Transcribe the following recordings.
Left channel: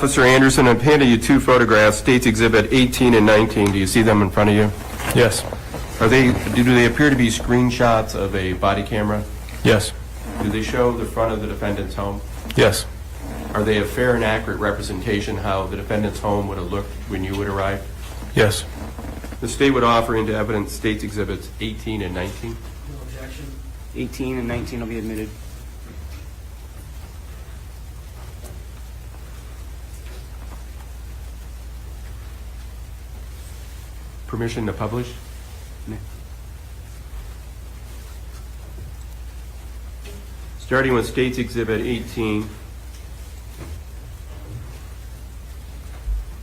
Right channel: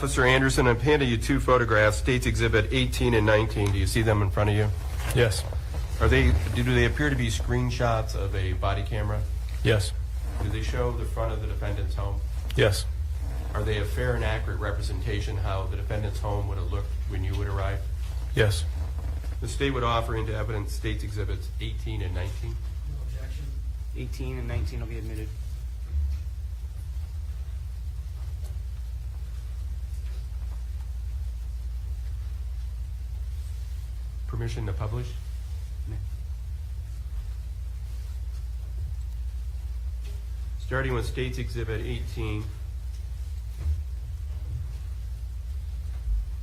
Officer Anderson, I've handed you two photographs, States Exhibit 18 and 19. Do you see them in front of you? Yes. Do they appear to be screenshots of a body camera? Yes. Do they show the front of the defendant's home? Yes. Are they a fair and accurate representation how the defendant's home would have looked when you would arrive? Yes. The state would offer into evidence States Exhibits 18 and 19. No objection. 18 and 19 will be admitted. Permission to publish? No. Starting with States Exhibit 18.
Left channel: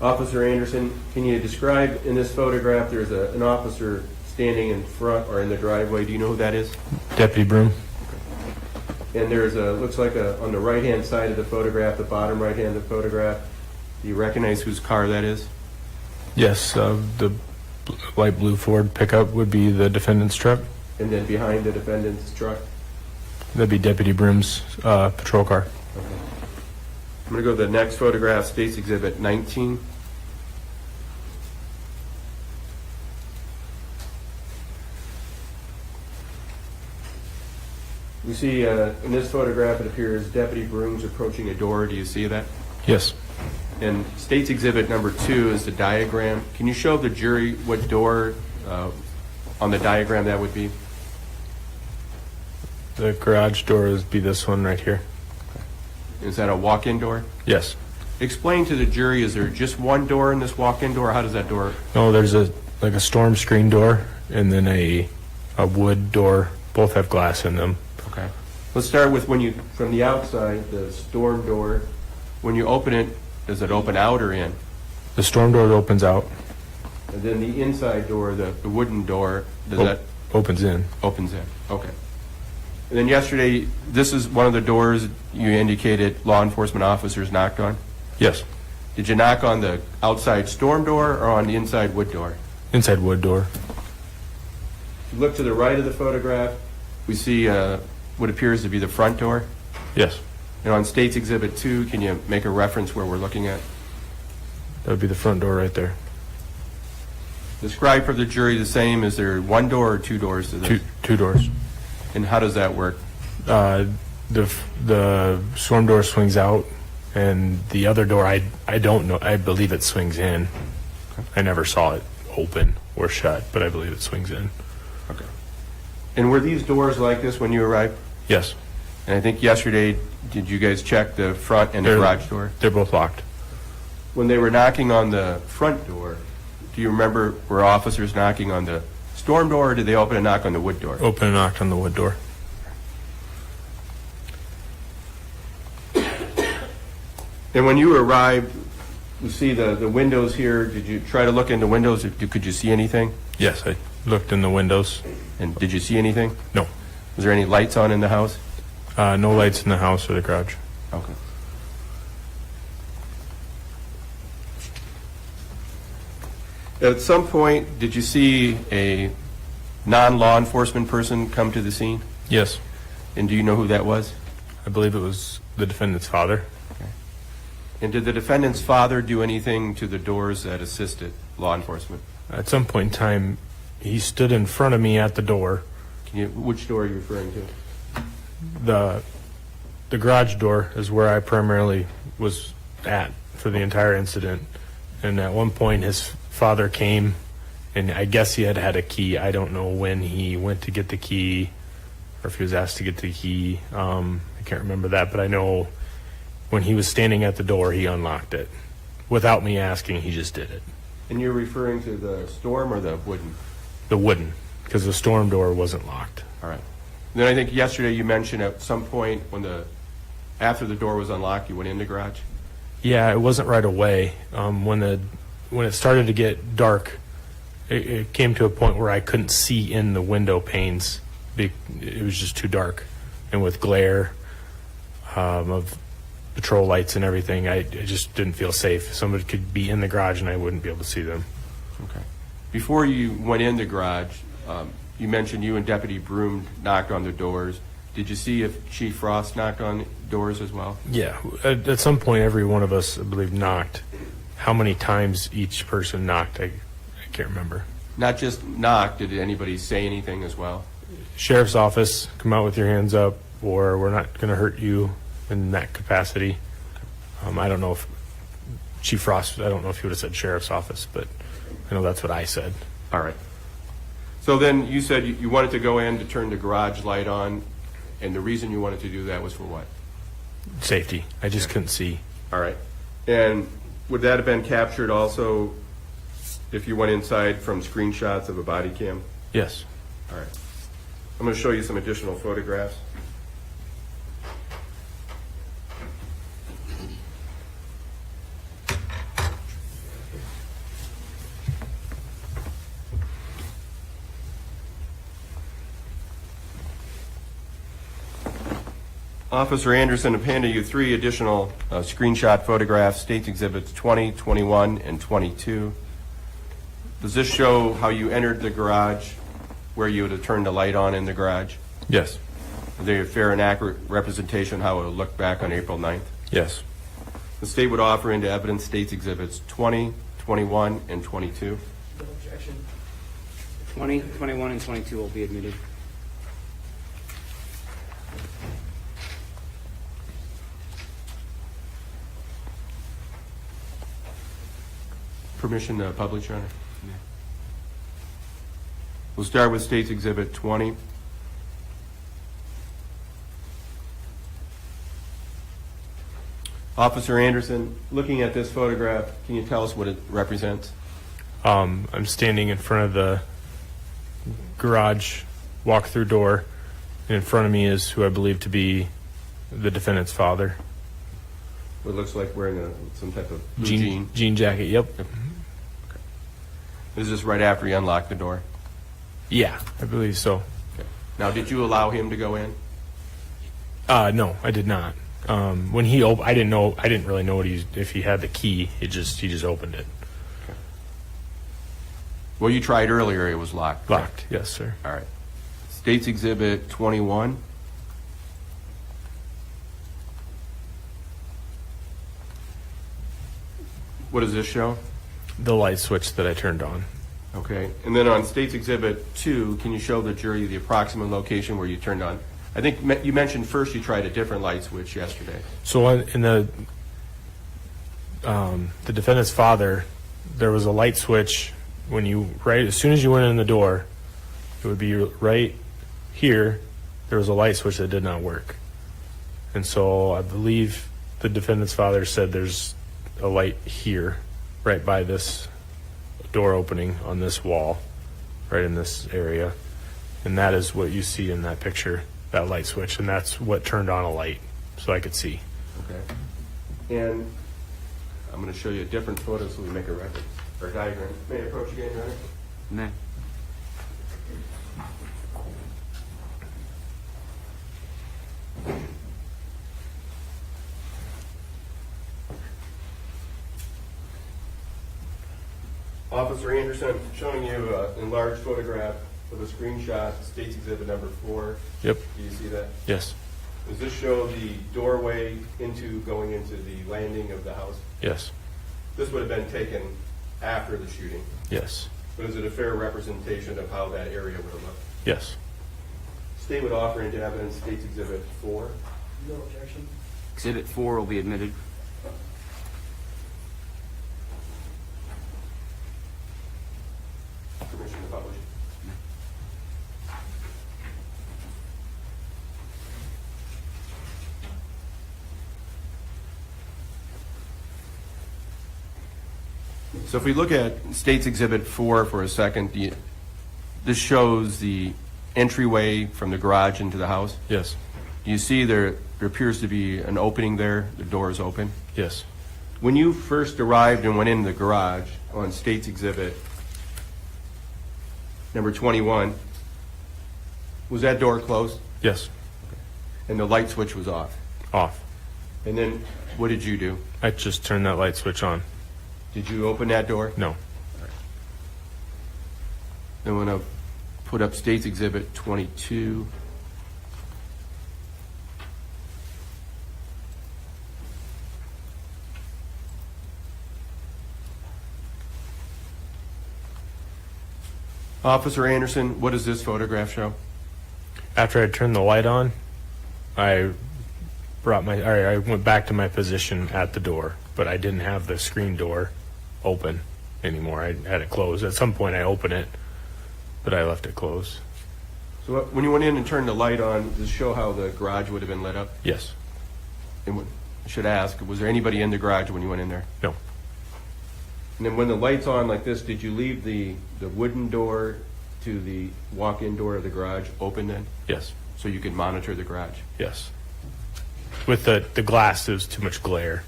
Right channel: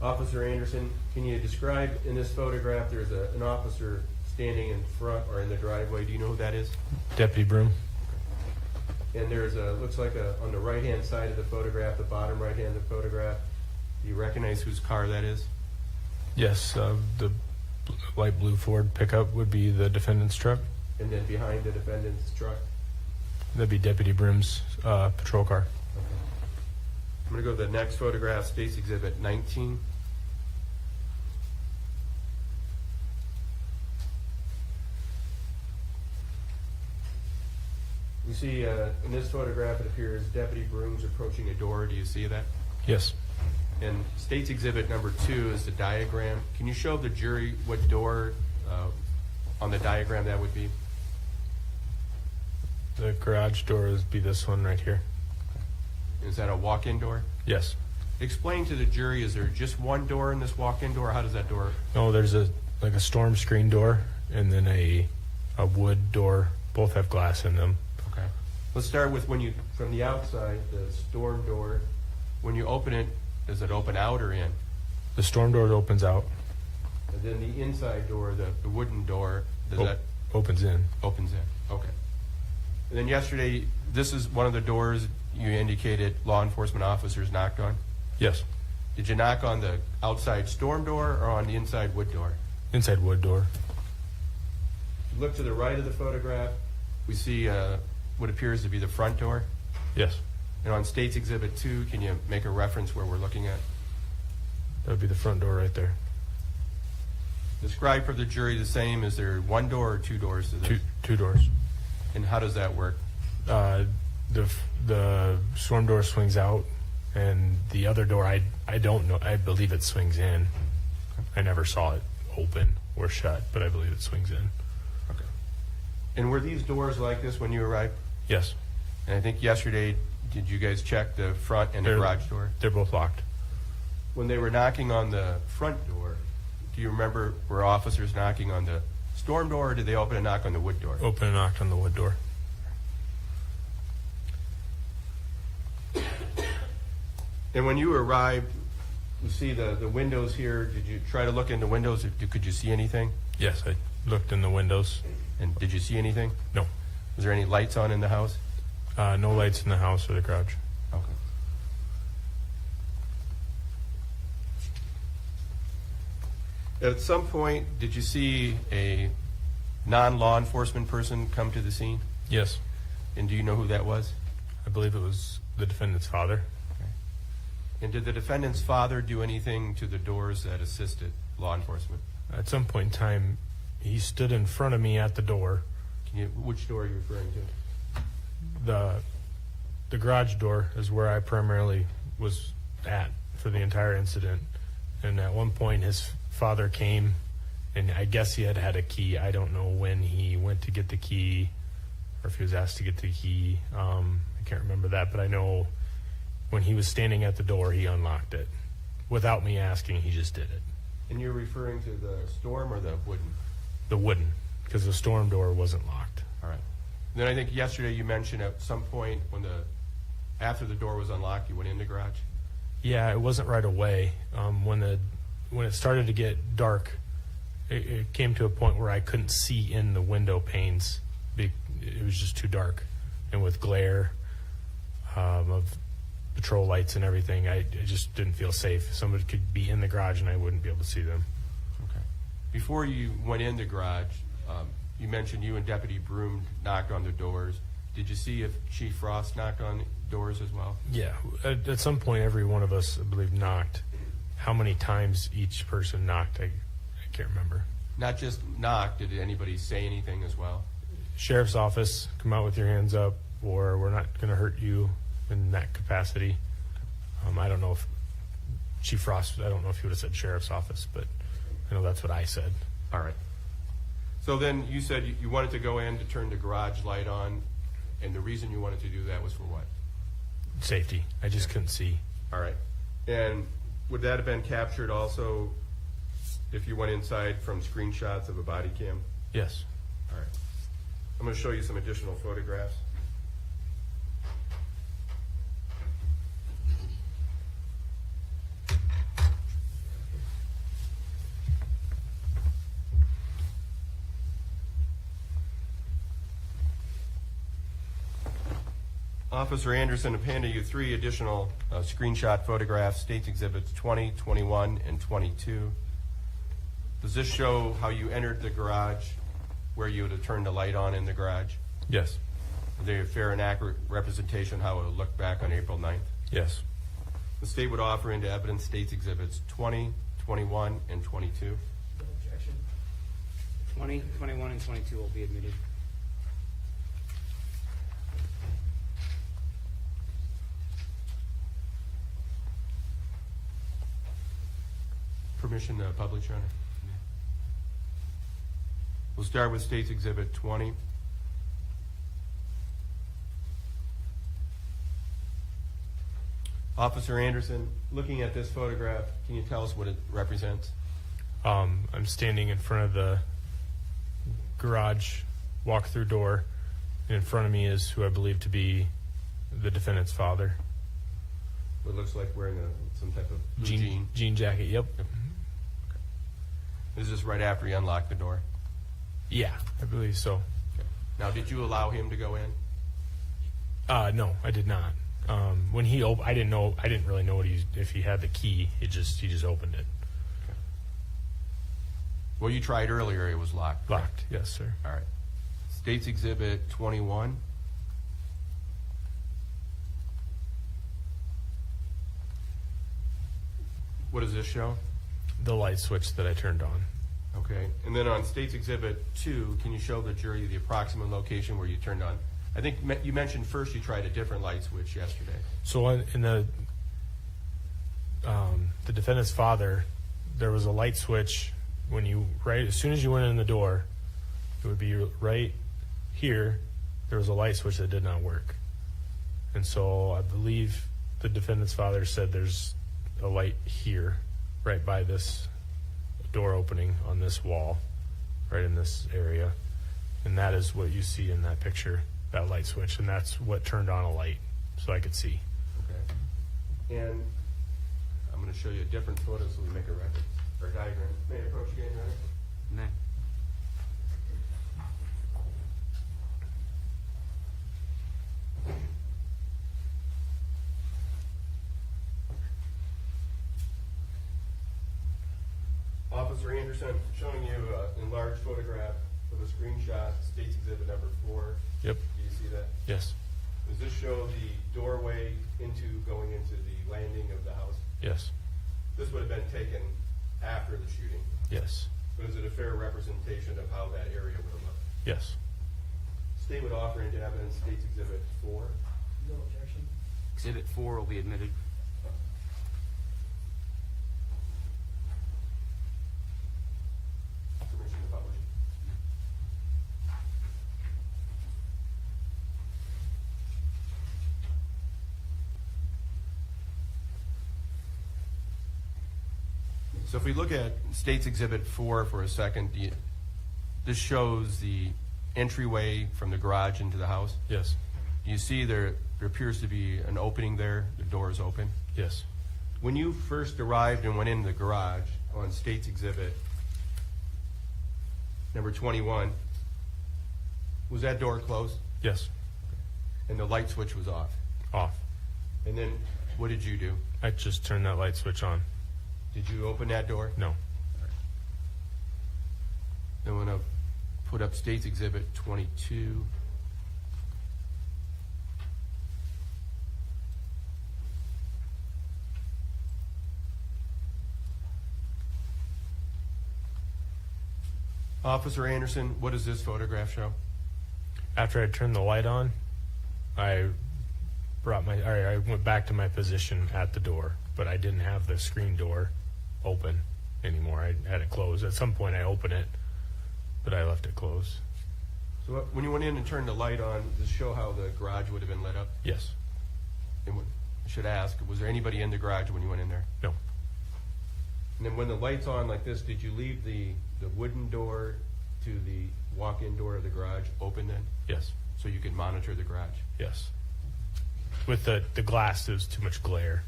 Officer Anderson, can you describe in this photograph, there's an officer standing in front or in the driveway. Do you know who that is? Deputy Broom. And there's looks like on the right-hand side of the photograph, the bottom right-hand of the photograph, do you recognize whose car that is? Yes. The light blue Ford pickup would be the defendant's truck. And then behind the defendant's truck? That'd be Deputy Broom's patrol car. Okay. I'm going to go to the next photograph, States Exhibit 19. We see in this photograph, it appears Deputy Broom's approaching a door. Do you see that? Yes. And States Exhibit number 2 is the diagram. Can you show the jury what door on the diagram that would be? The garage door would be this one right here. Is that a walk-in door? Yes. Explain to the jury, is there just one door in this walk-in door? How does that door? No, there's a storm screen door and then a wood door. Both have glass in them. Okay. Let's start with from the outside, the storm door. When you open it, does it open out or in? The storm door opens out. And then the inside door, the wooden door, does that? Opens in. Opens in, okay. And then yesterday, this is one of the doors you indicated law enforcement officers knocked on? Yes. Did you knock on the outside storm door or on the inside wood door? Inside wood door. If you look to the right of the photograph, we see what appears to be the front door. Yes. And on States Exhibit 2, can you make a reference where we're looking at? That would be the front door right there. Describe for the jury the same. Is there one door or two doors to this? Two doors. And how does that work? The storm door swings out, and the other door, I don't know. I believe it swings in. I never saw it open or shut, but I believe it swings in. Okay. And were these doors like this when you arrived? Yes. And I think yesterday, did you guys check the front and the garage door? They're both locked. When they were knocking on the front door, do you remember, were officers knocking on the storm door, or did they open and knock on the wood door? Open and knocked on the wood door. And when you arrived, you see the windows here. Did you try to look in the windows? Could you see anything? Yes, I looked in the windows. And did you see anything? No. Was there any lights on in the house? No lights in the house or the garage. Okay. At some point, did you see a non-law enforcement person come to the scene? Yes. And do you know who that was? I believe it was the defendant's father. Okay. And did the defendant's father do anything to the doors that assisted law enforcement? At some point in time, he stood in front of me at the door. Which door are you referring to? The garage door is where I primarily was at for the entire incident. And at one point, his father came, and I guess he had a key. I don't know when he went to get the key or if he was asked to get the key. I can't remember that, but I know when he was standing at the door, he unlocked it. Without me asking, he just did it. And you're referring to the storm or the wooden? The wooden, because the storm door wasn't locked. All right. Then I think yesterday you mentioned at some point after the door was unlocked, you went in the garage? Yeah, it wasn't right away. When it started to get dark, it came to a point where I couldn't see in the window panes. It was just too dark. And with glare of patrol lights and everything, I just didn't feel safe. Somebody could be in the garage and I wouldn't be able to see them. Okay. Before you went in the garage, you mentioned you and Deputy Broom knocked on the doors. Did you see if Chief Frost knocked on doors as well? Yeah, at some point, every one of us, I believe, knocked. How many times each person knocked, I can't remember. Not just knock, did anybody say anything as well? Sheriff's office, come out with your hands up, or we're not going to hurt you in that capacity. I don't know if Chief Frost, I don't know if he would have said sheriff's office, but I know that's what I said. All right. So then you said you wanted to go in to turn the garage light on, and the reason you wanted to do that was for what? Safety. I just couldn't see. All right. And would that have been captured also if you went inside from screenshots of a body cam? Yes. All right. I'm going to show you some additional photographs. Officer Anderson have handed you 3 additional screenshot photographs, State's Exhibits 20, 21, and 22. Does this show how you entered the garage, where you would have turned the light on in the garage? Yes. Are they a fair and accurate representation how it would look back on April 9th? Yes. The state would offer into evidence State's Exhibits 20, 21, and 22. 20, 21, and 22 will be admitted. Permission to publish, Your Honor? Yeah. We'll start with State's Exhibit 20. Officer Anderson, looking at this photograph, can you tell us what it represents? I'm standing in front of the garage walk-through door, and in front of me is who I believe to be the defendant's father. What looks like wearing some type of blue Jean jacket, yep. Is this right after he unlocked the door? Yeah, I believe so. Okay. Now, did you allow him to go in? No, I did not. When he I didn't really know if he had the key. He just opened it. Okay. Well, you tried earlier, it was locked. correct? Locked, yes, sir. All right. State's Exhibit 21. What does this show? The light switch that I turned on. Okay. And then on State's Exhibit 2, can you show the jury the approximate location where you turned on? I think you mentioned first you tried a different light switch yesterday. So in the defendant's father, there was a light switch as soon as you went in the door, it would be right here. There was a light switch that did not work, and so I believe the defendant's father said there's a light here, right by this door opening on this wall, right in this area, and that is what you see in that picture, that light switch, and that's what turned on a light so I could see. Okay. And I'm going to show you a different photo so we make a record or diagram. May I approach again, Your Honor? May. Officer Anderson, I'm showing you an enlarged photograph of a screenshot, State's Exhibit number 4. Yep. Do you see that? Yes. Does this show the doorway going into the landing of the house? Yes. This would have been taken after the shooting, Yes. but is it a fair representation of how that area would have looked? Yes. State would offer into evidence State's Exhibit 4. No objection. Exhibit 4 will be admitted. Permission to publish. So if we look at State's Exhibit 4 for a second, this shows the entryway from the garage into the house. Yes. You see there appears to be an opening there. The door is open. Yes. When you first arrived and went into the garage on State's Exhibit number 21, was that door closed Yes. and the light switch was off? Off. And then what did you do? I just turned that light switch on. Did you open that door? No. Then I'm going to put up State's Exhibit 22. Officer Anderson, what does this photograph show? After I turned the light on, I went back to my position at the door, but I didn't have the screen door open anymore. I had it closed. At some point I opened it, but I left it closed. So when you went in and turned the light on, does this show how the garage would have been lit up? Yes. And I should ask, was there anybody in the garage when you went in there? No. And then when the light's on like this, did you leave the wooden door to the walk-in door of the garage open then? Yes. So you could monitor the garage? Yes. With the glass, there was too much glare.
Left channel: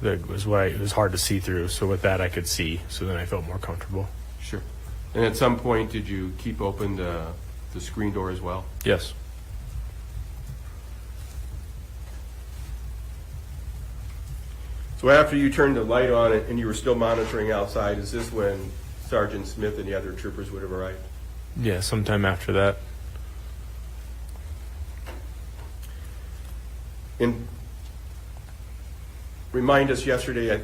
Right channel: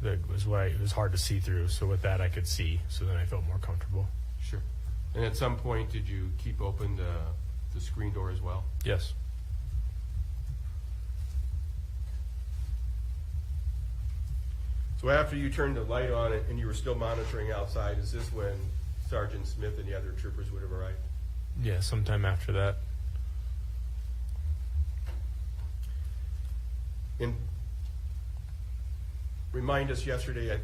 That was why it was hard to see through. So with that, I could see. So then I felt more comfortable. Sure. And at some point, did you keep open the screen door as well? Yes. So after you turned the light on and you were still monitoring outside, is this when Sergeant Smith and the other troopers would have arrived? Yeah, sometime after that. And remind us yesterday,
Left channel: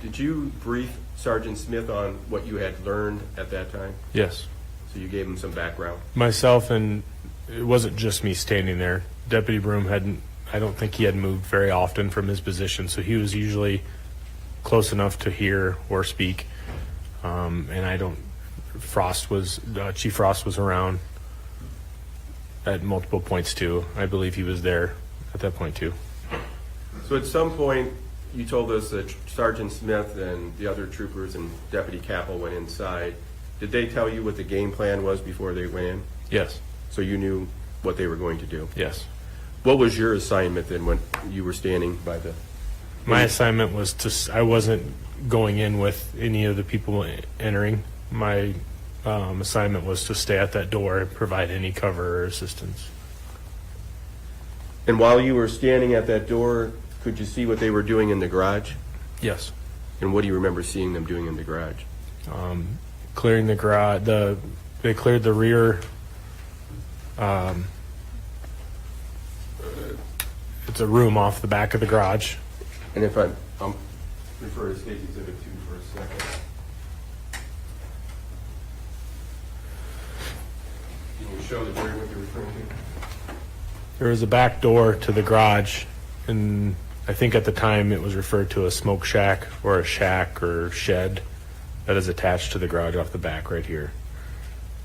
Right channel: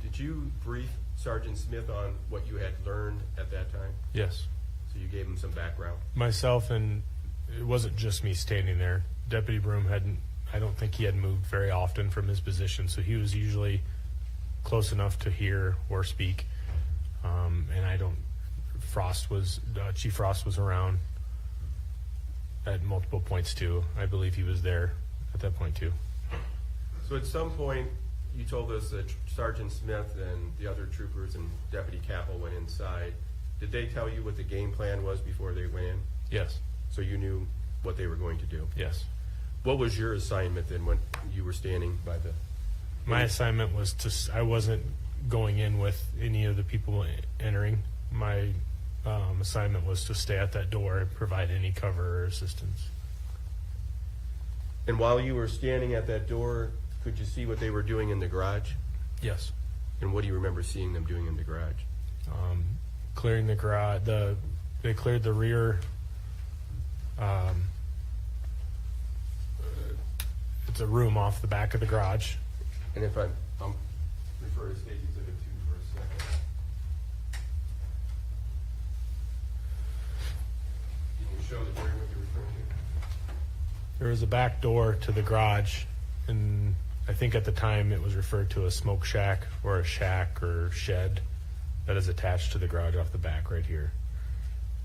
did you brief Sergeant Smith on what you had learned at that time? Yes. So you gave him some background? Myself, and it wasn't just me standing there. Deputy Broom I don't think he had moved very often from his position, so he was usually close enough to hear or speak. And Chief Frost was around at multiple points too. I believe he was there at that point too. So at some point, you told us that Sergeant Smith and the other troopers and Deputy Kappel went inside. Did they tell you what the game plan was before they went in? Yes. So you knew what they were going to do? Yes. What was your assignment then when you were standing by the... My assignment was I wasn't going in with any of the people entering. My assignment was to stay at that door and provide any cover or assistance. And while you were standing at that door, could you see what they were doing in the garage? Yes. And what do you remember seeing them doing in the garage? Clearing the garage. They cleared the rear. It's a room off the back of the garage. And if I'm refer to State Exhibit 2 for a second. Can you show the jury what you're referring to? There was a back door to the garage, and I think at the time it was referred to as smoke shack or a shack or shed that is attached to the garage off the back right here.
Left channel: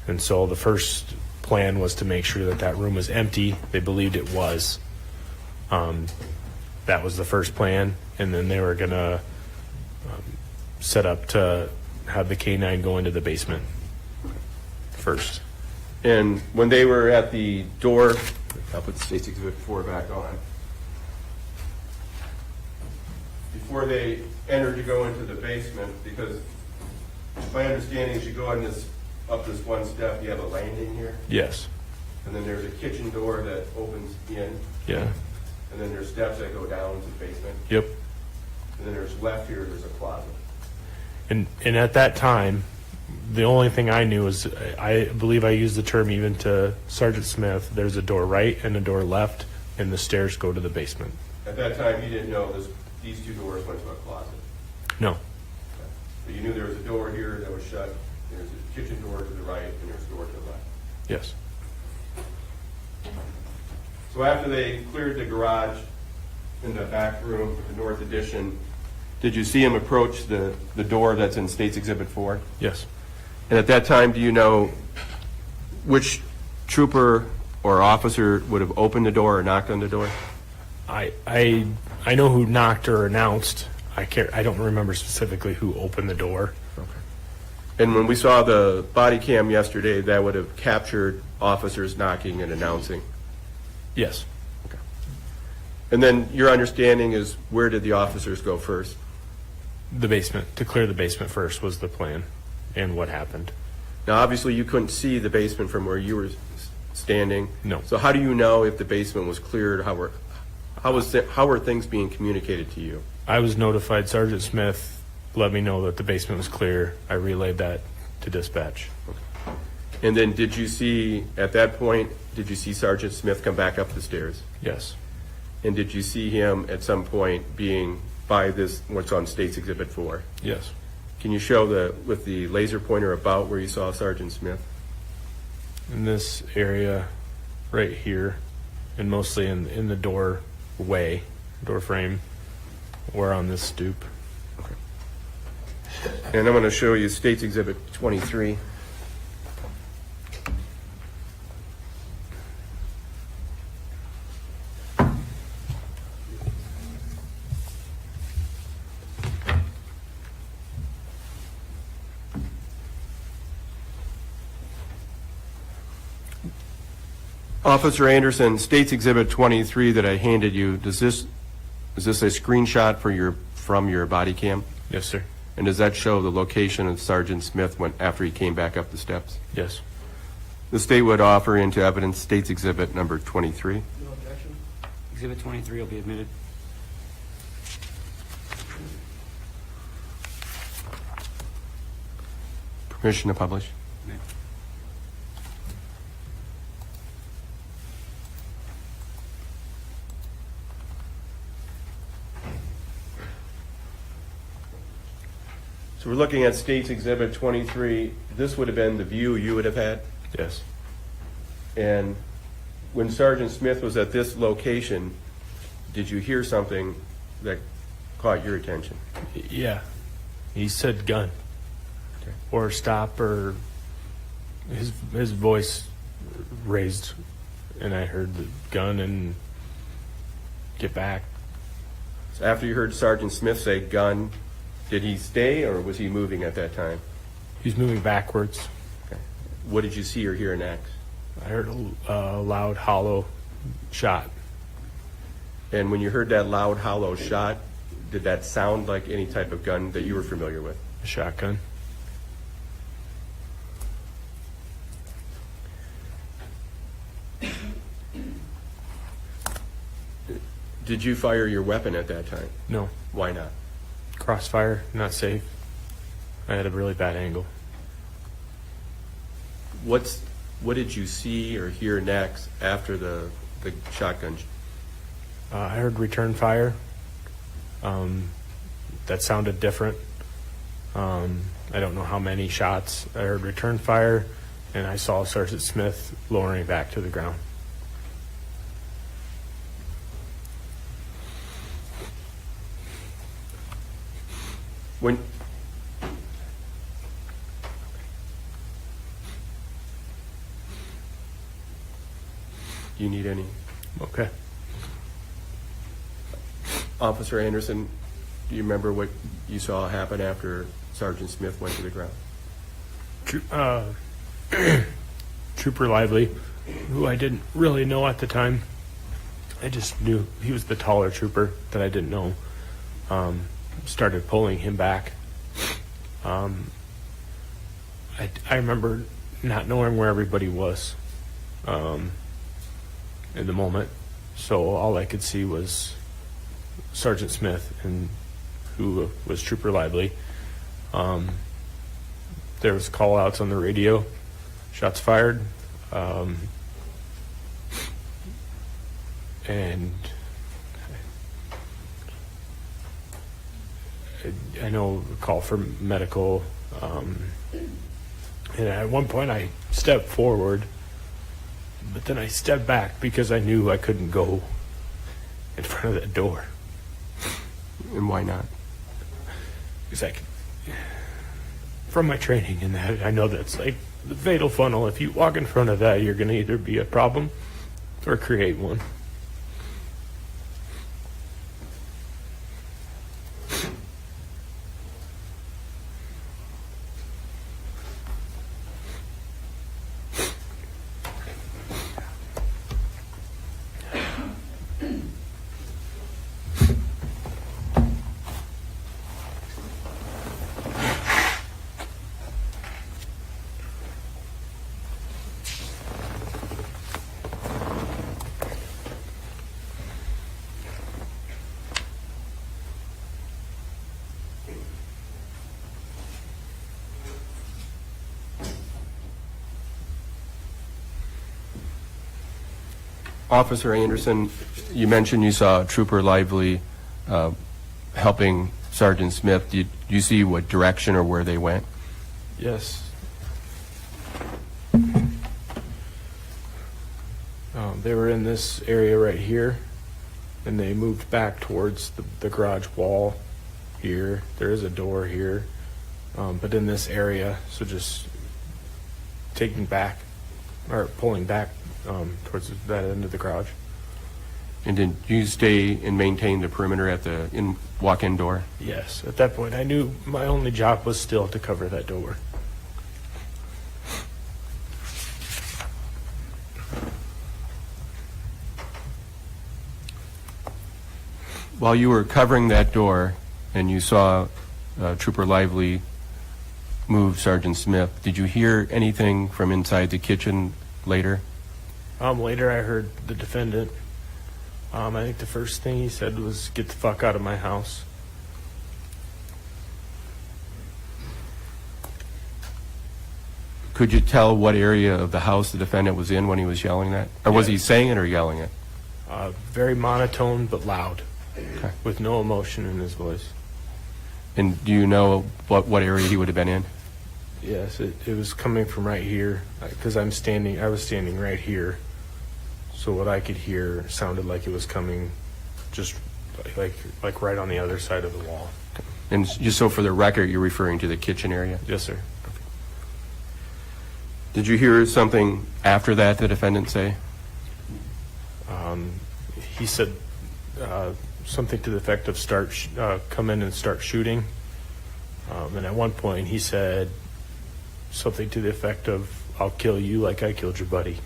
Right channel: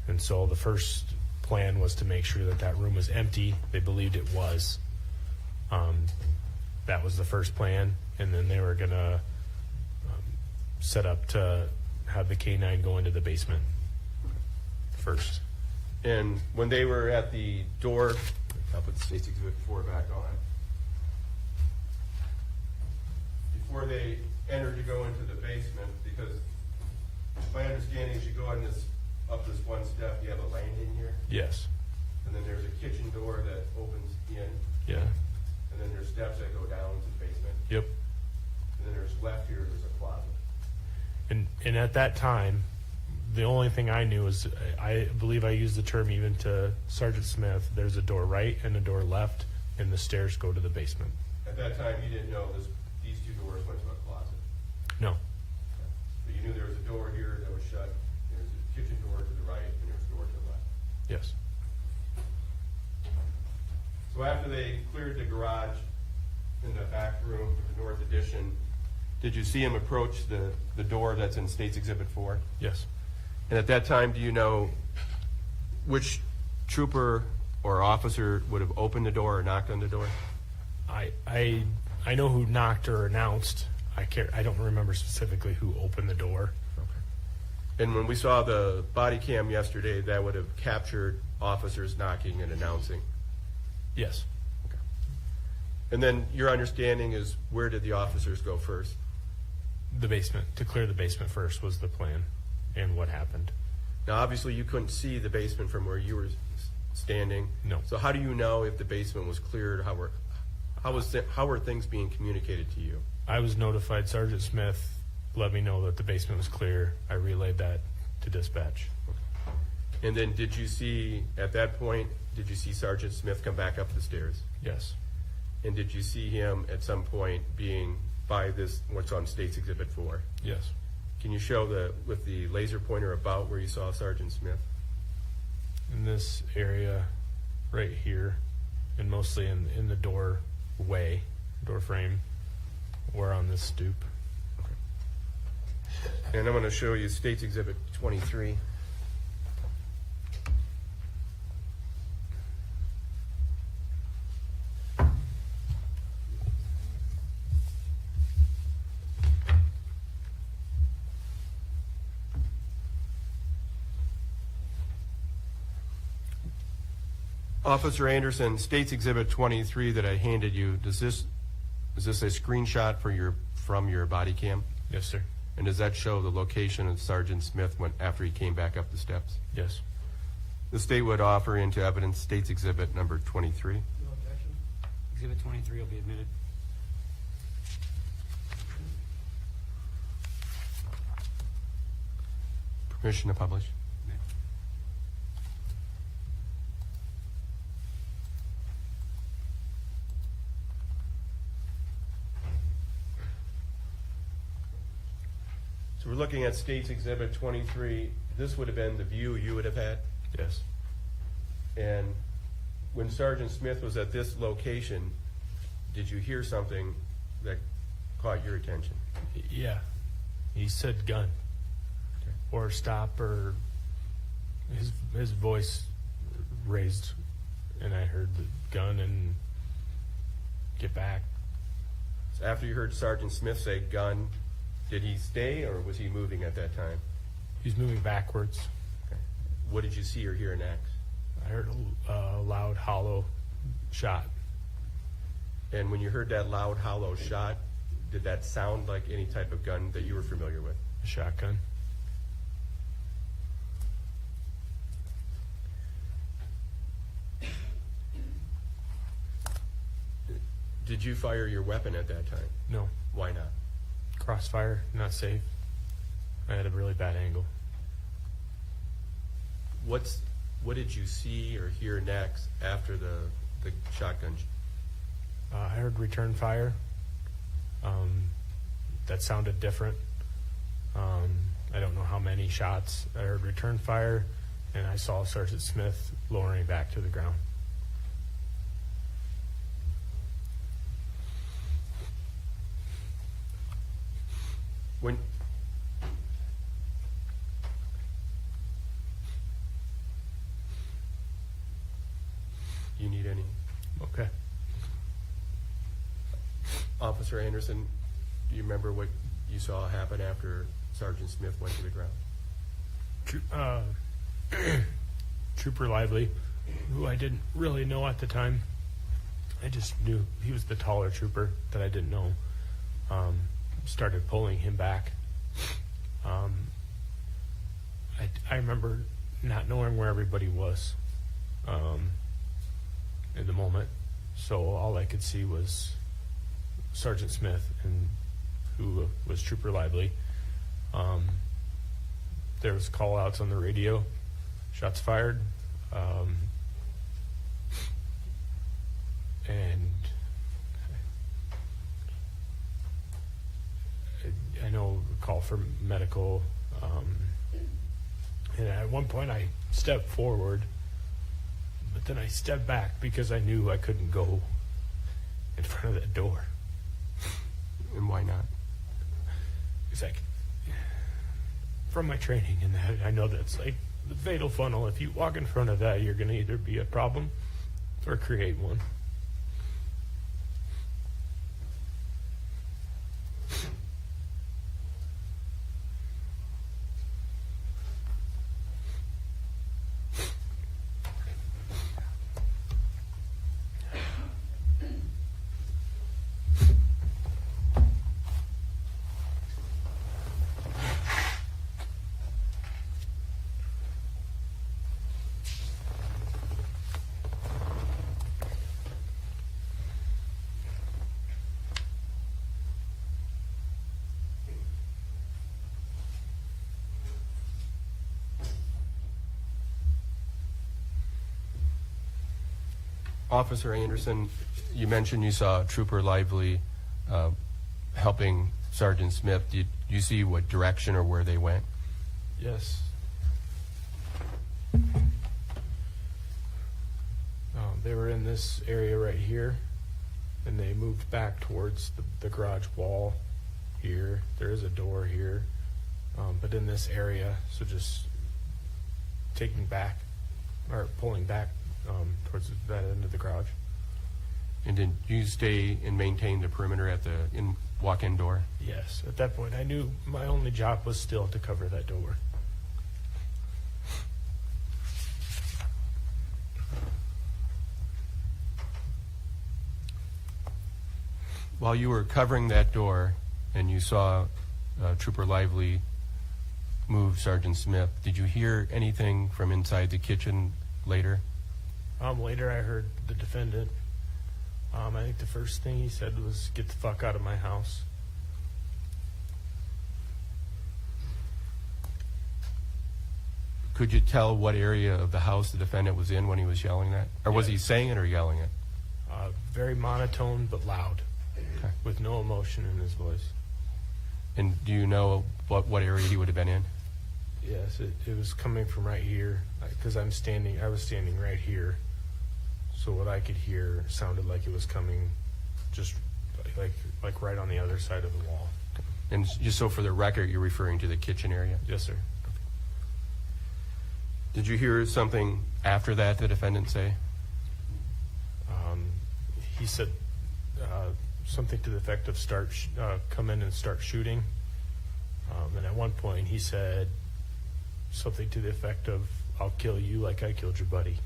And so the first plan was to make sure that that room was empty. They believed it was. That was the first plan, and then they were gonna set up to have the K-9 go into the basement first. And when they were at the door, I'll put State Exhibit 4 back on. Before they entered to go into the basement, because my understanding is you go on up this one step, you have a landing here, Yes. and then there's a kitchen door that opens in, Yeah. and then there's steps that go down to the basement, Yep. and then there's left here, there's a closet. And at that time, the only thing I knew was, I believe I used the term even to Sergeant Smith, there's a door right and a door left, and the stairs go to the basement. At that time, you didn't know these two doors went to a closet. No. But you knew there was a door here that was shut, there's a kitchen door to the right, and there's a door to the left. Yes. So after they cleared the garage in the back room, the north addition, did you see him approach the door that's in State's Exhibit 4? Yes. And at that time, do you know which trooper or officer would have opened the door or knocked on the door? I know who knocked or announced. I don't remember specifically who opened the door. And when we saw the body cam yesterday, that would have captured officers knocking and announcing. Yes. And then your understanding is, where did the officers go first? The basement. To clear the basement first was the plan, and what happened. Now, obviously, you couldn't see the basement from where you were standing. No. So how do you know if the basement was cleared? How were things being communicated to you? I was notified. Sergeant Smith let me know that the basement was clear. I relayed that to dispatch. And then did you see, at that point, did you see Sergeant Smith come back up the stairs? Yes. And did you see him at some point being by this, what's on State's Exhibit 4? Yes. Can you show with the laser pointer about where you saw Sergeant Smith? In this area right here, and mostly in the door frame, or on this stoop. And I'm going to show you State's Exhibit 23. Officer Anderson, State's Exhibit 23 that I handed you, is this a screenshot from your body cam? Yes, sir. And does that show the location of Sergeant Smith after he came back up the steps? Yes. The state would offer into evidence State's Exhibit number 23. No objection? Exhibit 23 will be admitted. Permission to publish? May. So we're looking at State's Exhibit 23. This would have been the view you would have had? Yes. And when Sergeant Smith was at this location, did you hear something that caught your attention? Yeah. He said gun. Okay. Or stop, or his voice raised, and I heard the gun and get back. So after you heard Sergeant Smith say gun, did he stay or was he moving at that time? He was moving backwards. Okay. What did you see or hear next? I heard a loud, hollow shot. And when you heard that loud, hollow shot, did that sound like any type of gun that you were familiar with? A shotgun. Did you fire your weapon at that time? No. Why not? Crossfire, not safe. I had a really bad angle. What did you see or hear next after the shotgun? I heard return fire. That sounded different. I don't know how many shots. I heard return fire, and I saw Sergeant Smith lowering back to the ground. When you need any? Okay. Officer Anderson, do you remember what you saw happen after Sergeant Smith went to the ground? Trooper Lively, who I didn't really know at the time. I just knew he was the taller trooper that I didn't know. Started pulling him back. I remember not knowing where everybody was in the moment, so all I could see was Sergeant Smith, and who was Trooper Lively. There was call outs on the radio, shots fired, and I know a call for medical, and at one point I stepped forward, but then I stepped back because I knew I couldn't go in front of that door. And why not? Because from my training in that, I know that's like the fatal funnel. If you walk in front of that, you're going to either be a problem or create one. Officer Anderson, you mentioned you saw Trooper Lively helping Sergeant Smith. Do Do you see what direction or where they went? Yes. They were in this area right here, and they moved back towards the garage wall here. There is a door here, but in this area, so just taking back or pulling back towards that end of the garage. And did you stay and maintain the perimeter at the walk-in door? Yes, at that point, I knew my only job was still to cover that door. While you were covering that door and you saw Trooper Lively move Sergeant Smith, did you hear anything from inside the kitchen later? Later, I heard the defendant. I think the first thing he said was, "Get the fuck out of my house." Could you tell what area of the house the defendant was in when he was yelling that? Or was he saying it or yelling it? Very monotone but loud, Okay. with no emotion in his voice. And do you know what area he would have been in? Yes, it was coming from right here, because I was standing right here. So what I could hear sounded like it was coming just like right on the other side of the wall. And just so for the record, you're referring to the kitchen area? Yes, sir. Did you hear something after that the defendant say? He said something to the effect of come in and start shooting. And at one point he said something to the effect of, "I'll kill you like I killed your buddy."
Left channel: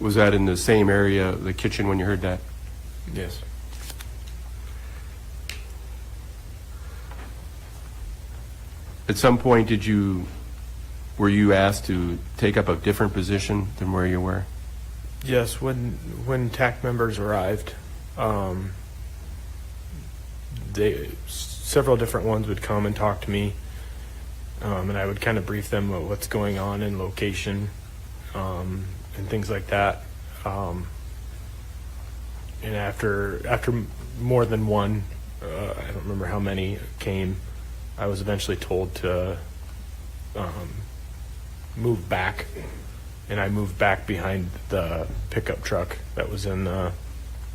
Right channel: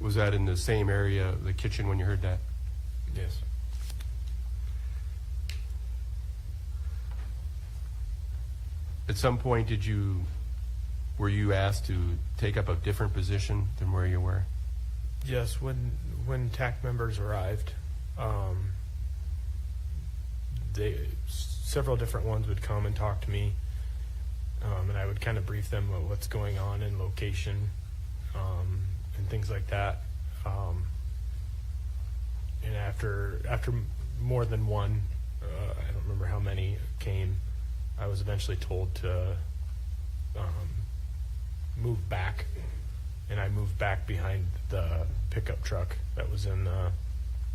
Was that in the same area, the kitchen, when you heard that? Yes. At some point, were you asked to take up a different position than where you were? Yes, when TAC members arrived, several different ones would come and talk to me, and I would kind of brief them about what's going on in location, and things like that. And after more than one, I don't remember how many came, I was eventually told to move back, and I moved back behind the pickup truck that was in the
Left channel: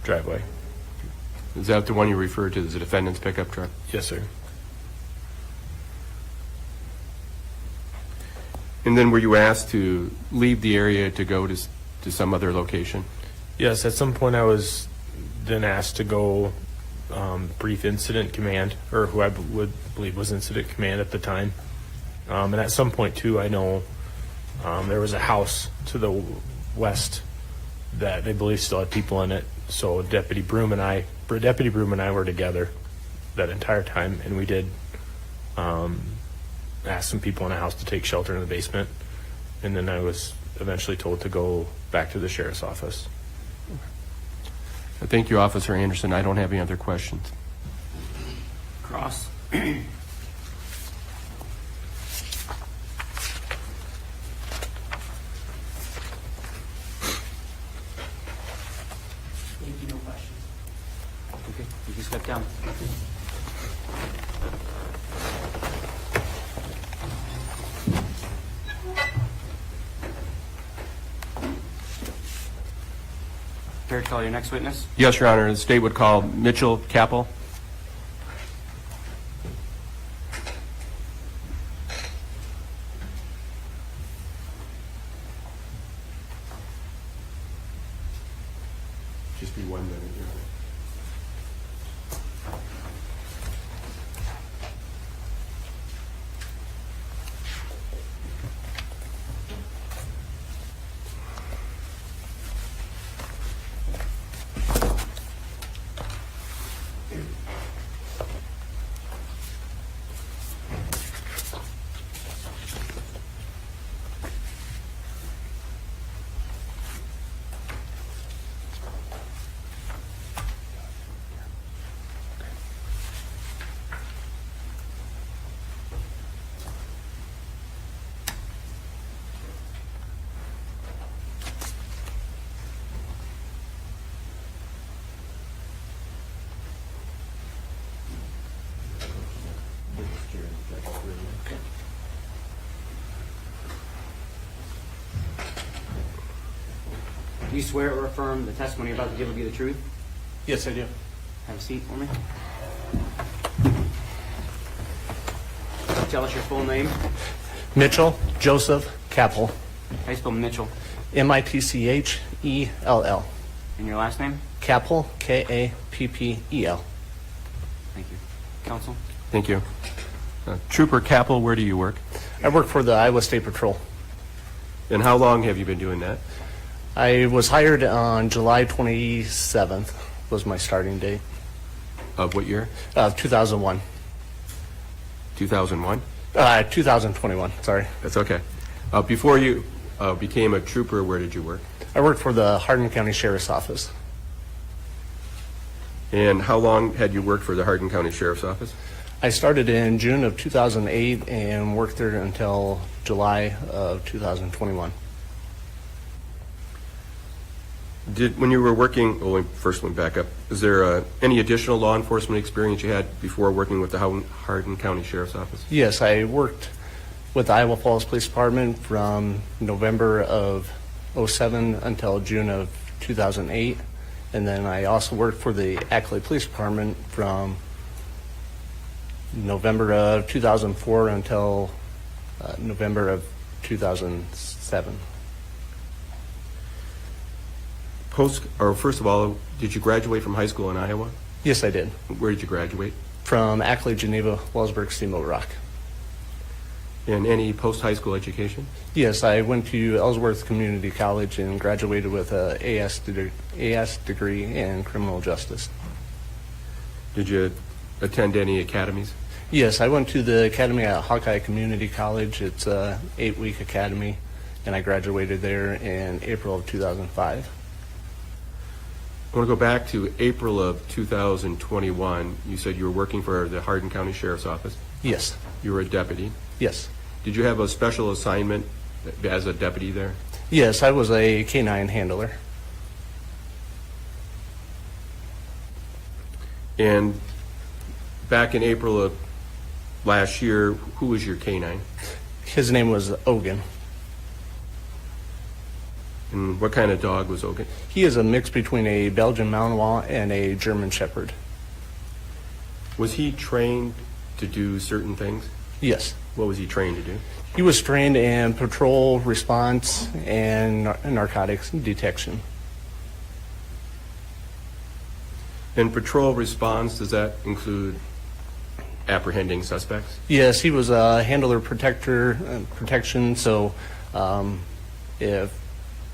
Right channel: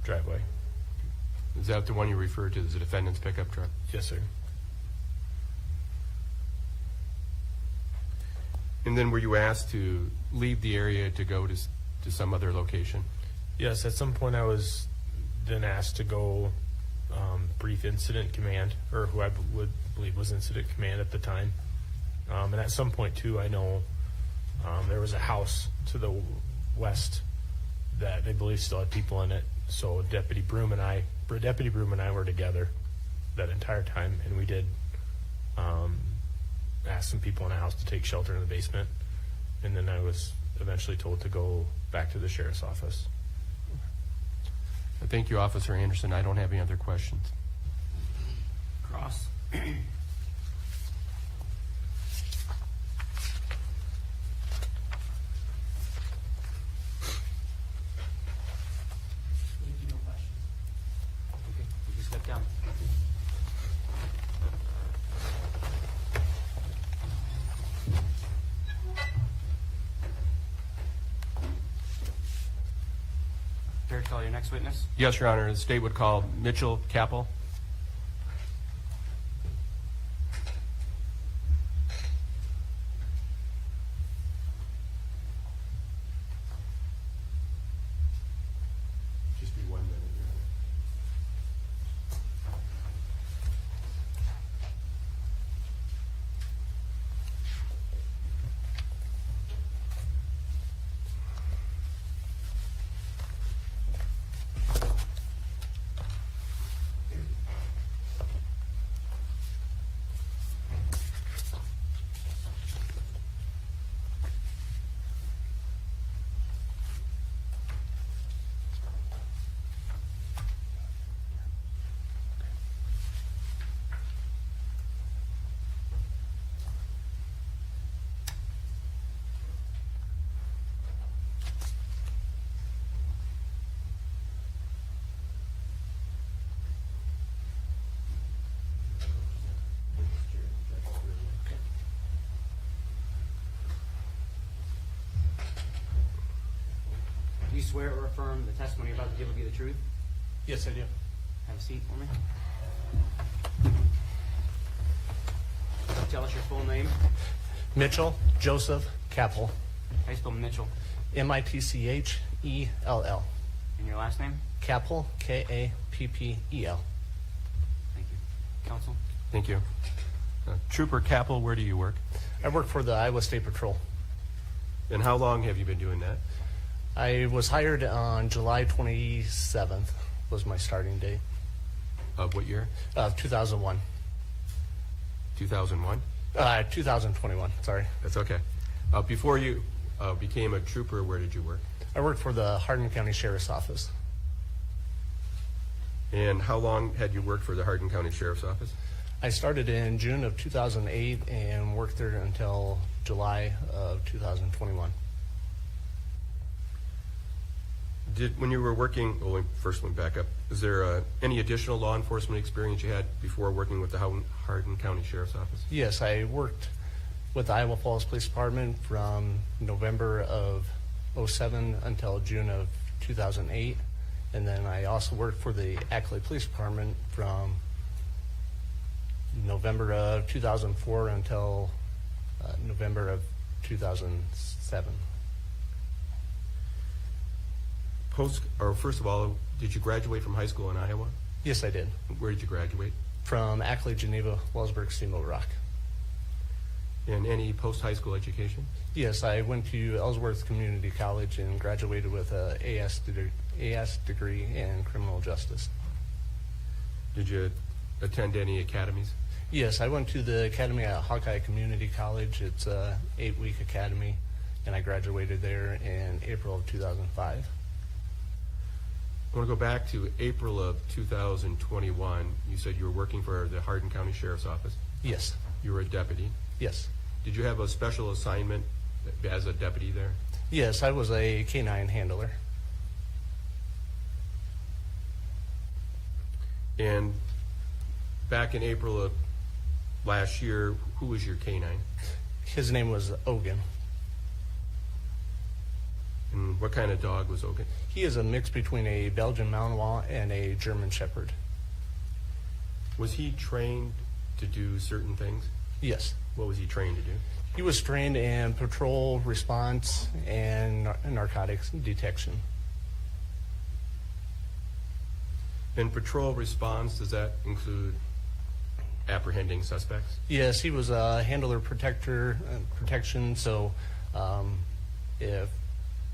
driveway. Is that the one you referred to as the defendant's pickup truck? Yes, sir. And then were you asked to leave the area to go to some other location? Yes, at some point I was then asked to go brief incident command, or who I would believe was incident command at the time. And at some point too, I know there was a house to the west that they believe still had people in it. So Deputy Broom and I were together that entire time, and we did ask some people in a house to take shelter in the basement, and then I was eventually told to go back to the sheriff's office. Thank you, Officer Anderson. I don't have any other questions. Cross. Thank you, no questions. Okay, you can step down. Care to call your next witness? Yes, Your Honor. The state would call Mitchell Kappel. Just be 1 minute, Your Honor. Do you swear or affirm the testimony you're about to give will be the truth? Yes, I do. Have a seat for me. Tell us your full name. Mitchell Joseph Kappel, How you spell Mitchell? Mitchell. And your last name? Kappel, Kappel. Thank you. Counsel? Thank you. Trooper Kappel, where do you work? I work for the Iowa State Patrol. And how long have you been doing that? I was hired on July 27th was my starting date, Of what year? 2001. 2001? 2021, sorry. That's okay. Before you became a trooper, where did you work? I worked for the Hardin County Sheriff's Office. And how long had you worked for the Hardin County Sheriff's Office? I started in June of 2008 and worked there until July of 2021. When you were working, well, first went back up, is there any additional law enforcement experience you had before working with the Hardin County Sheriff's Office? Yes, I worked with the Iowa Falls Police Department from November of 07 until June of 2008. And then I also worked for the Ackley Police Department from November of 2004 until November of 2007. First of all, did you graduate from high school in Iowa? Yes, I did. Where did you graduate? From Ackley, Geneva, Wellsburg, Steamboat Rock. And any post-high school education? Yes, I went to Ellsworth Community College and graduated with a AS degree in criminal justice. Did you attend any academies? Yes, I went to the academy at Hawkeye Community College. It's a 8-week academy, and I graduated there in April of 2005. I want to go back to April of 2021. You said you were working for the Hardin County Sheriff's Office. Yes, You were a deputy. yes. Did you have a special assignment as a deputy there? Yes, I was a K-9 handler. And back in April of last year, who was your K-9? His name was Ogun. And what kind of dog was Ogun? He is a mix between a Belgian Malinois and a German Shepherd. Was he trained to do certain things? Yes. What was he trained to do? He was trained in patrol response and narcotics detection. And patrol response, does that include apprehending suspects? Yes, he was a handler protection, so if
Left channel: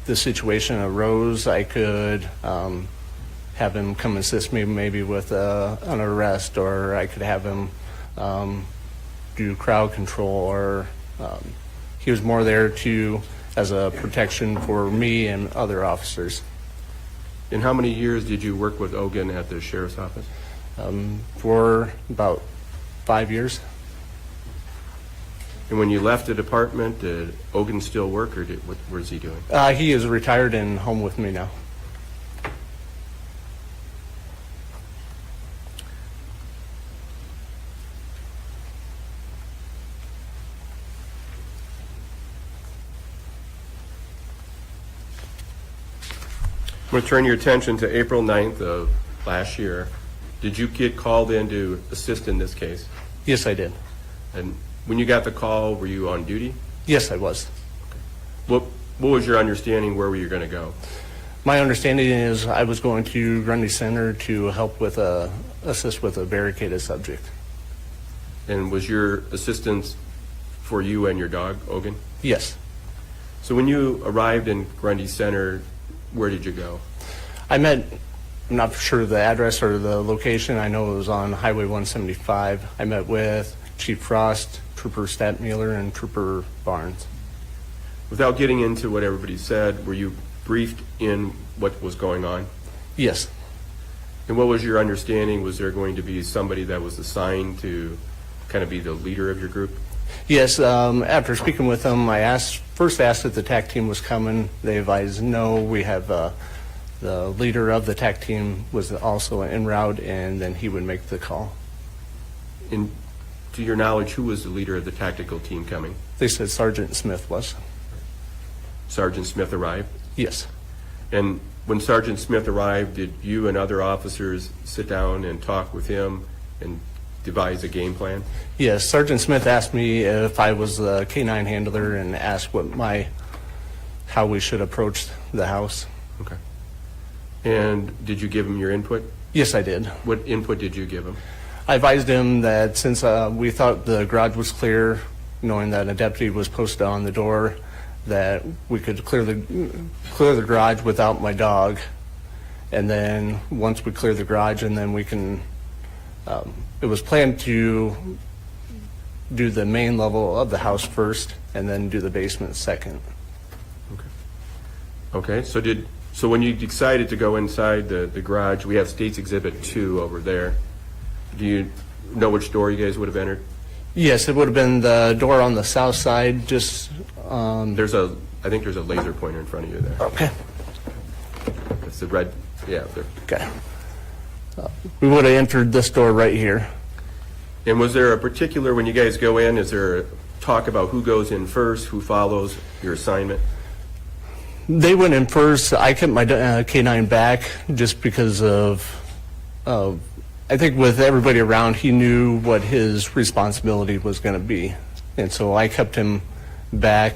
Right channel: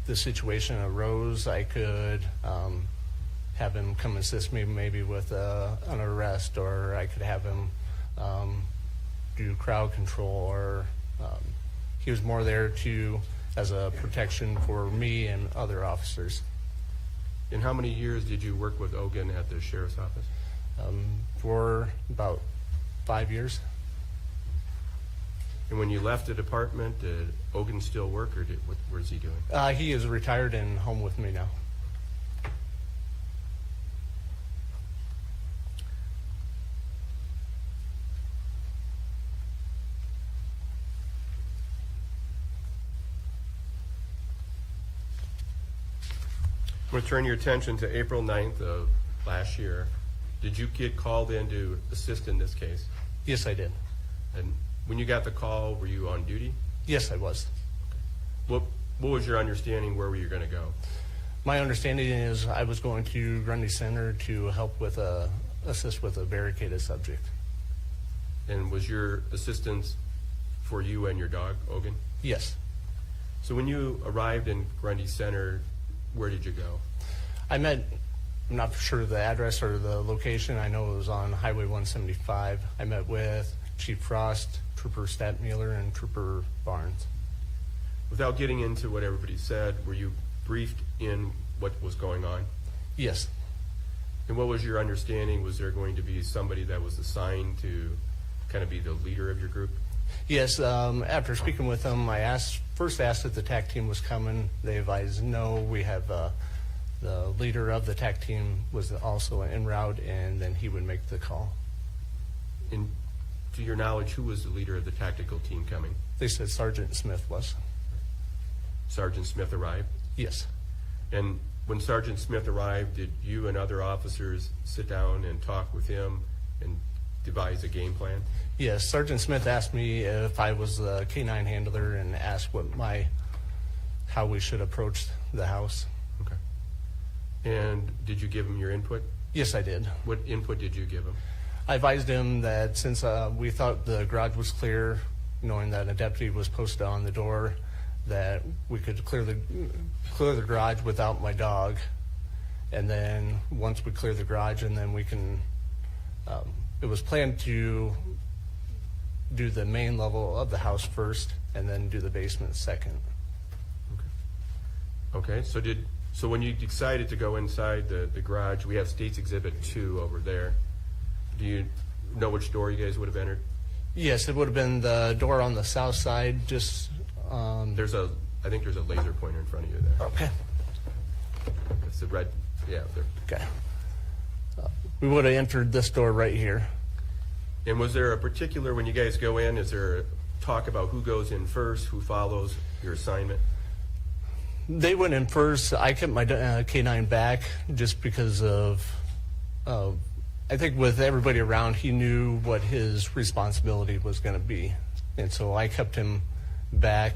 the situation arose, I could have him come assist me maybe with an arrest, or I could have him do crowd control, or he was more there as a protection for me and other officers. And how many years did you work with Ogun at the sheriff's office? For about 5 years. And when you left the department, did Ogun still work, or what was he doing? He is retired and home with me now. I'm going to turn your attention to April 9th of last year. Did you get called in to assist in this case? Yes, I did. And when you got the call, were you on duty? Yes, I was. What was your understanding where were you going to go? My understanding is I was going to Grundy Center to help with assist with a barricaded subject. And was your assistance for you and your dog, Ogun? Yes. So when you arrived in Grundy Center, where did you go? I'm not sure the address or the location. I know it was on Highway 175. I met with Chief Frost, Trooper Statmuller, and Trooper Barnes. Without getting into what everybody said, were you briefed in what was going on? Yes. And what was your understanding? Was there going to be somebody that was assigned to kind of be the leader of your group? Yes, after speaking with them, I first asked if the TAC team was coming. They advised no. We have the leader of the TAC team was also en route, and then he would make the call. And to your knowledge, who was the leader of the tactical team coming? They said Sergeant Smith was. Sergeant Smith arrived. Yes. And when Sergeant Smith arrived, did you and other officers sit down and talk with him and devise a game plan? Yes, Sergeant Smith asked me if I was the K-9 handler and asked how we should approach the house. Okay. And did you give him your input? Yes, I did. What input did you give him? I advised him that since we thought the garage was clear, knowing that a deputy was posted on the door, that we could clear the garage without my dog. And then once we clear the garage, and then we can, it was planned to do the main level of the house first and then do the basement second. Okay, so when you decided to go inside the garage, we have State's Exhibit 2 over there. Do you know which door you guys would have entered? Yes, it would have been the door on the south side, just, I think there's a laser pointer in front of you there. okay. It's the red, yeah, there. Okay. We would have entered this door right here. And was there a particular, when you guys go in, is there a talk about who goes in first, who follows your assignment? They went in first. I kept my K-9 back just because of, I think with everybody around, he knew what his responsibility was going to be. And so I kept him back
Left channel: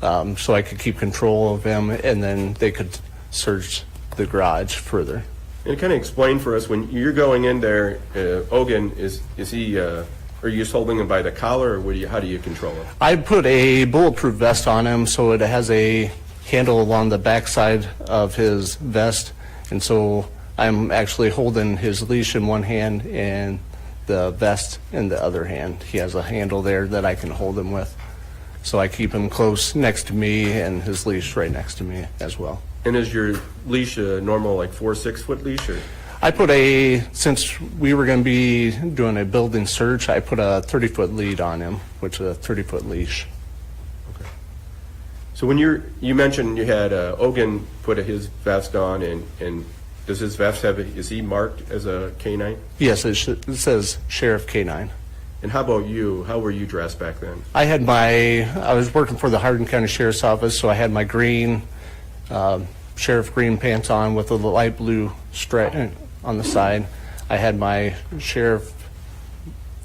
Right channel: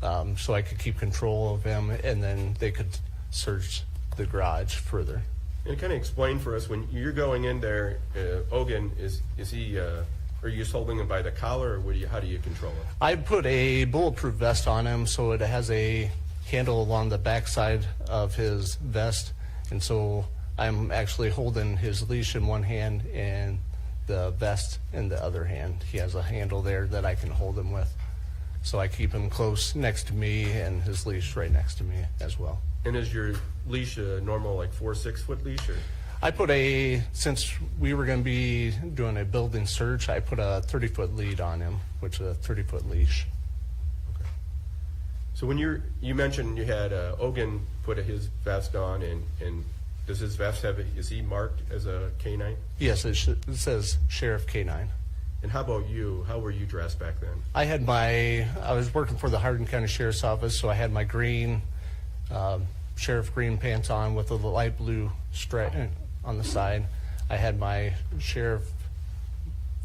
so I could keep control of him, and then they could search the garage further. And kind of explain for us, when you're going in there, Ogun, is he, are you just holding him by the collar, or how do you control him? I put a bulletproof vest on him so it has a handle along the backside of his vest, and so I'm actually holding his leash in one hand and the vest in the other hand. He has a handle there that I can hold him with. So I keep him close next to me and his leash right next to me as well. And is your leash a normal, like 4-6 foot leash, or? I put since we were going to be doing a building search, I put a 30-foot lead on him, which is a 30-foot leash. So when you mentioned you had Ogun put his vest on, and does his vest is he marked as a K-9? Yes, it says Sheriff K-9. And how about you? How were you dressed back then? I was working for the Hardin County Sheriff's Office, so I had my green, sheriff green pants on with a light blue stripe on the side. I had my sheriff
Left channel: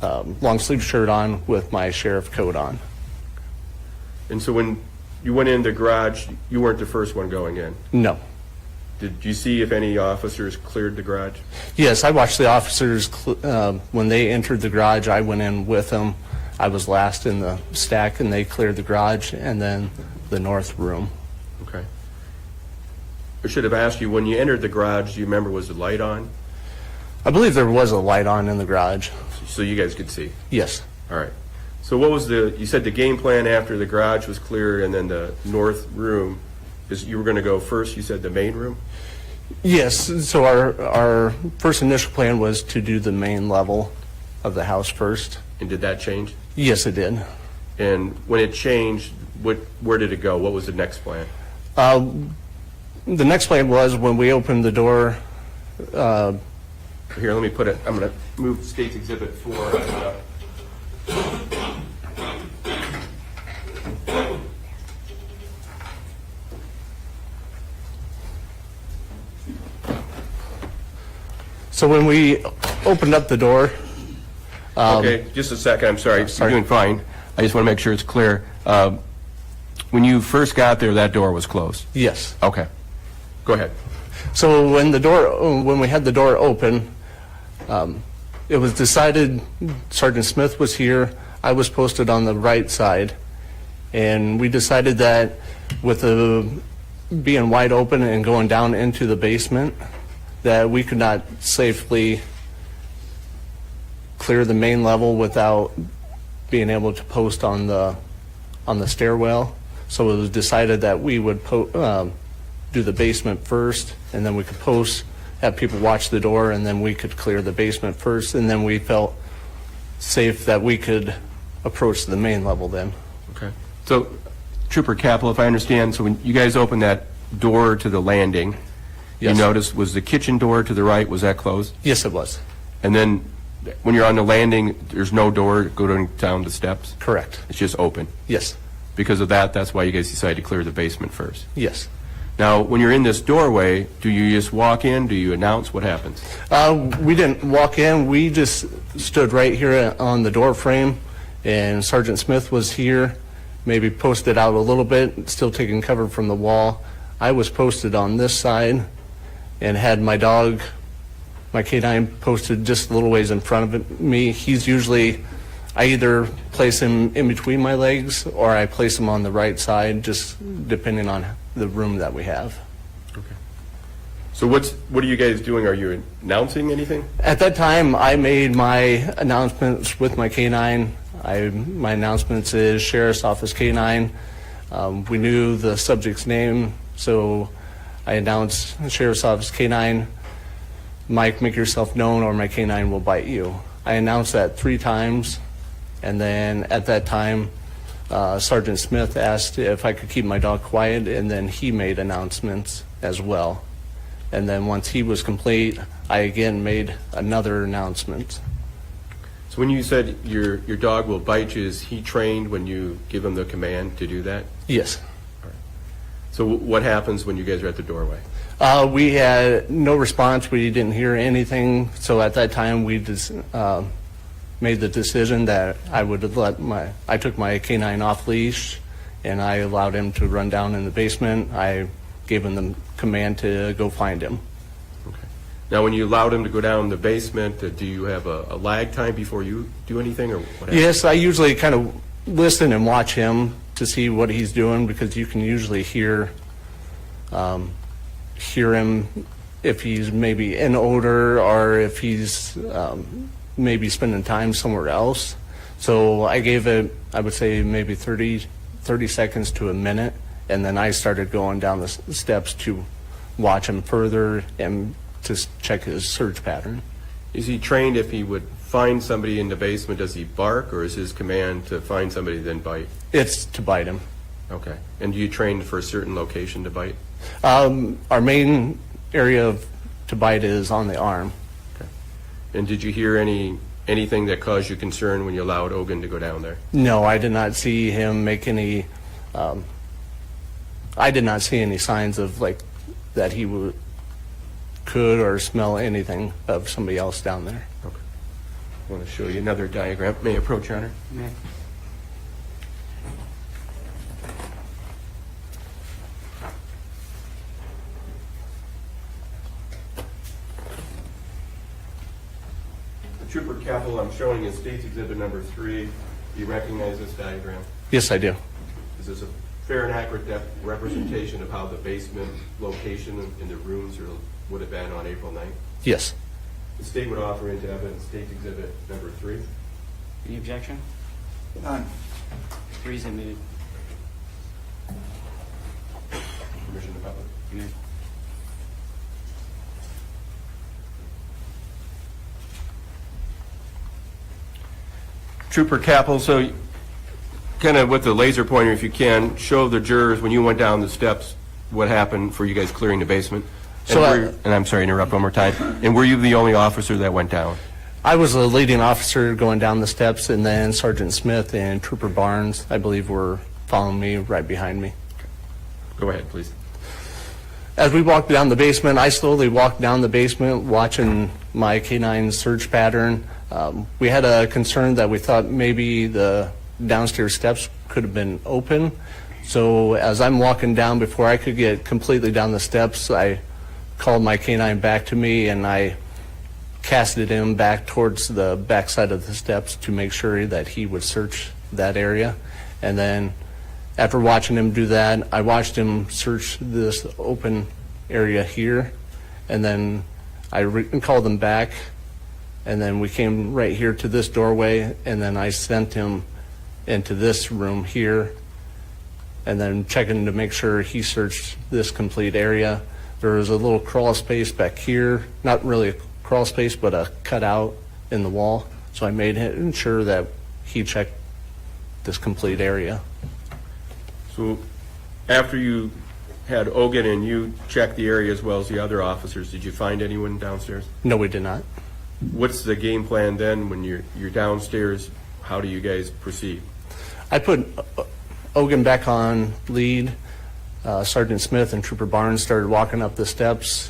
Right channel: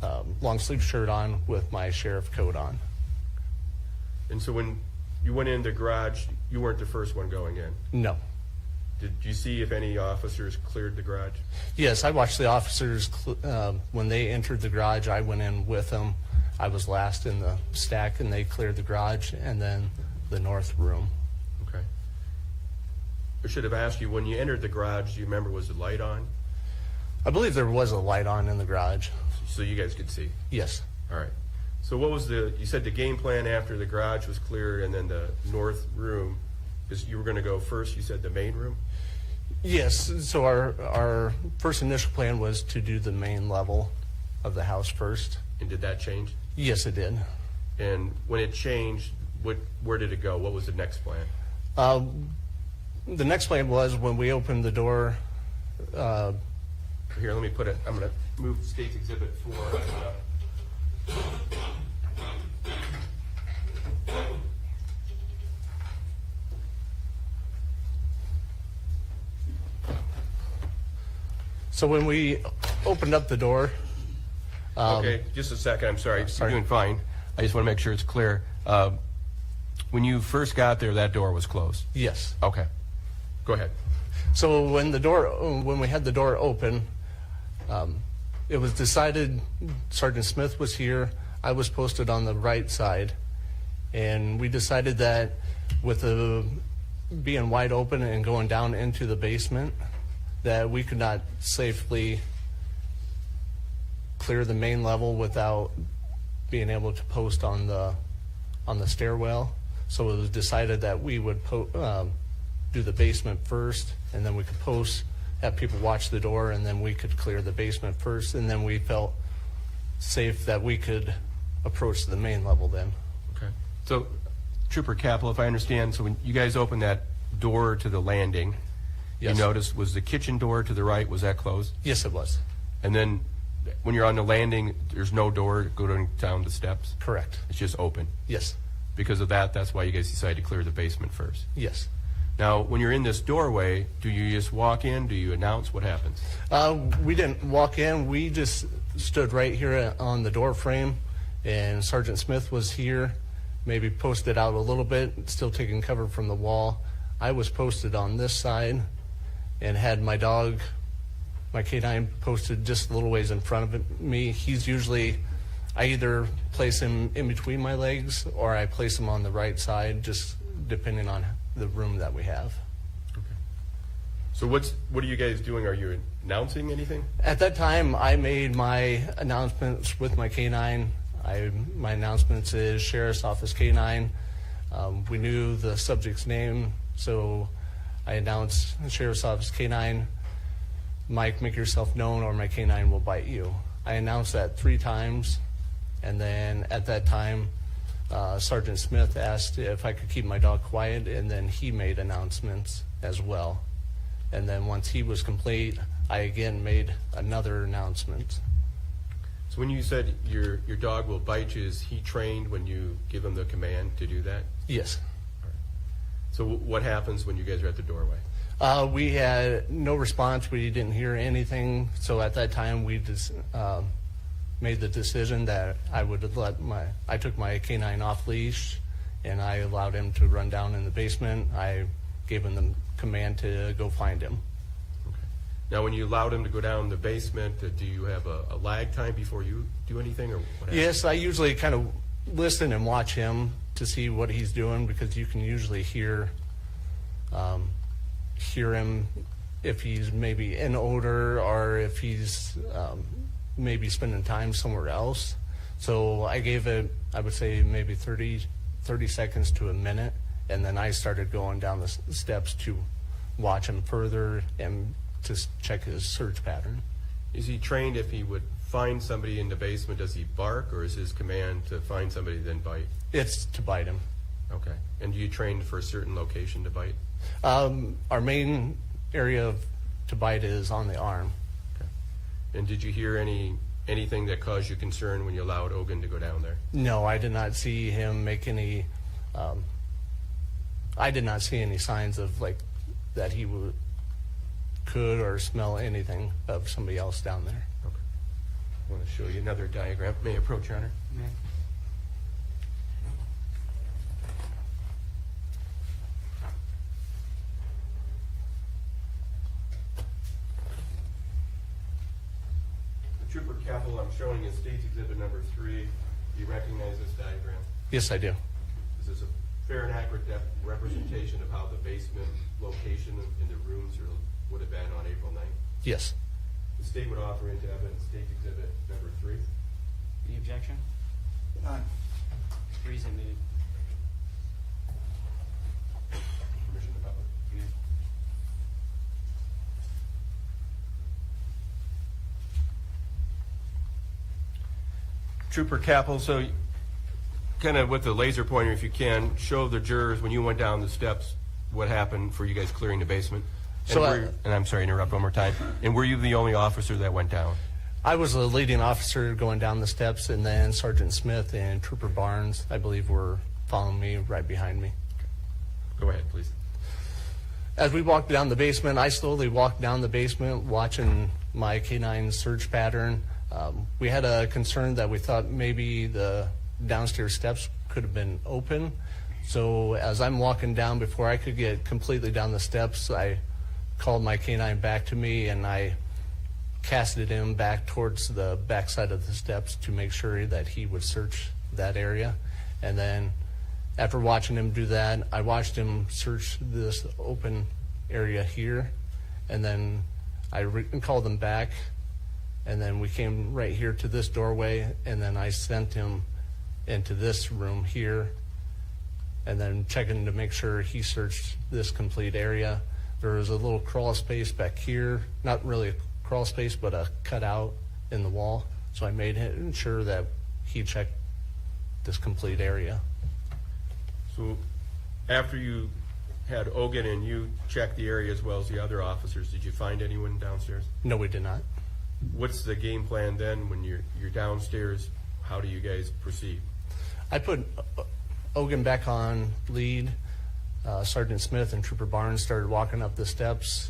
long sleeve shirt on with my sheriff coat on. And so when you went in the garage, you weren't the first one going in. No. Did you see if any officers cleared the garage? Yes, I watched the officers when they entered the garage. I went in with them. I was last in the stack, and they cleared the garage and then the north room. Okay. I should have asked you, when you entered the garage, do you remember, was the light on? I believe there was a light on in the garage. So you guys could see? Yes. All right. So what was you said the game plan after the garage was clear and then the north room, is you were going to go first, you said the main room? Yes, so our first initial plan was to do the main level of the house first. And did that change? Yes, it did. And when it changed, where did it go? What was the next plan? The next plan was when we opened the door. Here, let me put it, I'm going to move State's Exhibit 4. So when we opened up the door. Okay, just a second, I'm sorry. Sorry. You're doing fine. I just want to make sure it's clear. When you first got there, that door was closed? Yes. Okay. Go ahead. So when we had the door open, it was decided Sergeant Smith was here. I was posted on the right side, and we decided that with the being wide open and going down into the basement, that we could not safely clear the main level without being able to post on the stairwell. So it was decided that we would do the basement first, and then we could post, have people watch the door, and then we could clear the basement first, and then we felt safe that we could approach the main level then. Okay. So, Trooper Kappel, if I understand, so when you guys opened that door to the landing, Yes. you noticed, was the kitchen door to the right, was that closed? Yes, it was. And then when you're on the landing, there's no door going down the steps? Correct. It's just open? Yes. Because of that, that's why you guys decided to clear the basement first? Yes. Now, when you're in this doorway, do you just walk in? Do you announce? What happens? We didn't walk in. We just stood right here on the door frame, and Sergeant Smith was here, maybe posted out a little bit, still taking cover from the wall. I was posted on this side and had my dog, my canine, posted just a little ways in front of me. He's usually, I either place him in between my legs or I place him on the right side, just depending on the room that we have. So what are you guys doing? Are you announcing anything? At that time, I made my announcements with my canine. My announcements is Sheriff's Office Canine. We knew the subject's name, so I announced Sheriff's Office Canine. Mike, make yourself known or my canine will bite you. I announced that 3 times, and then at that time, Sergeant Smith asked if I could keep my dog quiet, and then he made announcements as well. And then once he was complete, I again made another announcement. So when you said your dog will bite you, is he trained when you give him the command to do that? Yes. So what happens when you guys are at the doorway? We had no response. We didn't hear anything. So at that time, we just made the decision that I took my canine off leash, and I allowed him to run down in the basement. I gave him the command to go find him. Okay. Now, when you allowed him to go down the basement, do you have a lag time before you do anything, or what happens? Yes, I usually kind of listen and watch him to see what he's doing, because you can usually hear him if he's maybe in odor or if he's maybe spending time somewhere else. So I gave it, I would say, maybe 30 seconds to a minute, and then I started going down the steps to watch him further and to check his search pattern. Is he trained if he would find somebody in the basement, does he bark, or is his command to find somebody then bite? It's to bite him. Okay. And do you train for a certain location to bite? Our main area to bite is on the arm. Okay. And did you hear anything that caused you concern when you allowed Ogun to go down there? No, I did not see him make any, I did not see any signs of that he could or smell anything of somebody else down there. Okay. I want to show you another diagram. May I approach, Your Honor? May I? Trooper Kappel, I'm showing in State's Exhibit number 3. Do you recognize this diagram? Yes, I do. Is this a fair and accurate representation of how the basement location in the rooms would have been on April 9th? Yes. The state would offer into evidence State's Exhibit number 3. Any objection? None. 3 is admitted. Permission to public. Amen. Trooper Kappel, so kind of with the laser pointer, if you can, show the jurors when you went down the steps what happened for you guys clearing the basement. And I'm sorry to interrupt one more time. And were you the only officer that went down? I was the leading officer going down the steps, and then Sergeant Smith and Trooper Barnes, I believe, were following me right behind me. Go ahead, please. As we walked down the basement, I slowly walked down the basement, watching my canine search pattern. We had a concern that we thought maybe the downstairs steps could have been open. So as I'm walking down, before I could get completely down the steps, I called my canine back to me, and I casted him back towards the backside of the steps to make sure that he would search that area. And then after watching him do that, I watched him search this open area here, and then I called him back, and then we came right here to this doorway, and then I sent him into this room here, and then checking to make sure he searched this complete area. There was a little crawl space back here, not really a crawl space, but a cutout in the wall. So I made sure that he checked this complete area. So after you had Ogun and you checked the area as well as the other officers, did you find anyone downstairs? No, we did not. What's the game plan then when you're downstairs? How do you guys proceed? I put Ogun back on lead. Sergeant Smith and Trooper Barnes started walking up the steps.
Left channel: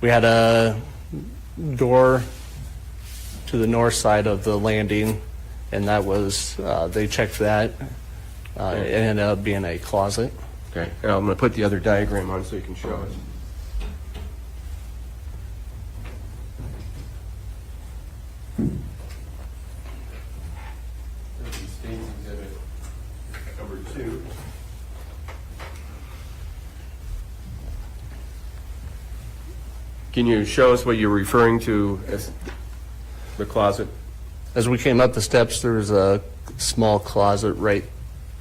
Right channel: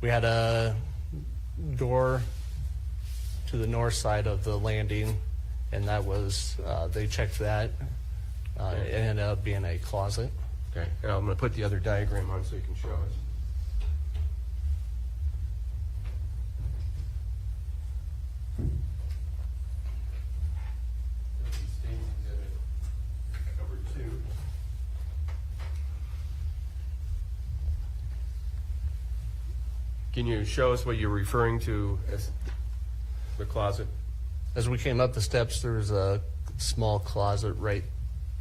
We had a door to the north side of the landing, and that was, they checked that. It ended up being a closet. Okay, now I'm going to put the other diagram on so you can show us. This is State's Exhibit number 2. Can you show us what you're referring to as the closet? As we came up the steps, there was a small closet right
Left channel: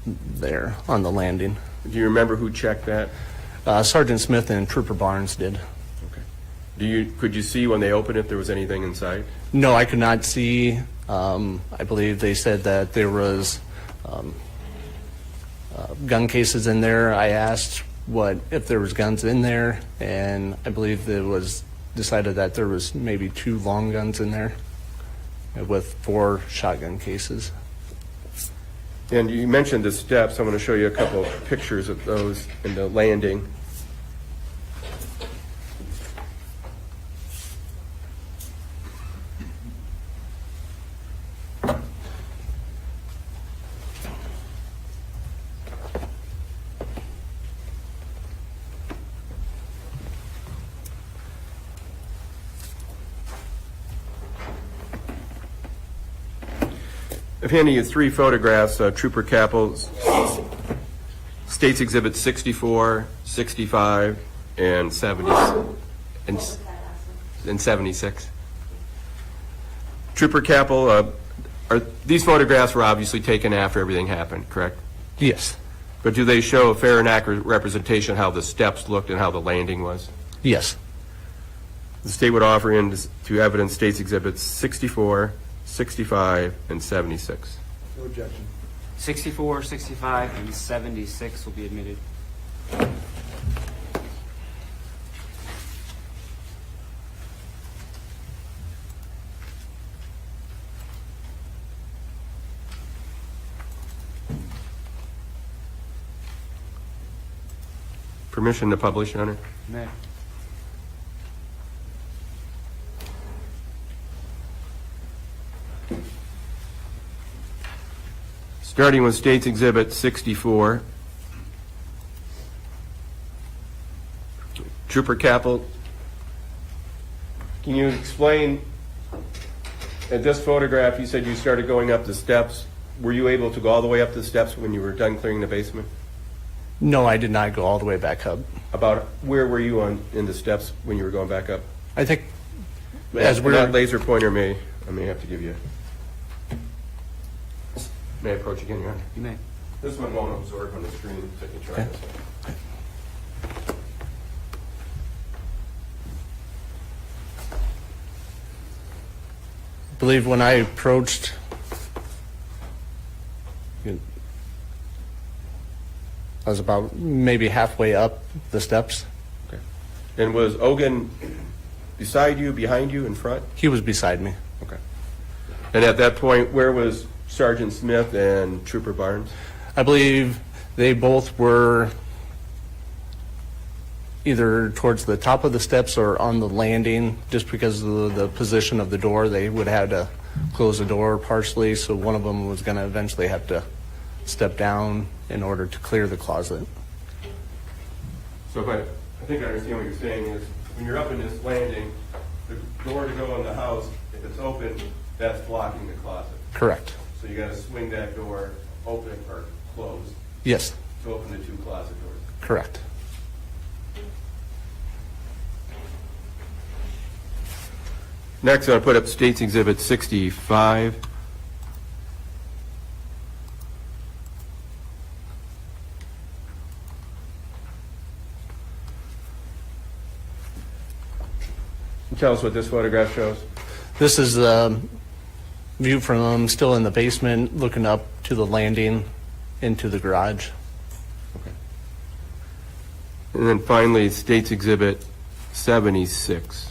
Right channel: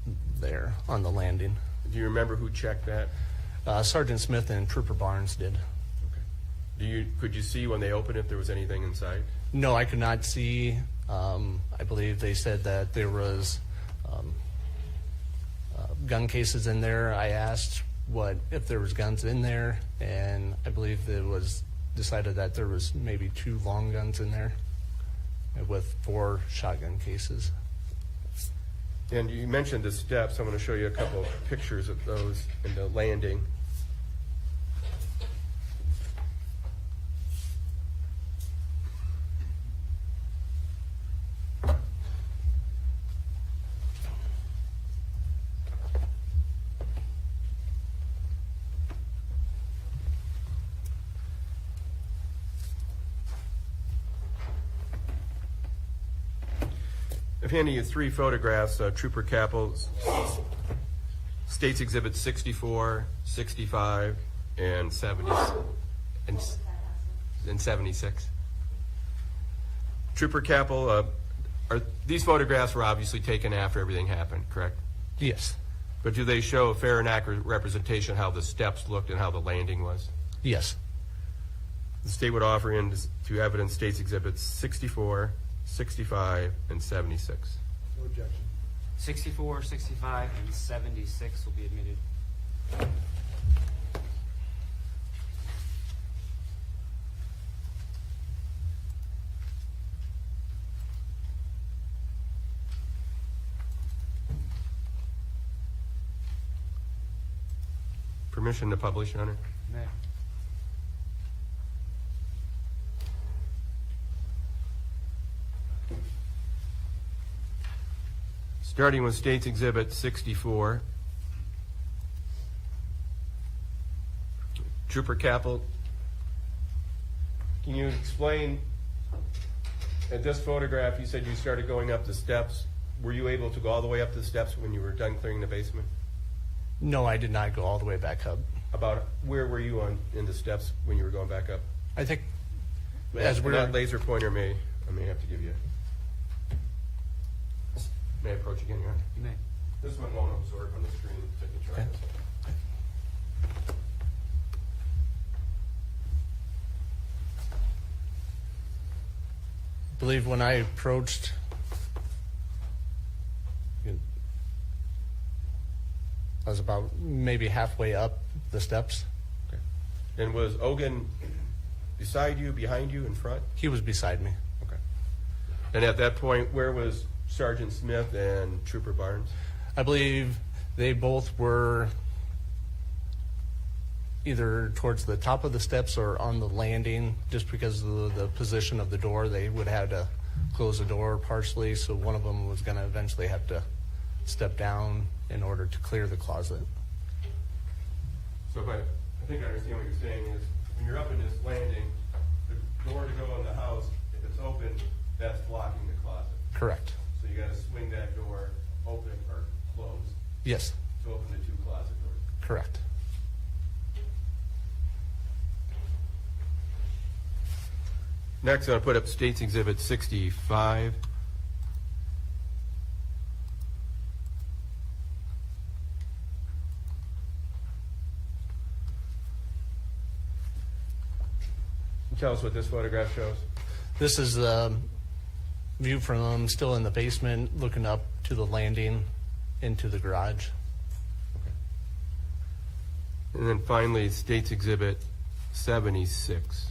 there on the landing. Do you remember who checked that? Sergeant Smith and Trooper Barnes did. Okay. Could you see when they opened it there was anything inside? No, I could not see. I believe they said that there was gun cases in there. I asked if there was guns in there, and I believe it was decided that there was maybe 2 long guns in there with 4 shotgun cases. And you mentioned the steps. I'm going to show you a couple of pictures of those in the landing. I've handed you 3 photographs, Trooper Kappel's State's Exhibit 64, 65, and 76. Trooper Kappel, these photographs were obviously taken after everything happened, correct? Yes. But do they show a fair and accurate representation of how the steps looked and how the landing was? Yes. The state would offer into evidence State's Exhibits 64, 65, and 76. No objection. 64, 65, and 76 will be admitted. Permission to publish, Your Honor? May. Starting with State's Exhibit 64. Trooper Kappel, can you explain, at this photograph, you said you started going up the steps. Were you able to go all the way up the steps when you were done clearing the basement? No, I did not go all the way back up. About where were you in the steps when you were going back up? I think as we're That laser pointer I may have to give you. May I approach again, Your Honor? You may. This one won't absorb on the screen, so I can try this. I believe when I approached, I was about maybe halfway up the steps. Okay. And was Ogun beside you, behind you, in front? He was beside me. Okay. And at that point, where was Sergeant Smith and Trooper Barnes? I believe they both were either towards the top of the steps or on the landing, just because of the position of the door. They would have to close the door partially, so one of them was going to eventually have to step down in order to clear the closet. So I think I understand what you're saying is, when you're up in this landing, the door to go in the house, if it's open, that's blocking the closet. Correct. So you gotta swing that door open or closed Yes, to open the 2 closet doors. correct. Next, I'm going to put up State's Exhibit 65. Tell us what this photograph shows. This is a view from still in the basement, looking up to the landing into the garage. And then finally, State's Exhibit 76.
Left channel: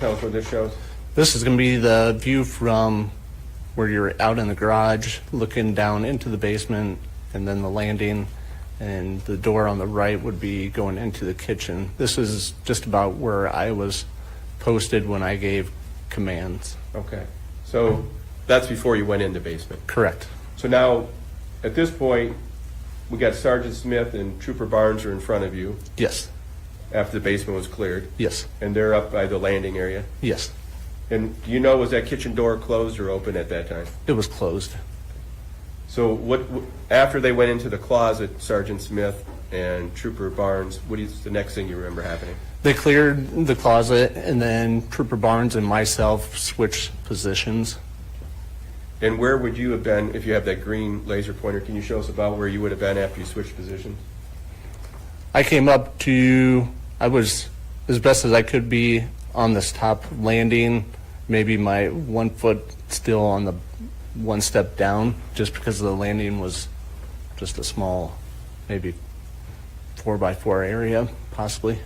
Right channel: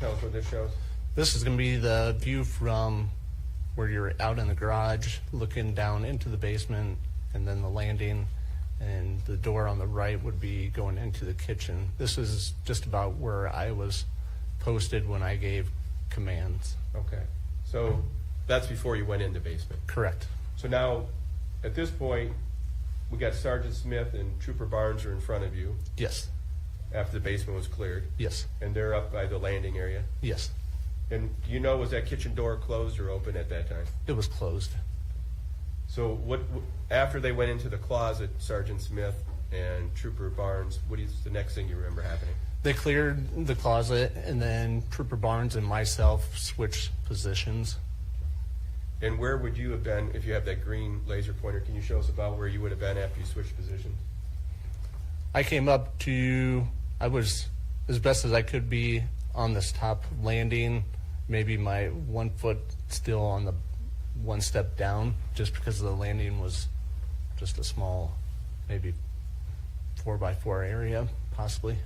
tell us what this shows? This is going to be the view from where you're out in the garage, looking down into the basement, and then the landing, and the door on the right would be going into the kitchen. This is just about where I was posted when I gave commands. Okay. So that's before you went in the basement. Correct. So now, at this point, we got Sergeant Smith and Trooper Barnes are in front of you Yes. after the basement was cleared, Yes. and they're up by the landing area. Yes. And do you know, was that kitchen door closed or open at that time? It was closed. So after they went into the closet, Sergeant Smith and Trooper Barnes, what is the next thing you remember happening? They cleared the closet, and then Trooper Barnes and myself switched positions. And where would you have been if you have that green laser pointer? Can you show us about where you would have been after you switched positions? I came up to, I was as best as I could be on this top landing, maybe my 1 foot still on the one step down, just because the landing was just a small, maybe 4x4 area, possibly.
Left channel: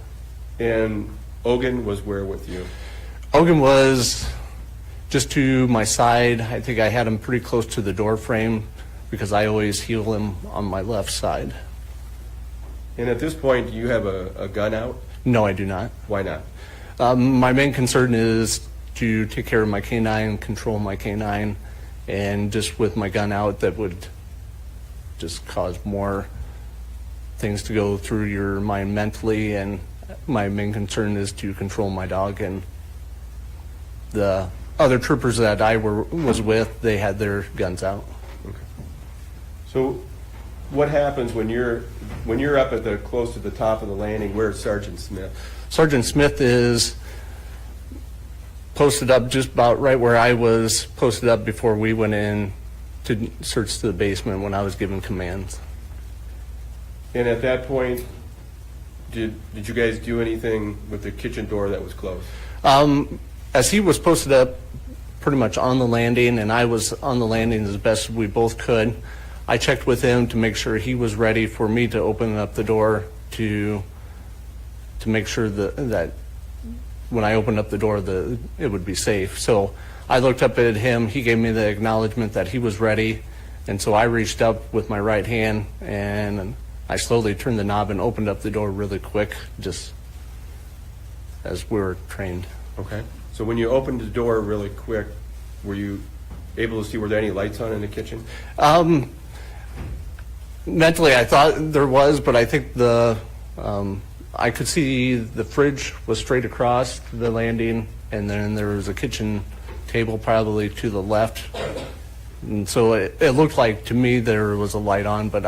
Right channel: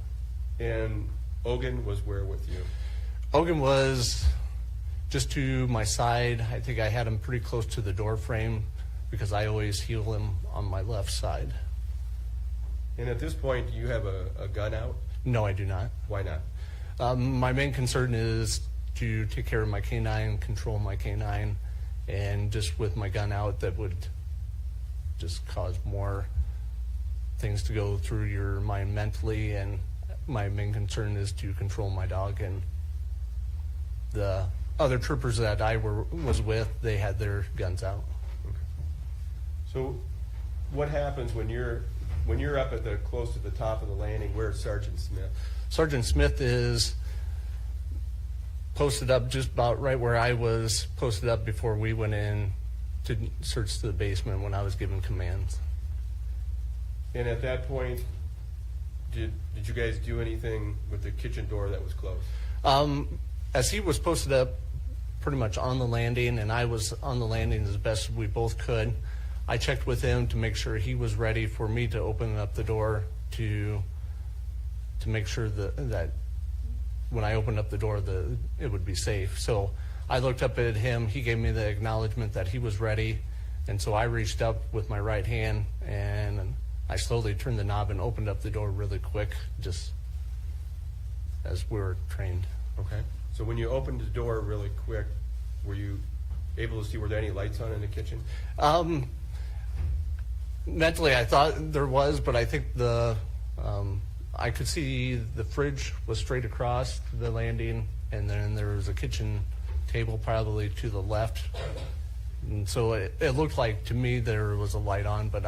And Ogun was where with you? Ogun was just to my side. I think I had him pretty close to the door frame because I always heal him on my left side. And at this point, do you have a gun out? No, I do not. Why not? My main concern is to take care of my canine, control my canine, and just with my gun out, that would just cause more things to go through your mind mentally, and my main concern is to control my dog. And the other troopers that I was with, they had their guns out. So what happens when you're up at the close to the top of the landing? Where's Sergeant Smith? Sergeant Smith is posted up just about right where I was posted up before we went in to search the basement when I was giving commands. And at that point, did you guys do anything with the kitchen door that was closed? As he was posted up pretty much on the landing, and I was on the landing as best as we both could, I checked with him to make sure he was ready for me to open up the door to make sure that when I opened up the door, it would be safe. So I looked up at him. He gave me the acknowledgement that he was ready, and so I reached up with my right hand, and I slowly turned the knob and opened up the door really quick, just as we were trained. Okay. So when you opened the door really quick, were you able to see, were there any lights on in the kitchen? Mentally, I thought there was, but I think I could see the fridge was straight across the landing, and then there was a kitchen table probably to the left. And so it looked like to me there was a light on, but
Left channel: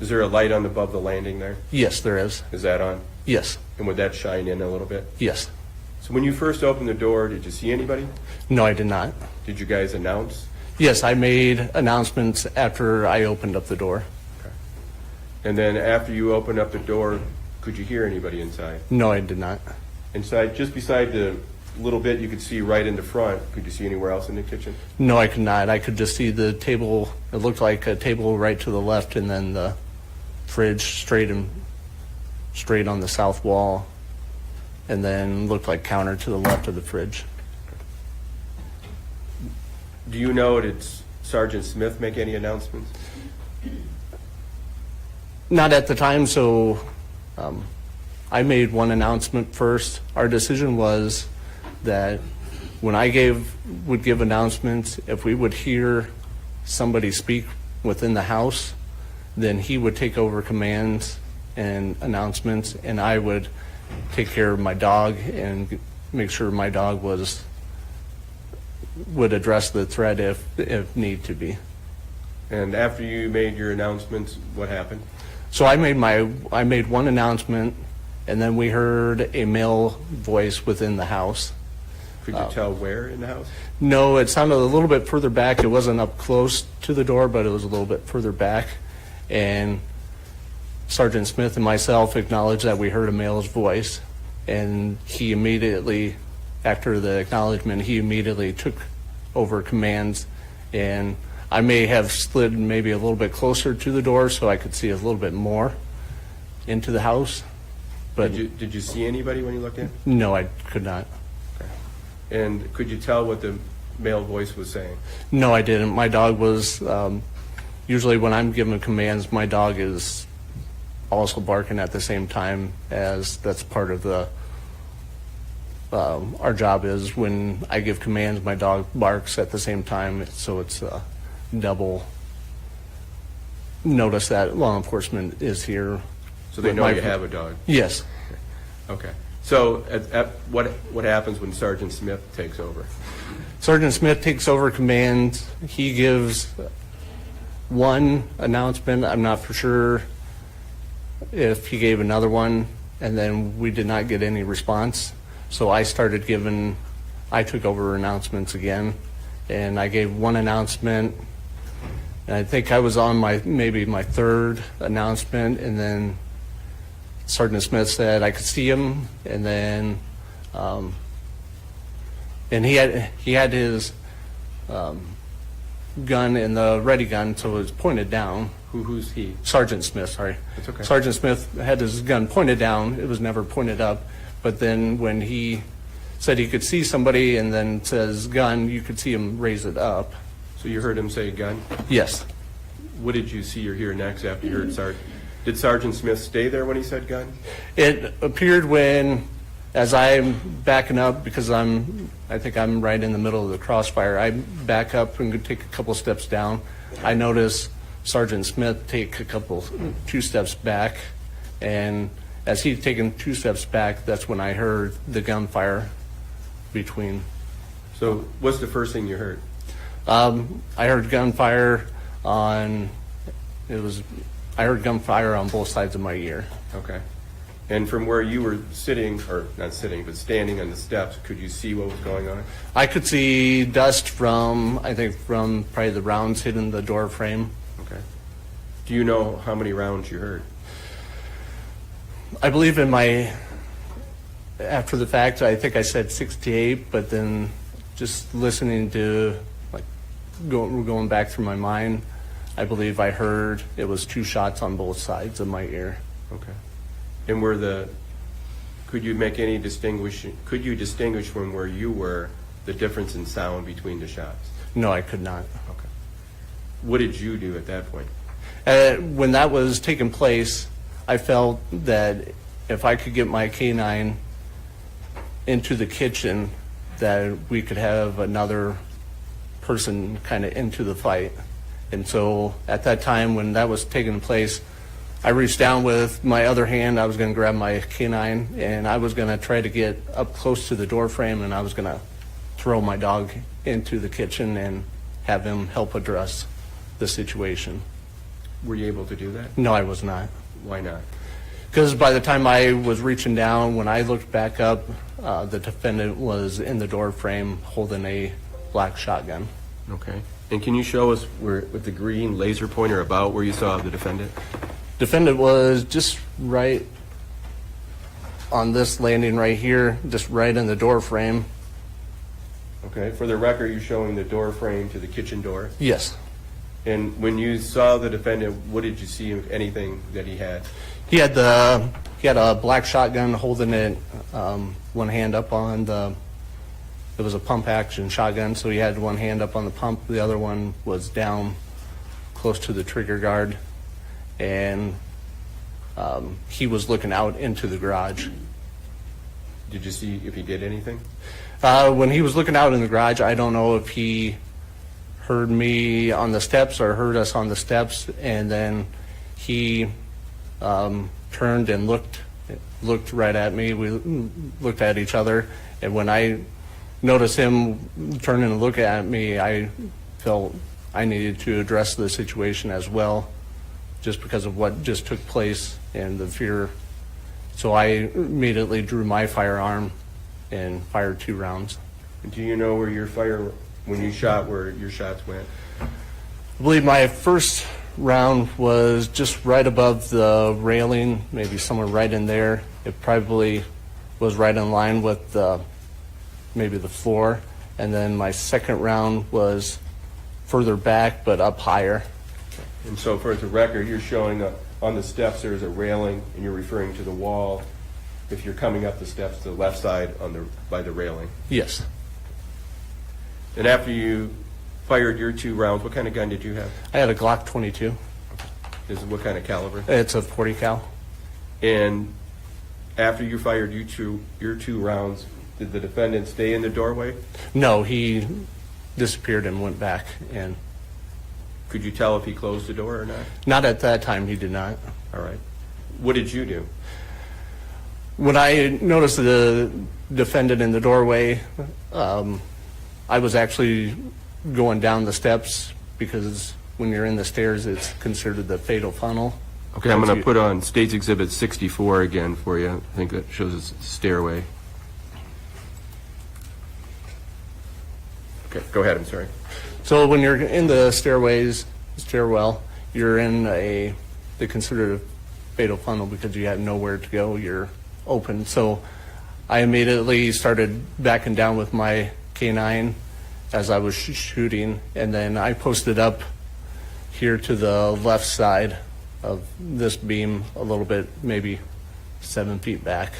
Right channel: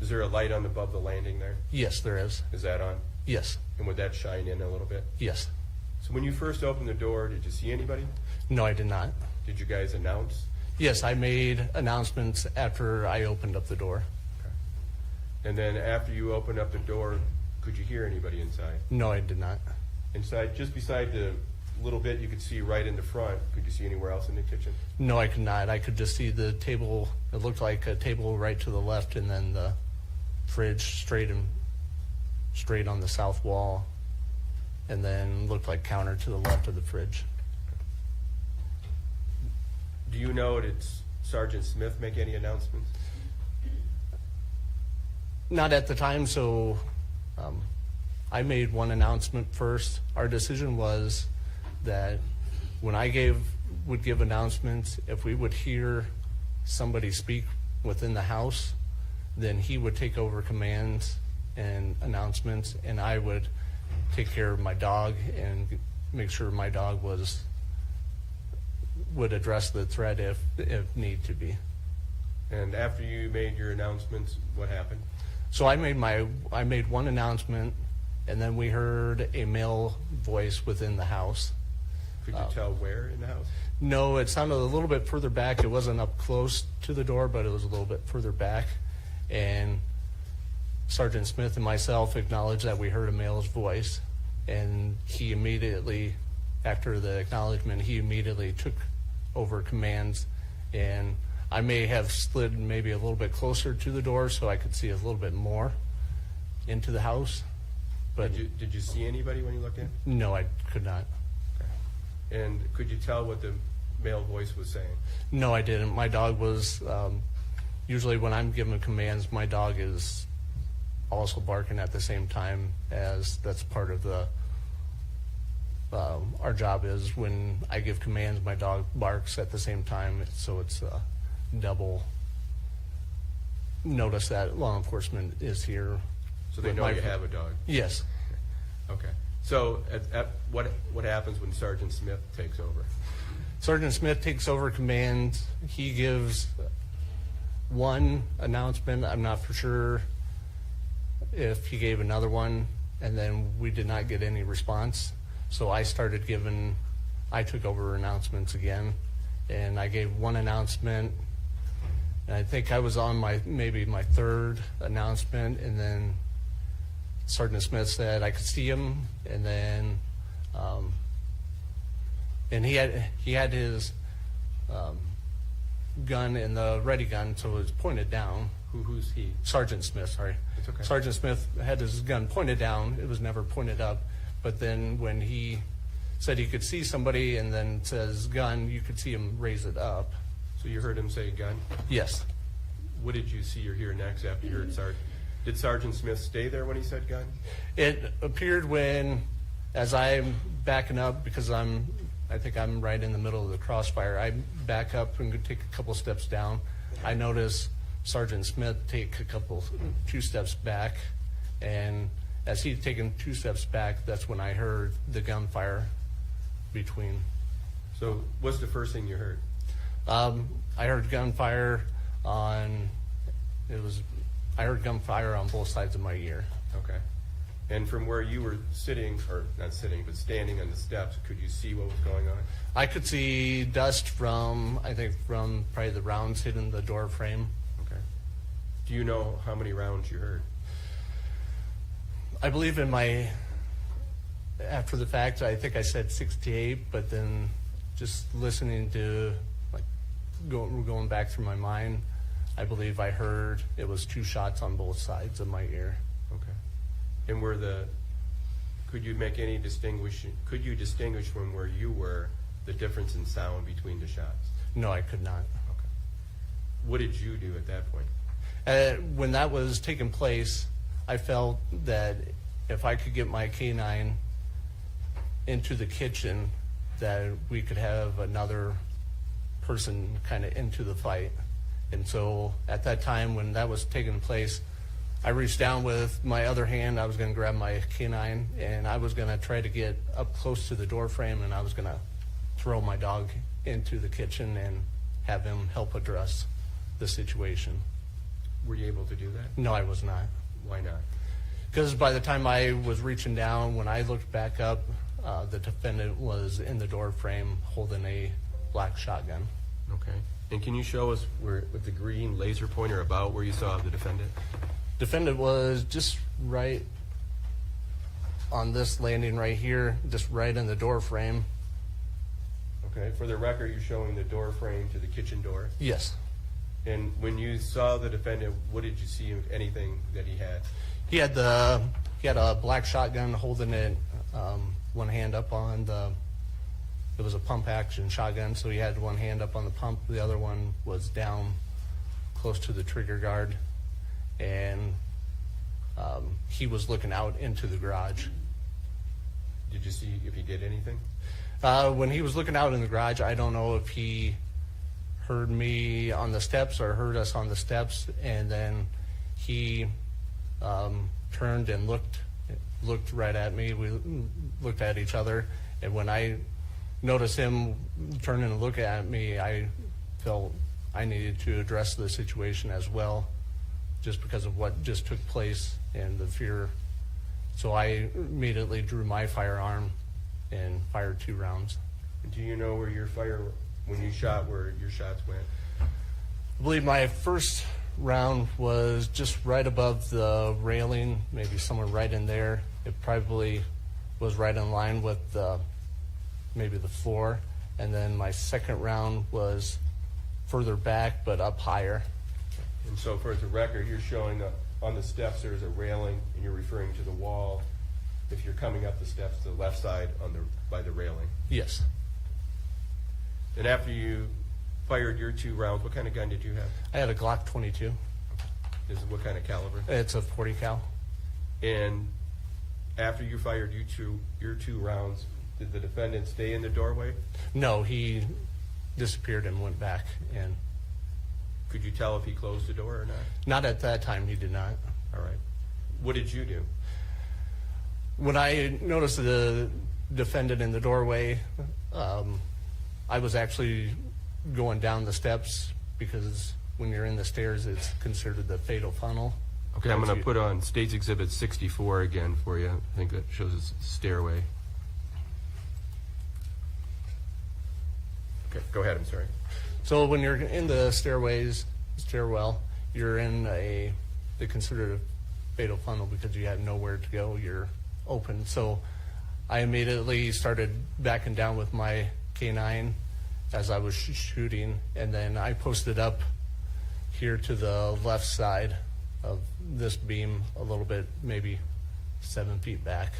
Is there a light on above the landing there? yes, there is. Is that on? Yes, And would that shine in a little bit? yes. So when you first opened the door, did you see anybody? No, I did not. Did you guys announce? Yes, I made announcements after I opened up the door. And then after you opened up the door, could you hear anybody inside? No, I did not. Inside, just beside the little bit you could see right in the front, could you see anywhere else in the kitchen? No, I could not. I could just see the table. It looked like a table right to the left, and then the fridge straight on the south wall, and then looked like counter to the left of the fridge. Do you know, did Sergeant Smith make any announcements? Not at the time, so I made one announcement first. Our decision was that when I would give announcements, if we would hear somebody speak within the house, then he would take over commands and announcements, and I would take care of my dog and make sure my dog would address the threat if need to be. And after you made your announcements, what happened? So I made one announcement, and then we heard a male voice within the house. Could you tell where in the house? No, it sounded a little bit further back. It wasn't up close to the door, but it was a little bit further back. And Sergeant Smith and myself acknowledged that we heard a male's voice, and he immediately, after the acknowledgement, he immediately took over commands, and I may have slid maybe a little bit closer to the door so I could see a little bit more into the house. But Did you see anybody when you looked in? no, I could not. And could you tell what the male voice was saying? No, I didn't. My dog was, usually when I'm giving commands, my dog is also barking at the same time, as that's part of the, our job is when I give commands, my dog barks at the same time, so it's a double notice that law enforcement is here. So they with know my- you have a dog? Yes. Okay. So what happens when Sergeant Smith takes over? Sergeant Smith takes over command. He gives one announcement. I'm not for sure if he gave another one, and then we did not get any response. So I took over announcements again, and I gave one announcement, and I think I was on maybe my third announcement, and then Sergeant Smith said I could see him, and then, and he had his gun in the ready gun, so it was pointed down. Who's he? Sergeant Smith, sorry. That's okay. Sergeant Smith had his gun pointed down. It was never pointed up. But then when he said he could see somebody and then says gun, you could see him raise it up. So you heard him say gun? Yes. What did you see or hear next after you heard Sergeant? Did Sergeant Smith stay there when he said gun? It appeared when, as I'm backing up, because I think I'm right in the middle of the crossfire, I back up and take a couple steps down. I notice Sergeant Smith take two steps back, and as he's taken 2 steps back, that's when I heard the gunfire between. So what's the first thing you heard? I heard gunfire on both sides of my ear. Okay. And from where you were sitting, or not sitting, but standing on the steps, could you see what was going on? I could see dust from probably the rounds hitting the door frame. Okay. Do you know how many rounds you heard? I believe after the fact, I think I said 68, but then just listening to, going back through my mind, I believe I heard it was 2 shots on both sides of my ear. Okay. And could you distinguish from where you were the difference in sound between the shots? No, I could not. Okay. What did you do at that point? When that was taking place, I felt that if I could get my K9 into the kitchen, that we could have another person kind of into the fight. And so at that time when that was taking place, I reached down with my other hand. I was going to grab my K9, and I was going to try to get up close to the door frame, and I was going to throw my dog into the kitchen and have him help address the situation. Were you able to do that? No, I was not. Why not? Because by the time I was reaching down, when I looked back up, the defendant was in the door frame holding a black shotgun. Okay. And can you show us with the green laser pointer about where you saw the defendant? Defendant was just right on this landing right here, just right in the door frame. Okay. For the record, you're showing the door frame to the kitchen door. Yes. And when you saw the defendant, what did you see, if anything, that he had? He had a black shotgun holding it, one hand up on it was a pump action shotgun, so he had one hand up on the pump, the other one was down close to the trigger guard, and he was looking out into the garage. Did you see if he did anything? When he was looking out in the garage, I don't know if he heard me on the steps or heard us on the steps, and then he turned and looked right at me. We looked at each other, and when I noticed him turn and look at me, I felt I needed to address the situation as well, just because of what just took place and the fear. So I immediately drew my firearm and fired 2 rounds. Do you know where when you shot, where your shots went? I believe my first round was just right above the railing, maybe somewhere right in there. It probably was right in line with maybe the floor. And then my second round was further back, but up higher. And so for the record, you're showing on the steps there's a railing, and you're referring to the wall if you're coming up the steps, the left side by the railing. Yes. And after you fired your 2 rounds, what kind of gun did you have? I had a Glock 22. What kind of caliber? It's a 40 cal. And after you fired your two rounds, did the defendant stay in the doorway? No, he disappeared and went back. And Could you tell if he closed the door or not? not at that time, he did not. All right. What did you do? When I noticed the defendant in the doorway, I was actually going down the steps because when you're in the stairs, it's considered the fatal funnel. Okay, I'm going to put on State's Exhibit 64 again for you. I think that shows a stairway. Okay, go ahead, I'm sorry. So when you're in the stairwell, you're in they consider it a fatal funnel because you have nowhere to go. You're open. So I immediately started backing down with my K9 as I was shooting, and then I posted up here to the left side of this beam a little bit, maybe 7 feet back.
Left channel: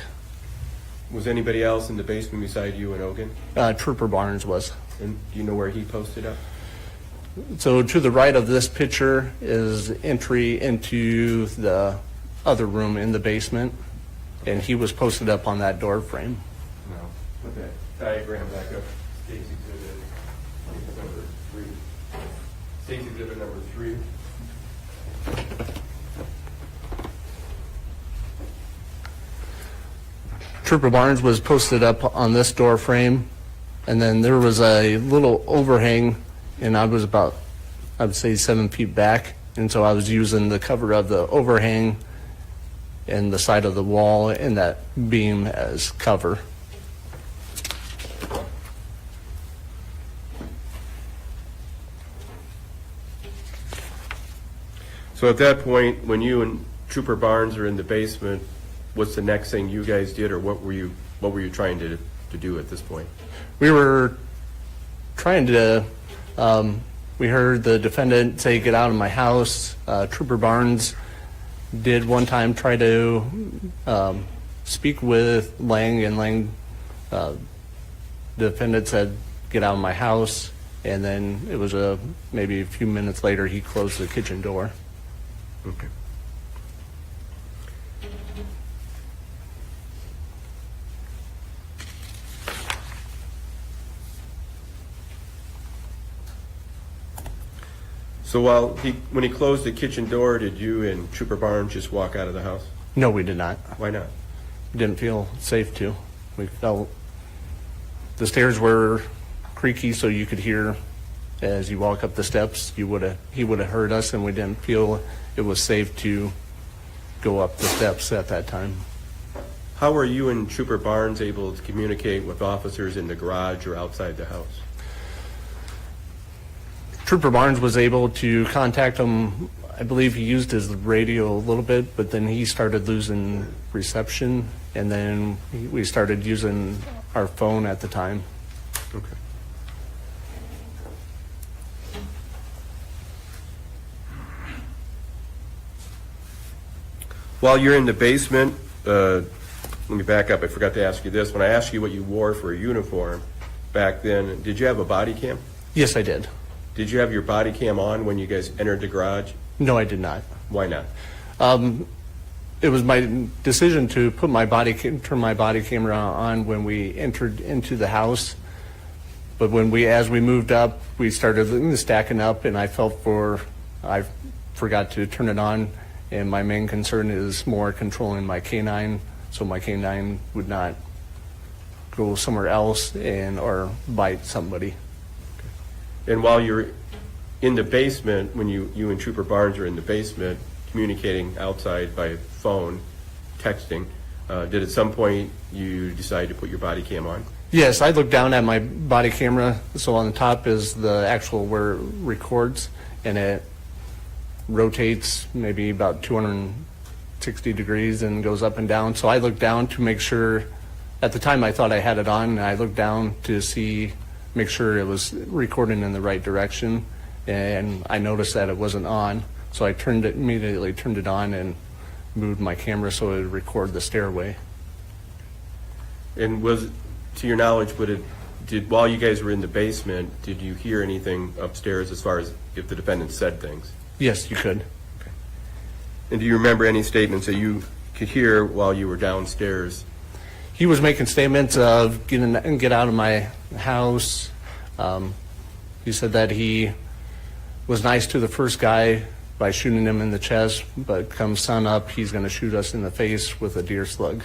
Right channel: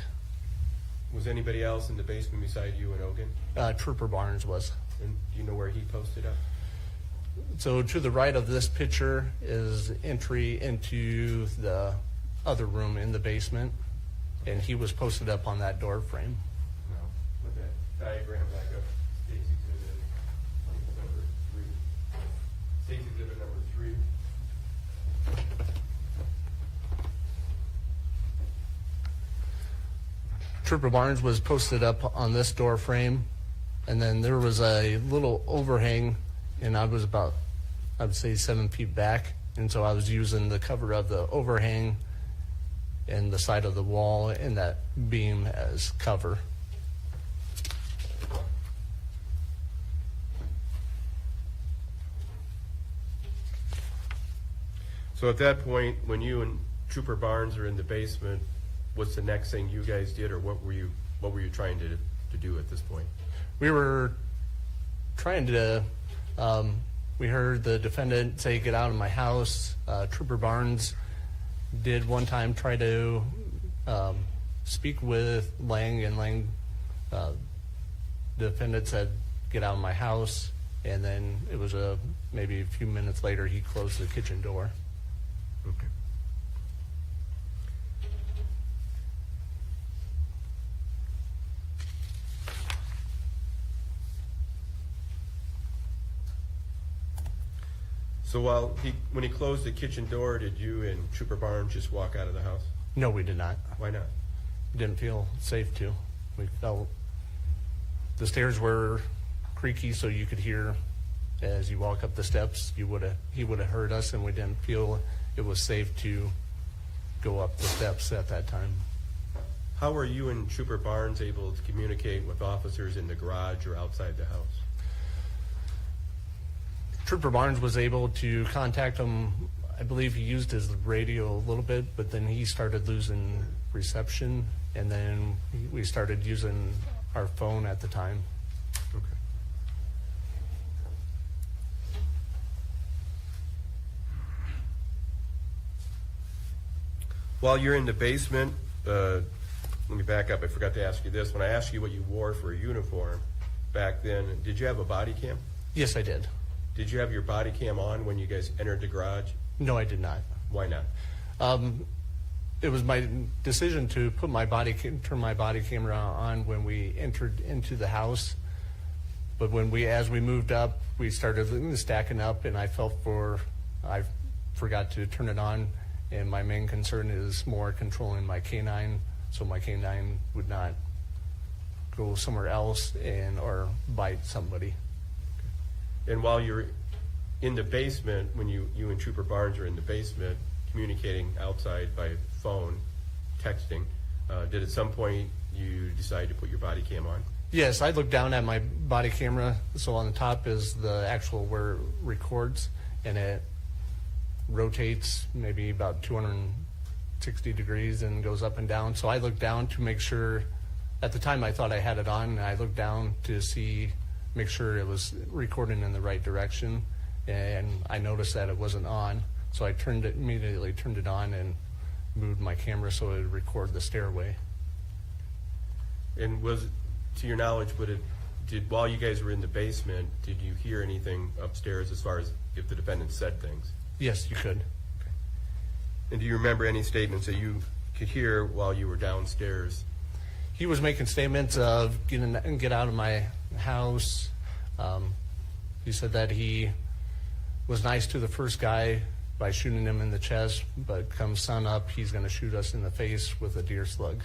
Was anybody else in the basement beside you and Ogun? Trooper Barnes was. And do you know where he posted up? So to the right of this picture is entry into the other room in the basement, and he was posted up on that door frame. No. Put that diagram back up. State's Exhibit number 3. State's Exhibit number 3. Trooper Barnes was posted up on this door frame, and then there was a little overhang, and I was about, I would say, 7 feet back, and so I was using the cover of the overhang and the side of the wall and that beam as cover. So at that point, when you and Trooper Barnes are in the basement, what's the next thing you guys did, or what were you trying to do at this point? We were trying to, we heard the defendant say, "Get out of my house." Trooper Barnes did one time try to speak with Lang, and Lang, the defendant said, "Get out of my house." And then it was maybe a few minutes later, he closed the kitchen door. Okay. So when he closed the kitchen door, did you and Trooper Barnes just walk out of the house? No, we did not. Why not? Didn't feel safe to. We felt the stairs were creaky, so you could hear as you walk up the steps. He would have heard us, and we didn't feel it was safe to go up the steps at that time. How were you and Trooper Barnes able to communicate with officers in the garage or outside the house? Trooper Barnes was able to contact him. I believe he used his radio a little bit, but then he started losing reception, and then we started using our phone at the time. Okay. While you're in the basement, let me back up. I forgot to ask you this. When I asked you what you wore for a uniform back then, did you have a body cam? Yes, I did. Did you have your body cam on when you guys entered the garage? No, I did not. Why not? It was my decision to put turn my body camera on when we entered into the house. But as we moved up, we started stacking up, and I forgot to turn it on. And my main concern is more controlling my K9, so my K9 would not go somewhere else or bite somebody. And while you're in the basement, when you and Trooper Barnes are in the basement communicating outside by phone, texting, did at some point you decide to put your body cam on? Yes, I looked down at my body camera. So on the top is the actual where it records, and it rotates maybe about 260 degrees and goes up and down. So I looked down to make sure. At the time I thought I had it on, and I looked down to make sure it was recording in the right direction, and I noticed that it wasn't on. So I immediately turned it on and moved my camera so it would record the stairway. And was, to your knowledge, while you guys were in the basement, did you hear anything upstairs as far as if the defendant said things? Yes, you could. And do you remember any statements that you could hear while you were downstairs? He was making statements of get out of my house. He said that he was nice to the first guy by shooting him in the chest, but come sun up, he's going to shoot us in the face with a deer slug.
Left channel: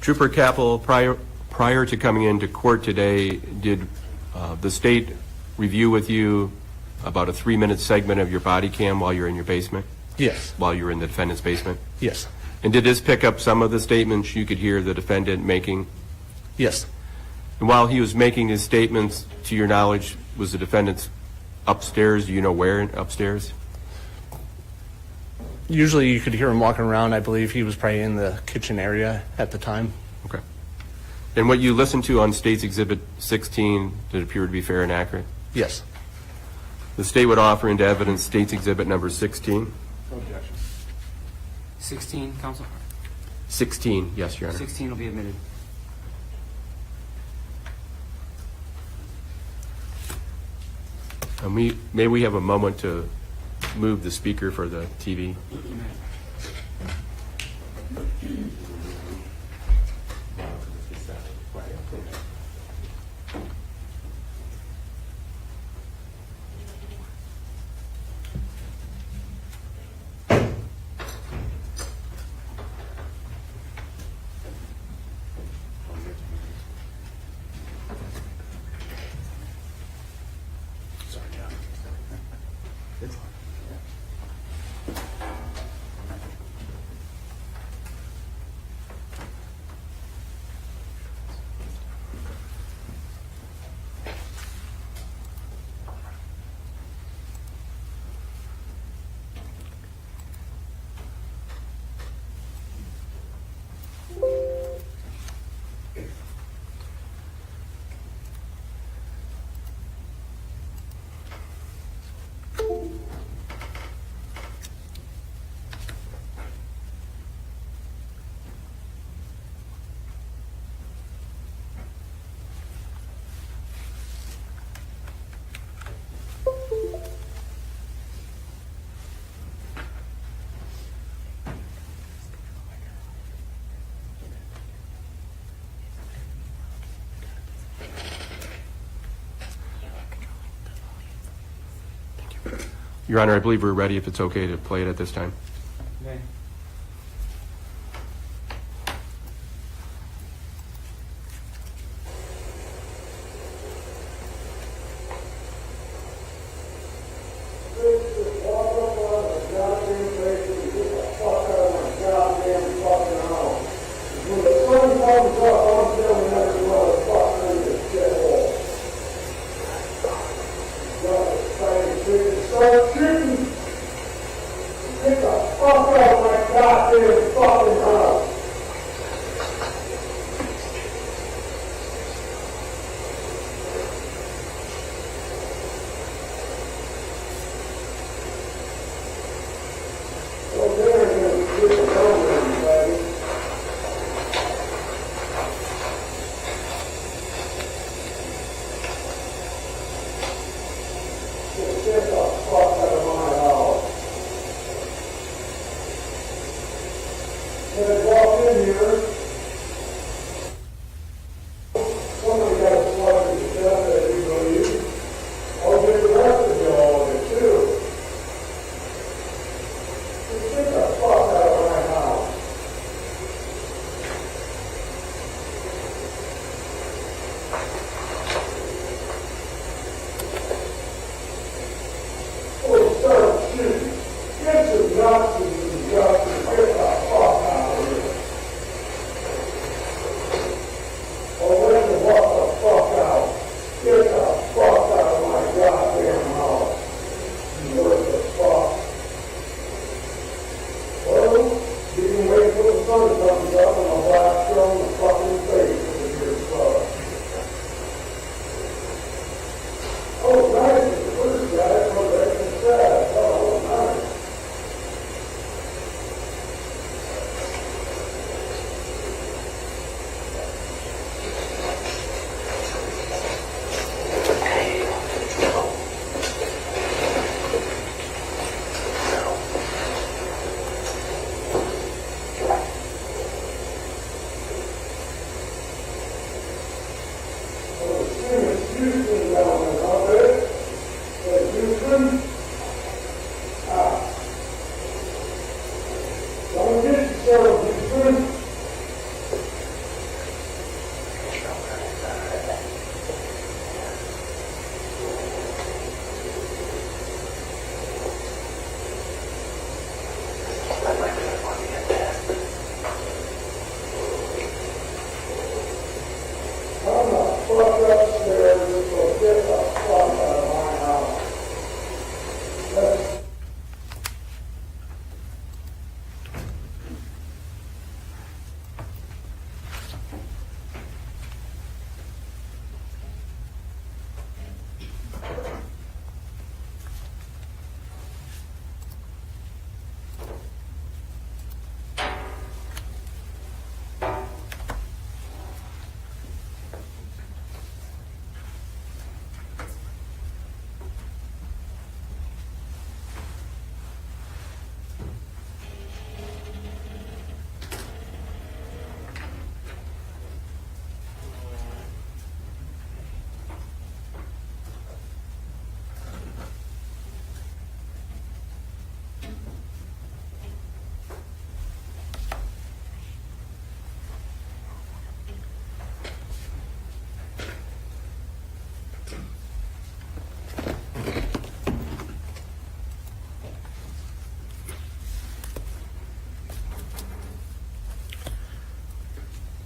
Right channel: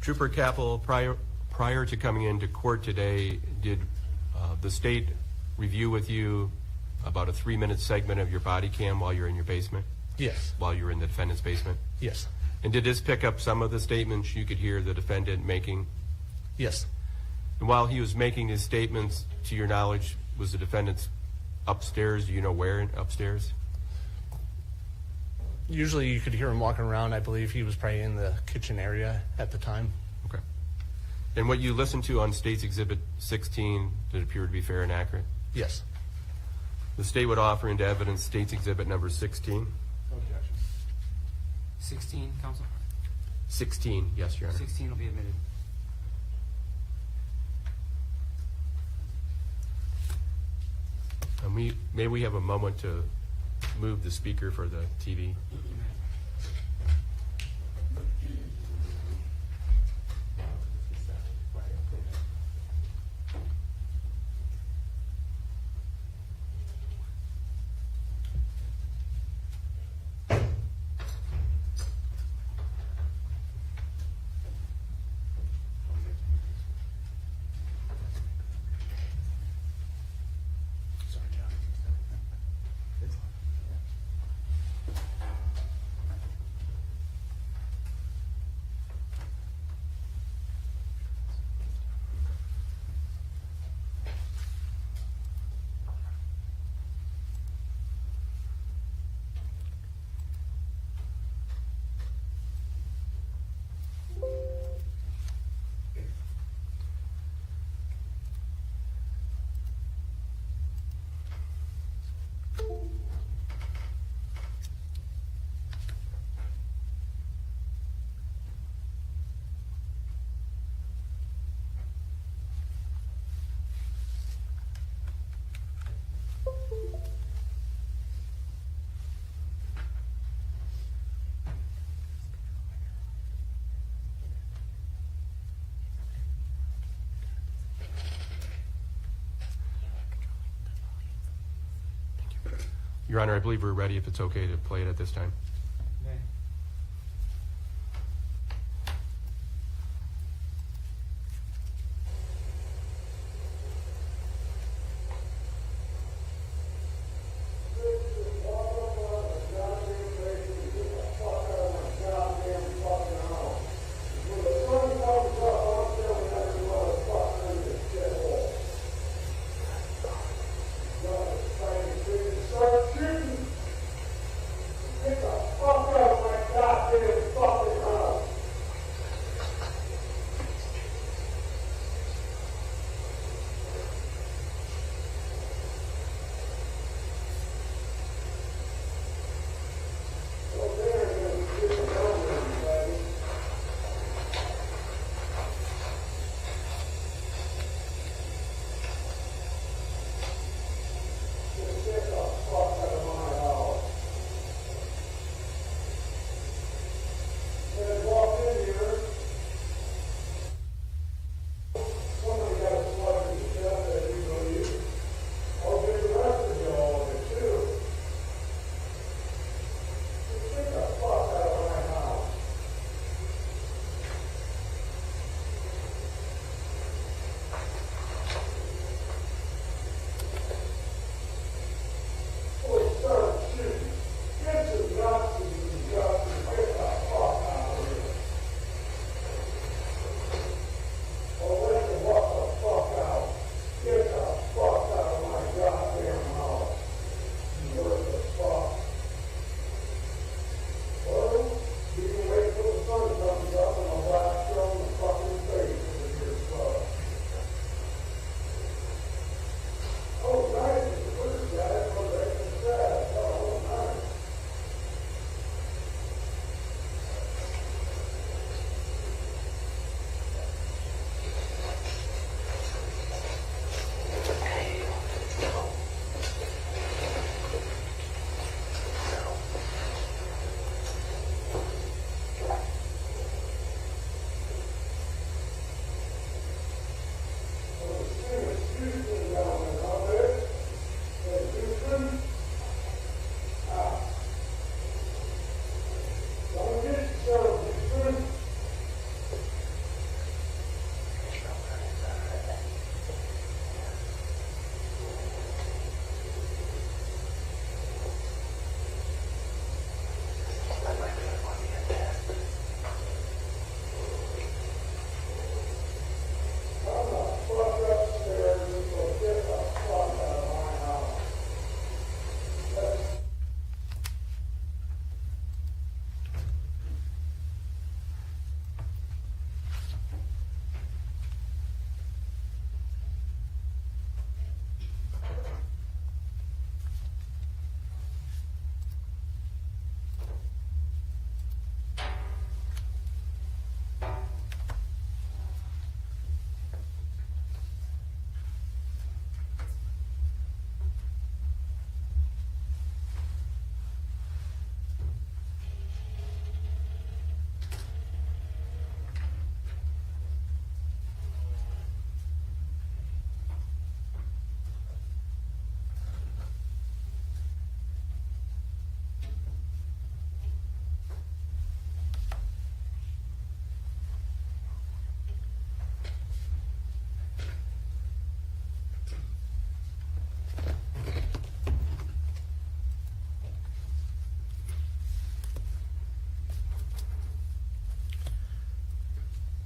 Trooper Kappel, prior to coming into court today, did the state review with you about a 3-minute segment of your body cam while you're in your basement, Yes, while you were in the defendant's basement? yes, And did this pick up some of the statements you could hear the defendant making? yes. And while he was making his statements, to your knowledge, was the defendant upstairs? Do you know where upstairs? Usually you could hear him walking around. I believe he was probably in the kitchen area at the time. Okay. And what you listened to on State's Exhibit 16, did it appear to be fair and accurate? Yes. The state would offer into evidence State's Exhibit number 16. 16, counsel? 16, yes, Your Honor. 16 will be admitted. And may we have a moment to move the speaker for the TV? Your Honor, I believe we're ready if it's okay to play it at this time. Get the fuck off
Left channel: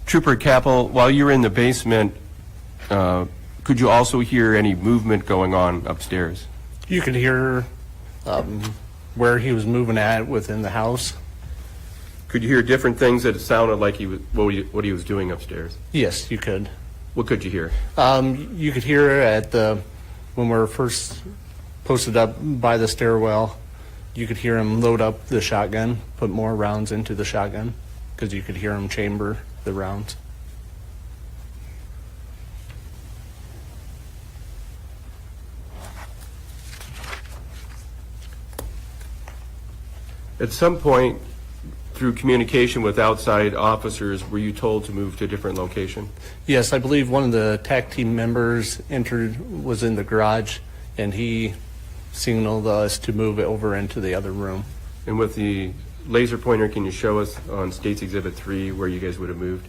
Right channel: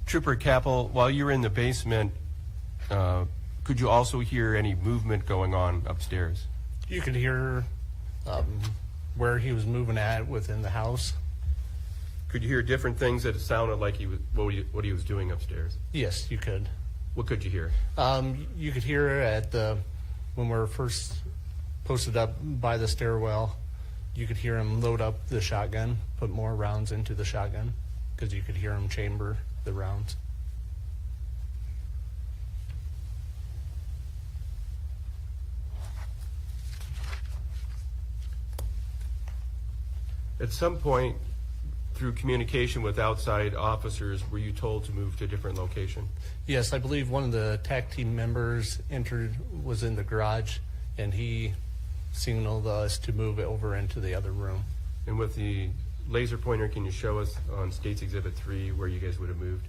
Trooper Kappel, while you were in the basement, could you also hear any movement going on upstairs? You could hear where he was moving at within the house. Could you hear different things that it sounded like he was what he was doing upstairs? Yes, you could. What could you hear? You could hear at when we were first posted up by the stairwell, you could hear him load up the shotgun, put more rounds into the shotgun, because you could hear him chamber the rounds. At some point, through communication with outside officers, were you told to move to a different location? Yes, I believe one of the TAC team members was in the garage, and he signaled us to move it over into the other room. And with the laser pointer, can you show us on State's Exhibit 3 where you guys would have moved?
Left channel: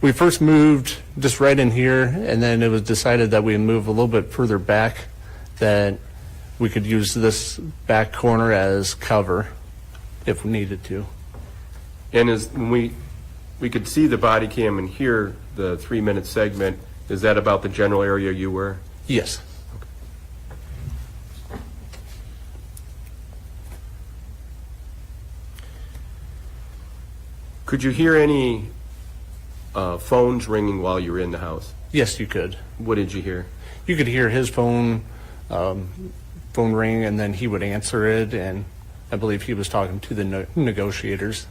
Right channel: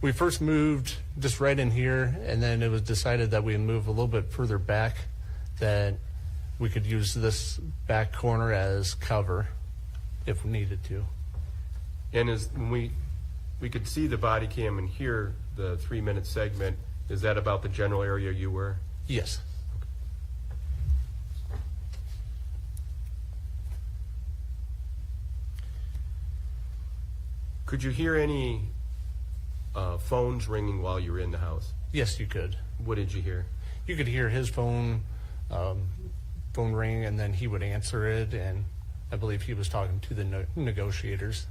We first moved just right in here, and then it was decided that we move a little bit further back, that we could use this back corner as cover if we needed to. And when we could see the body cam and hear the 3-minute segment, is that about the general area you were? Yes. Could you hear any phones ringing while you were in the house? Yes, you could. What did you hear? You could hear his phone ring, and then he would answer it, and I believe he was talking to the negotiators.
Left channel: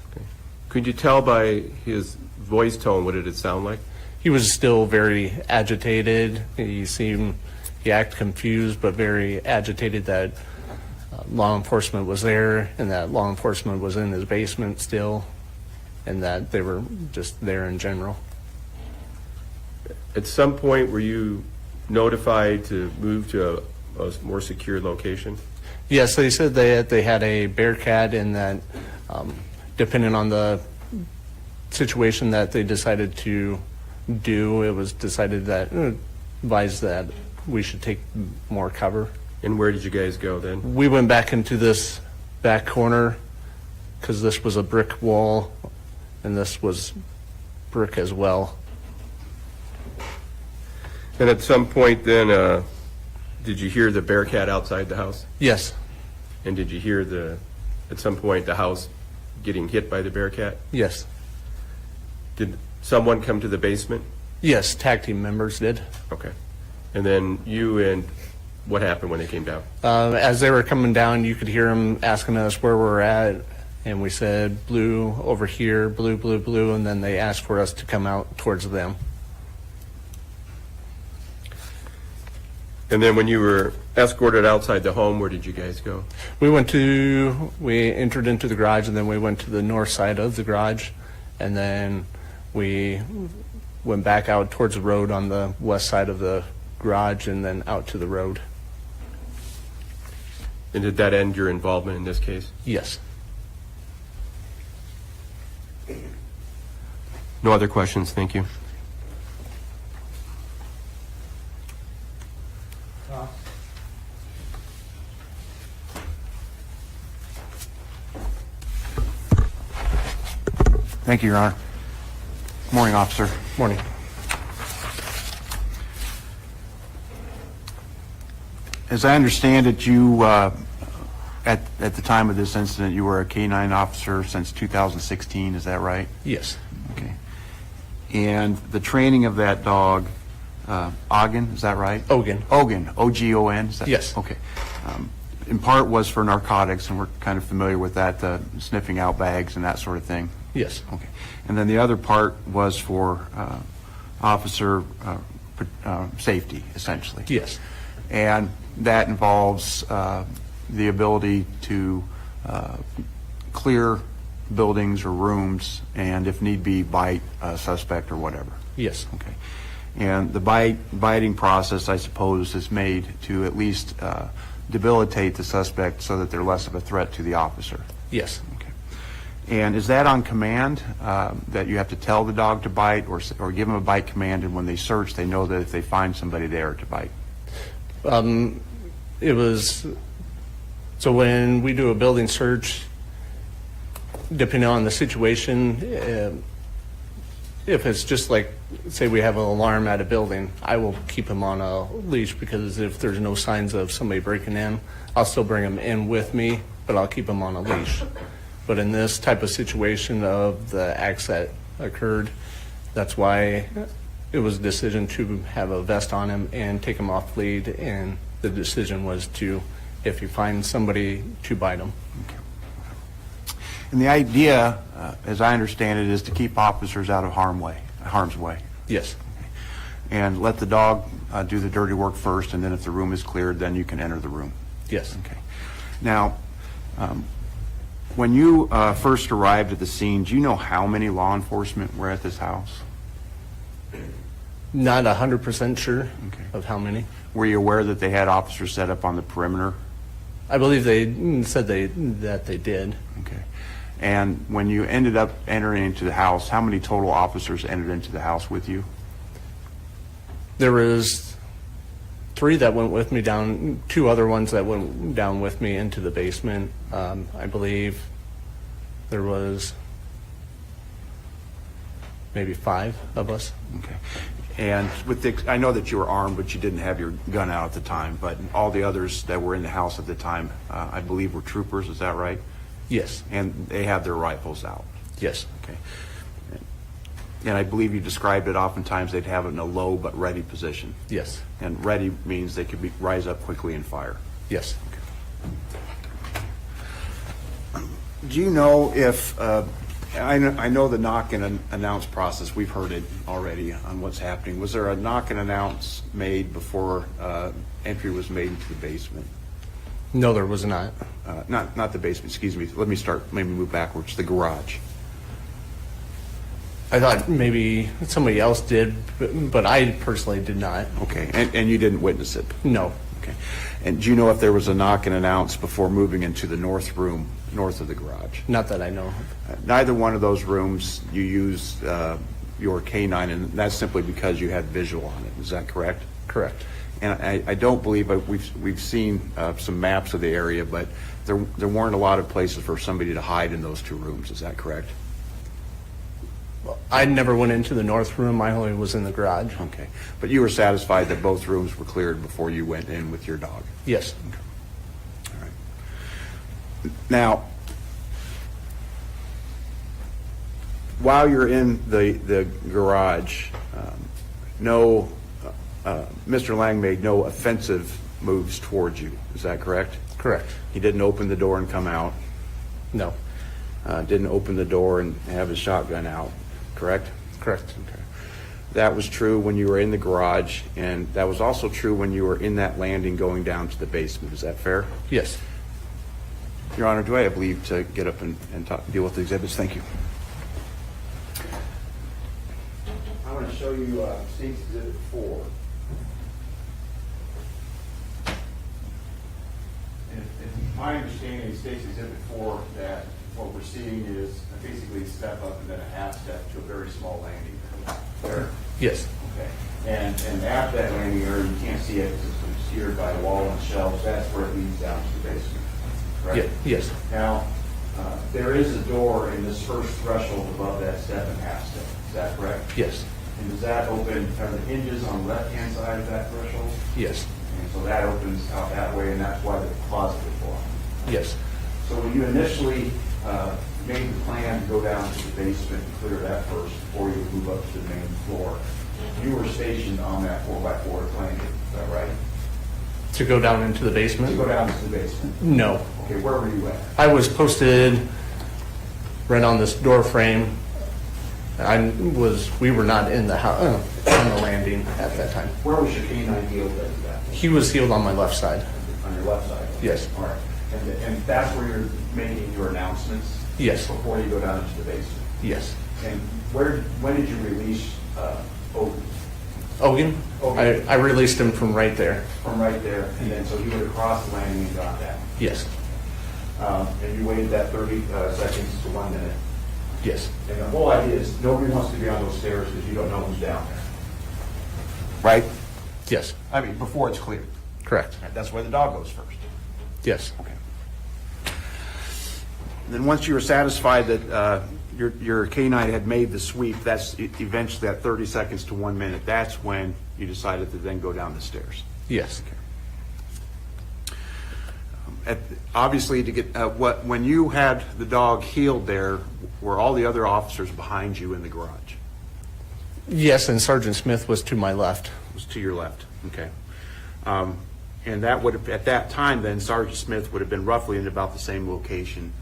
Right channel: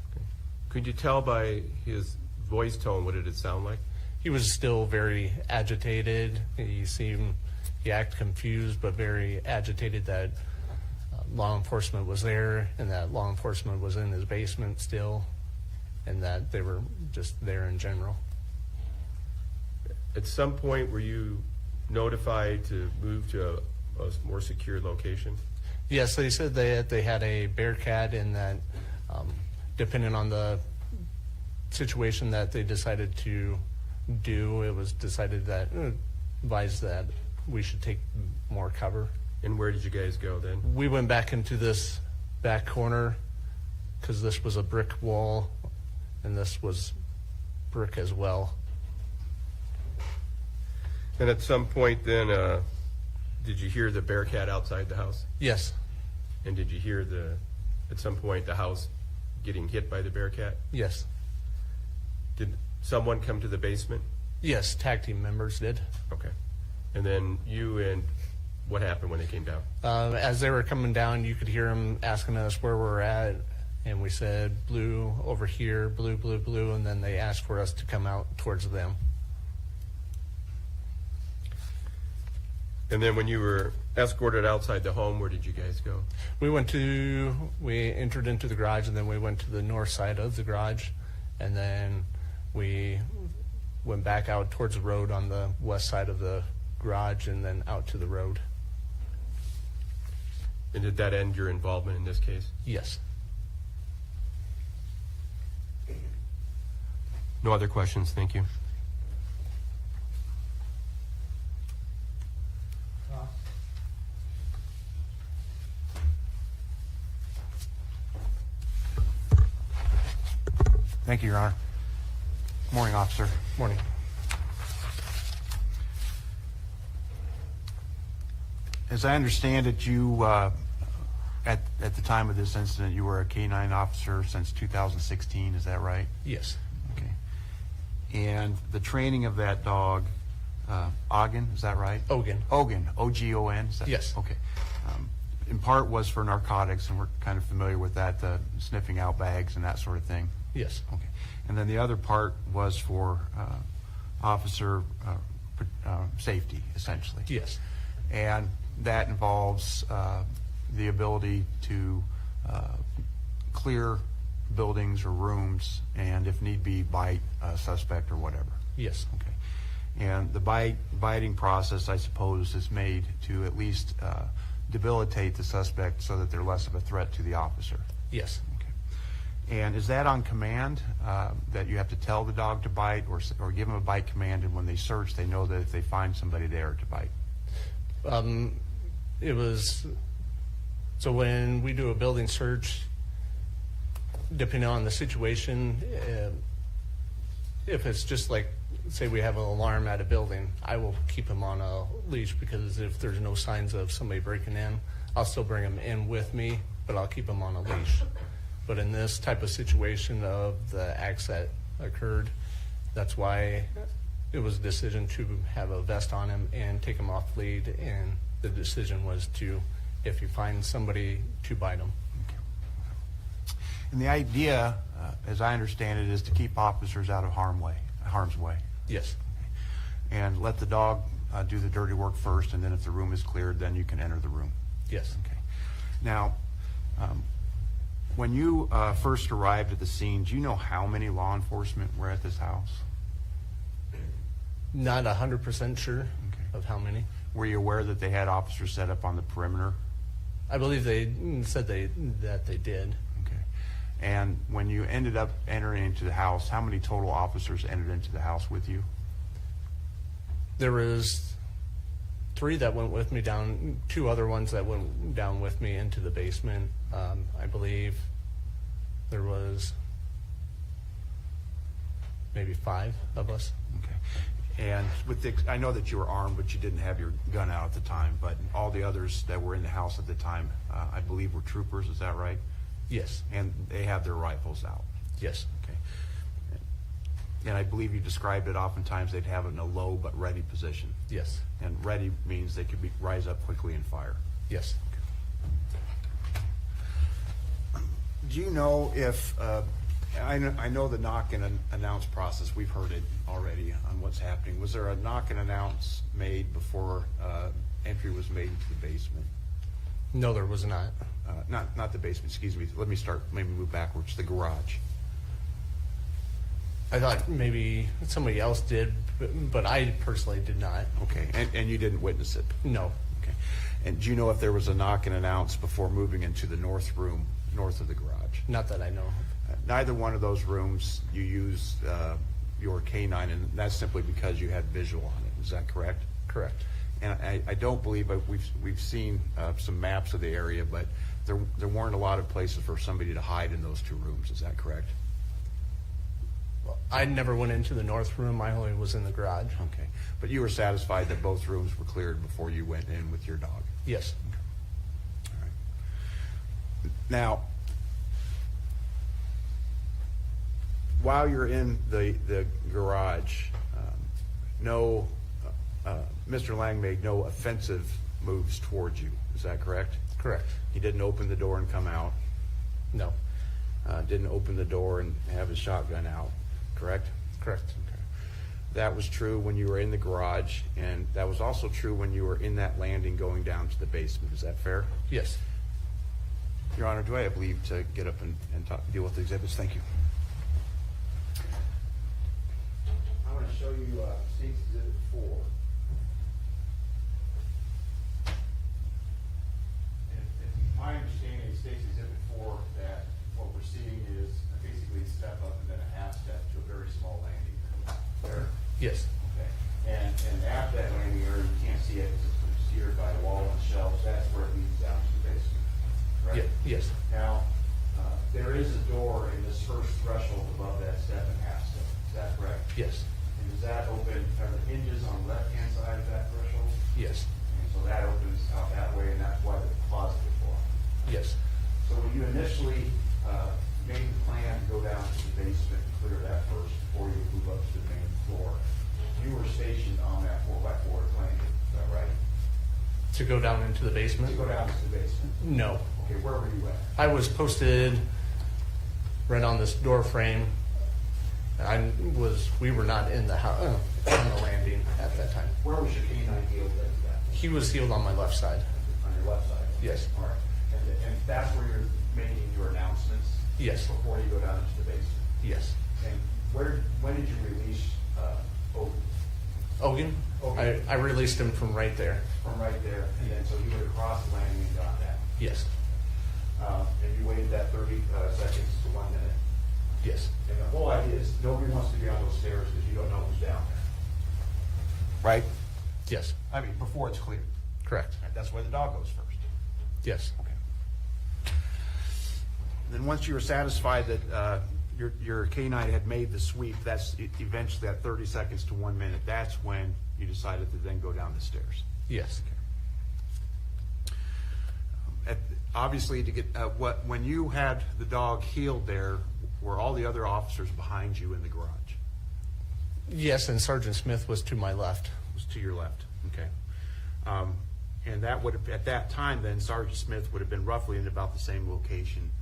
Could you tell by his voice tone, what did it sound like? He was still very agitated. He acted confused, but very agitated that law enforcement was there, and that law enforcement was in his basement still, and that they were just there in general. At some point, were you notified to move to a more secure location? Yes, they said they had a Bearcat, and that depending on the situation that they decided to do, it was decided that advised that we should take more cover. And where did you guys go then? We went back into this back corner because this was a brick wall, and this was brick as well. And at some point then, did you hear the Bearcat outside the house? Yes, And did you hear at some point, the house getting hit by the Bearcat? yes, Did someone come to the basement? yes, TAC team members did. Okay. And then what happened when they came down? As they were coming down, you could hear them asking us where we're at, and we said blue over here, blue, blue, blue, and then they asked for us to come out towards them. And then when you were escorted outside the home, where did you guys go? We entered into the garage, and then we went to the north side of the garage, and then we went back out towards the road on the west side of the garage, and then out to the road. And did that end your involvement in this case? Yes. No other questions, thank you. Thank you, Your Honor. Morning, officer. Morning. As I understand it, you at the time of this incident, you were a K-9 officer since 2016, is that right? Yes. Okay. And the training of that dog, Ogden, is that right? Ogun. Ogun, O-G-O-N? Is that- Yes. Okay. In part was for narcotics, and we're kind of familiar with that, sniffing out bags and that sort of thing. Yes. Okay. And then the other part was for officer safety, essentially. Yes. And that involves the ability to clear buildings or rooms, and if need be, bite a suspect or whatever. Yes. Okay. And the biting process, I suppose, is made to at least debilitate the suspect so that they're less of a threat to the officer. Yes. Okay. And is that on command, that you have to tell the dog to bite, or give them a bite command, and when they search, they know that if they find somebody there to bite? It was, so when we do a building search, depending on the situation, if it's just like, say we have an alarm at a building, I will keep him on a leash, because if there's no signs of somebody breaking in, I'll still bring him in with me, but I'll keep him on a leash. But in this type of situation of the acts that occurred, that's why it was a decision to have a vest on him and take him off lead, and the decision was to, if you find somebody, to bite him. And the idea, as I understand it, is to keep officers out of harm's way, Yes. and let the dog do the dirty work first, and then if the room is cleared, then you can enter the room. Yes. Okay. Now, when you first arrived at the scene, do you know how many law enforcement were at this house? Not 100% sure Okay. of how many. Were you aware that they had officers set up on the perimeter? I believe they said that they did. Okay. And when you ended up entering into the house, how many total officers entered into the house with you? There was 3 that went with me down, 2 other ones that went down with me into the basement. I believe there was maybe 5 of us. Okay. And I know that you were armed, but you didn't have your gun out at the time, but all the others that were in the house at the time, I believe, were troopers, is that right? Yes. And they had their rifles out. Yes. Okay. And I believe you described it, oftentimes they'd have it in a low but ready position. Yes. And ready means they could rise up quickly and fire. Yes. Do you know if, I know the knock and announce process, we've heard it already on what's happening. Was there a knock and announce made before entry was made into the basement? No, there was not. Not the basement, excuse me. Let me maybe move backwards, the garage. I thought maybe somebody else did, but I personally did not. Okay, and you didn't witness it? No. Okay. And do you know if there was a knock and announce before moving into the north room, north of the garage? Not that I know of. Neither one of those rooms you used your K-9, and that's simply because you had visual on it. Is that correct? Correct. And I don't believe, we've seen some maps of the area, but there weren't a lot of places for somebody to hide in those 2 rooms. Is that correct? I never went into the north room. I only was in the garage. Okay. But you were satisfied that both rooms were cleared before you went in with your dog? Yes. All right. Now, while you're in the garage, Mr. Lang made no offensive moves towards you. Is that correct? Correct. He didn't open the door and come out? No. Didn't open the door and have his shotgun out, correct? Correct. Okay. That was true when you were in the garage, and that was also true when you were in that landing going down to the basement. Is that fair? Yes. Your Honor, do I have leave to get up and deal with the exhibits? Thank you. I want to show you State's Exhibit 4. It's my understanding, State's Exhibit 4, that what we're seeing is basically a step up and then a half step to a very small landing there. Yes. Okay. And after that landing area, you can't see it because it's obscured by a wall and shelves. That's where it leads down to the basement. Right? Yes. Now, there is a door in this first threshold above that step and half step. Is that correct? Yes. And does that open, are the hinges on the left-hand side of that threshold? Yes. And so that opens out that way, and that's why the closet would go on. Yes, So when you initially made the plan to go down to the basement and clear that first before you move up to the main floor, you were stationed on that 4x4 landing, is that right? to go down into the To basement? go down to the basement? No. Okay, where were you at? I was posted right on this door frame. We were not in the house, on the landing at that time. Where was your canine healed at that? He was healed on my left side. On your left side? Yes. All right. And that's where you're making your announcements? Yes. Before you go down into the basement? Yes. And when did you release Oden? Ogan? Ogan. I released him from right there. From right there, and then so he would have crossed the landing and got that? Yes. And you waited that 30 seconds to 1 minute? Yes. And the whole idea is, nobody wants to be on those stairs because you don't know who's down there. Right? Yes. I mean, before it's cleared. Correct. That's where the dog goes first. Yes. Okay. Then once you were satisfied that your canine had made the sweep, that's eventually at 30 seconds to 1 minute, that's when you decided to then go down the stairs. Yes. Obviously, to get when you had the dog healed there, were all the other officers behind you in the garage? Yes, and Sergeant Smith was to my left. It was to your left, okay. And that would have, at that time then, Sergeant Smith would have been roughly in about the same location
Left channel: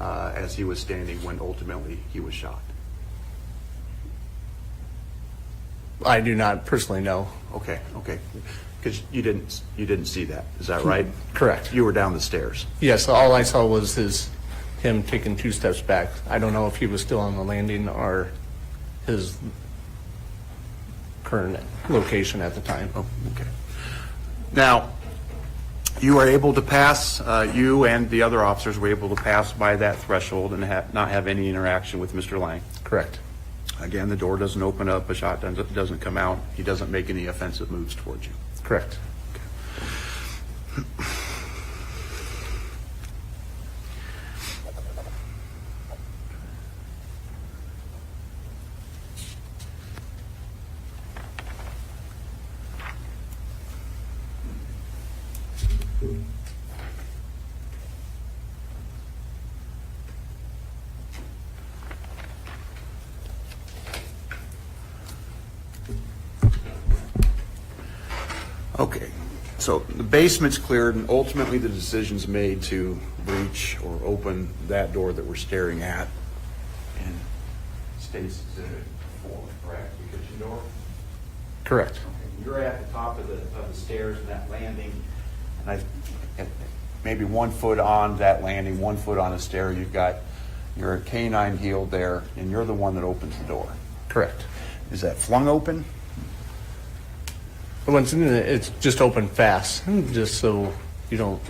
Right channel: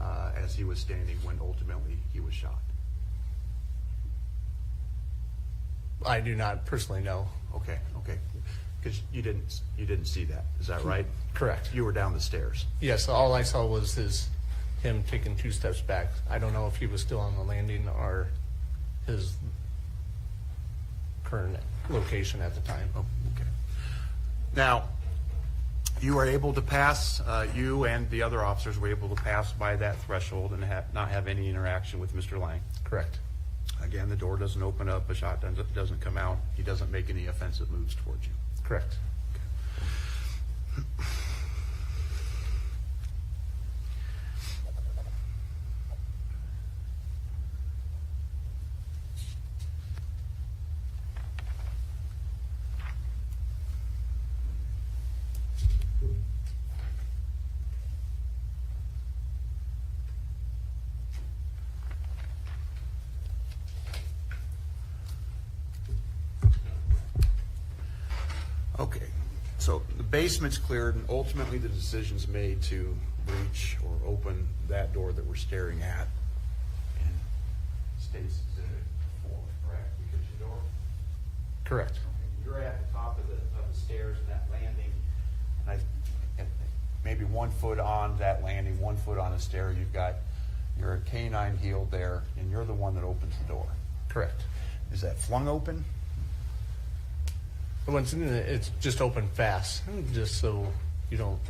as he was standing when ultimately he was shot. I do not personally know. Okay, okay. Because you didn't see that, is that right? Correct. You were down the stairs. Yes, all I saw was him taking 2 steps back. I don't know if he was still on the landing or his current location at the time. Oh, okay. Now, you were able to pass, you and the other officers were able to pass by that threshold and not have any interaction with Mr. Lang. Correct. Again, the door doesn't open up, a shot doesn't come out, he doesn't make any offensive moves towards you. Correct. Okay, so the basement's cleared and ultimately the decision's made to breach or open that door that we're staring at in State's Exhibit 4, correct? The kitchen door? Correct. You're at the top of the stairs and that landing, and maybe 1 foot on that landing, 1 foot on a stair, you've got your canine healed there, and you're the one that opens the door. Correct. Is that flung open? It's just open fast, just so you don't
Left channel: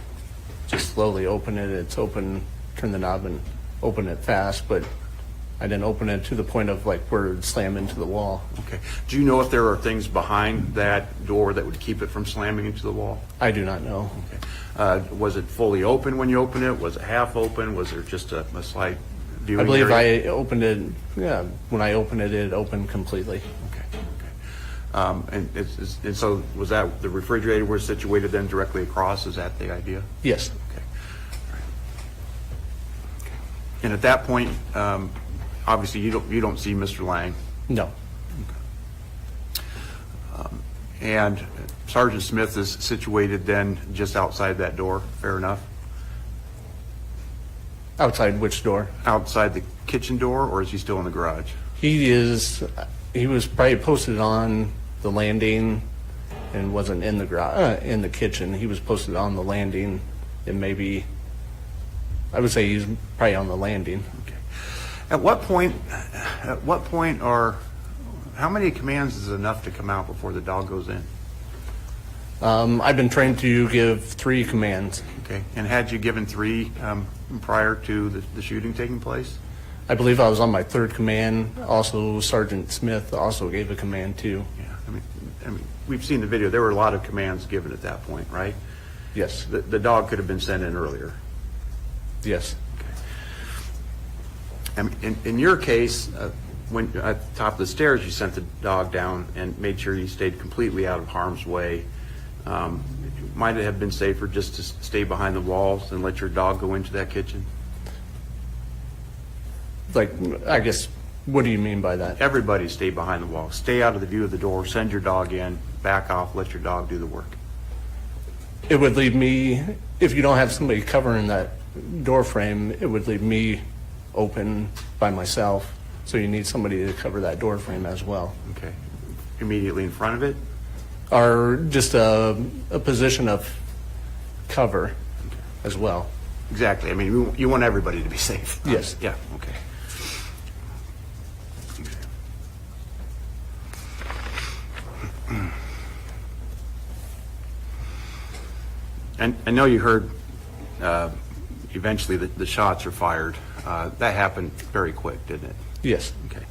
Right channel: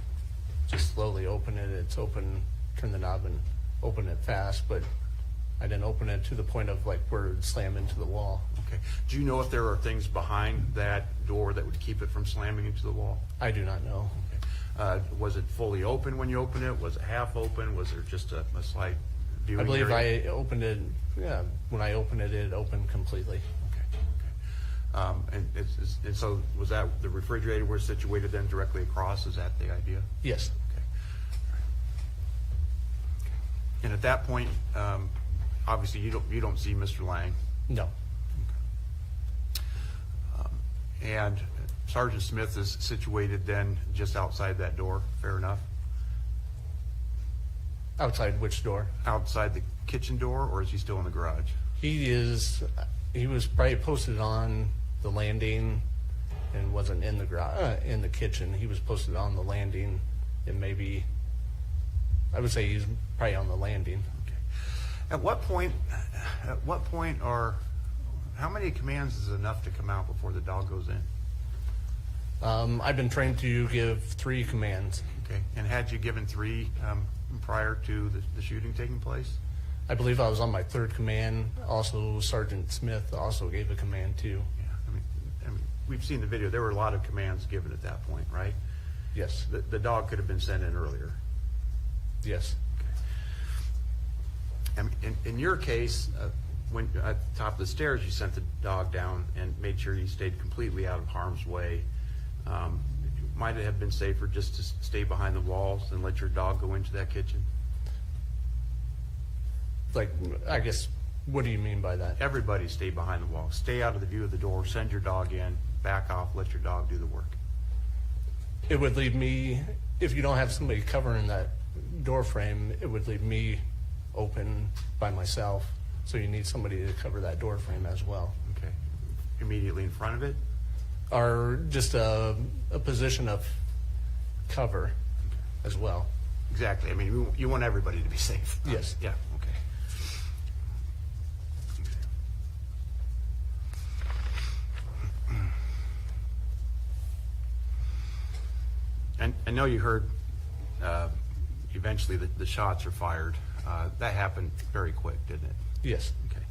just slowly open it. It's open, turn the knob and open it fast, but I didn't open it to the point of like where it'd slam into the wall. Okay. Do you know if there are things behind that door that would keep it from slamming into the wall? I do not know. Okay. Was it fully open when you opened it? Was it half open? Was there just a slight viewing I believe area? I opened it, yeah, when I opened it, it opened completely. And so was that the refrigerator was situated then directly across? Is that the idea? Yes. Okay. Okay. And at that point, obviously you don't see Mr. Lang. No. And Sergeant Smith is situated then just outside that door, fair enough? Outside which door? Outside the kitchen door, or is he still in the garage? He was probably posted on the landing and wasn't in the garage, in the kitchen. He was posted on the landing and maybe, I would say he's probably on the landing. Okay. At what point how many commands is enough to come out before the dog goes in? I've been trained to give 3 commands. Okay. And had you given 3 prior to the shooting taking place? I believe I was on my 3rd command. Also, Sergeant Smith also gave a command too. Yeah. I mean, we've seen the video. There were a lot of commands given at that point, right? Yes. The dog could have been sent in earlier. Yes. I mean, in your case, when at the top of the stairs, you sent the dog down and made sure he stayed completely out of harm's way. might it have been safer just to stay behind the walls and let your dog go into that kitchen? Like, I guess, what do you mean by that? Everybody stay behind the wall. Stay out of the view of the door. Send your dog in. Back off. Let your dog do the work. It would leave me, if you don't have somebody covering that door frame, it would leave me open by myself. So you need somebody to cover that door frame as well. Okay. Immediately in front of it? Or just a position of cover as well. Exactly. I mean, you want everybody to be safe. Yes. Yeah, okay. And I know you heard eventually the shots are fired. That happened very quick, didn't it? Yes. Okay.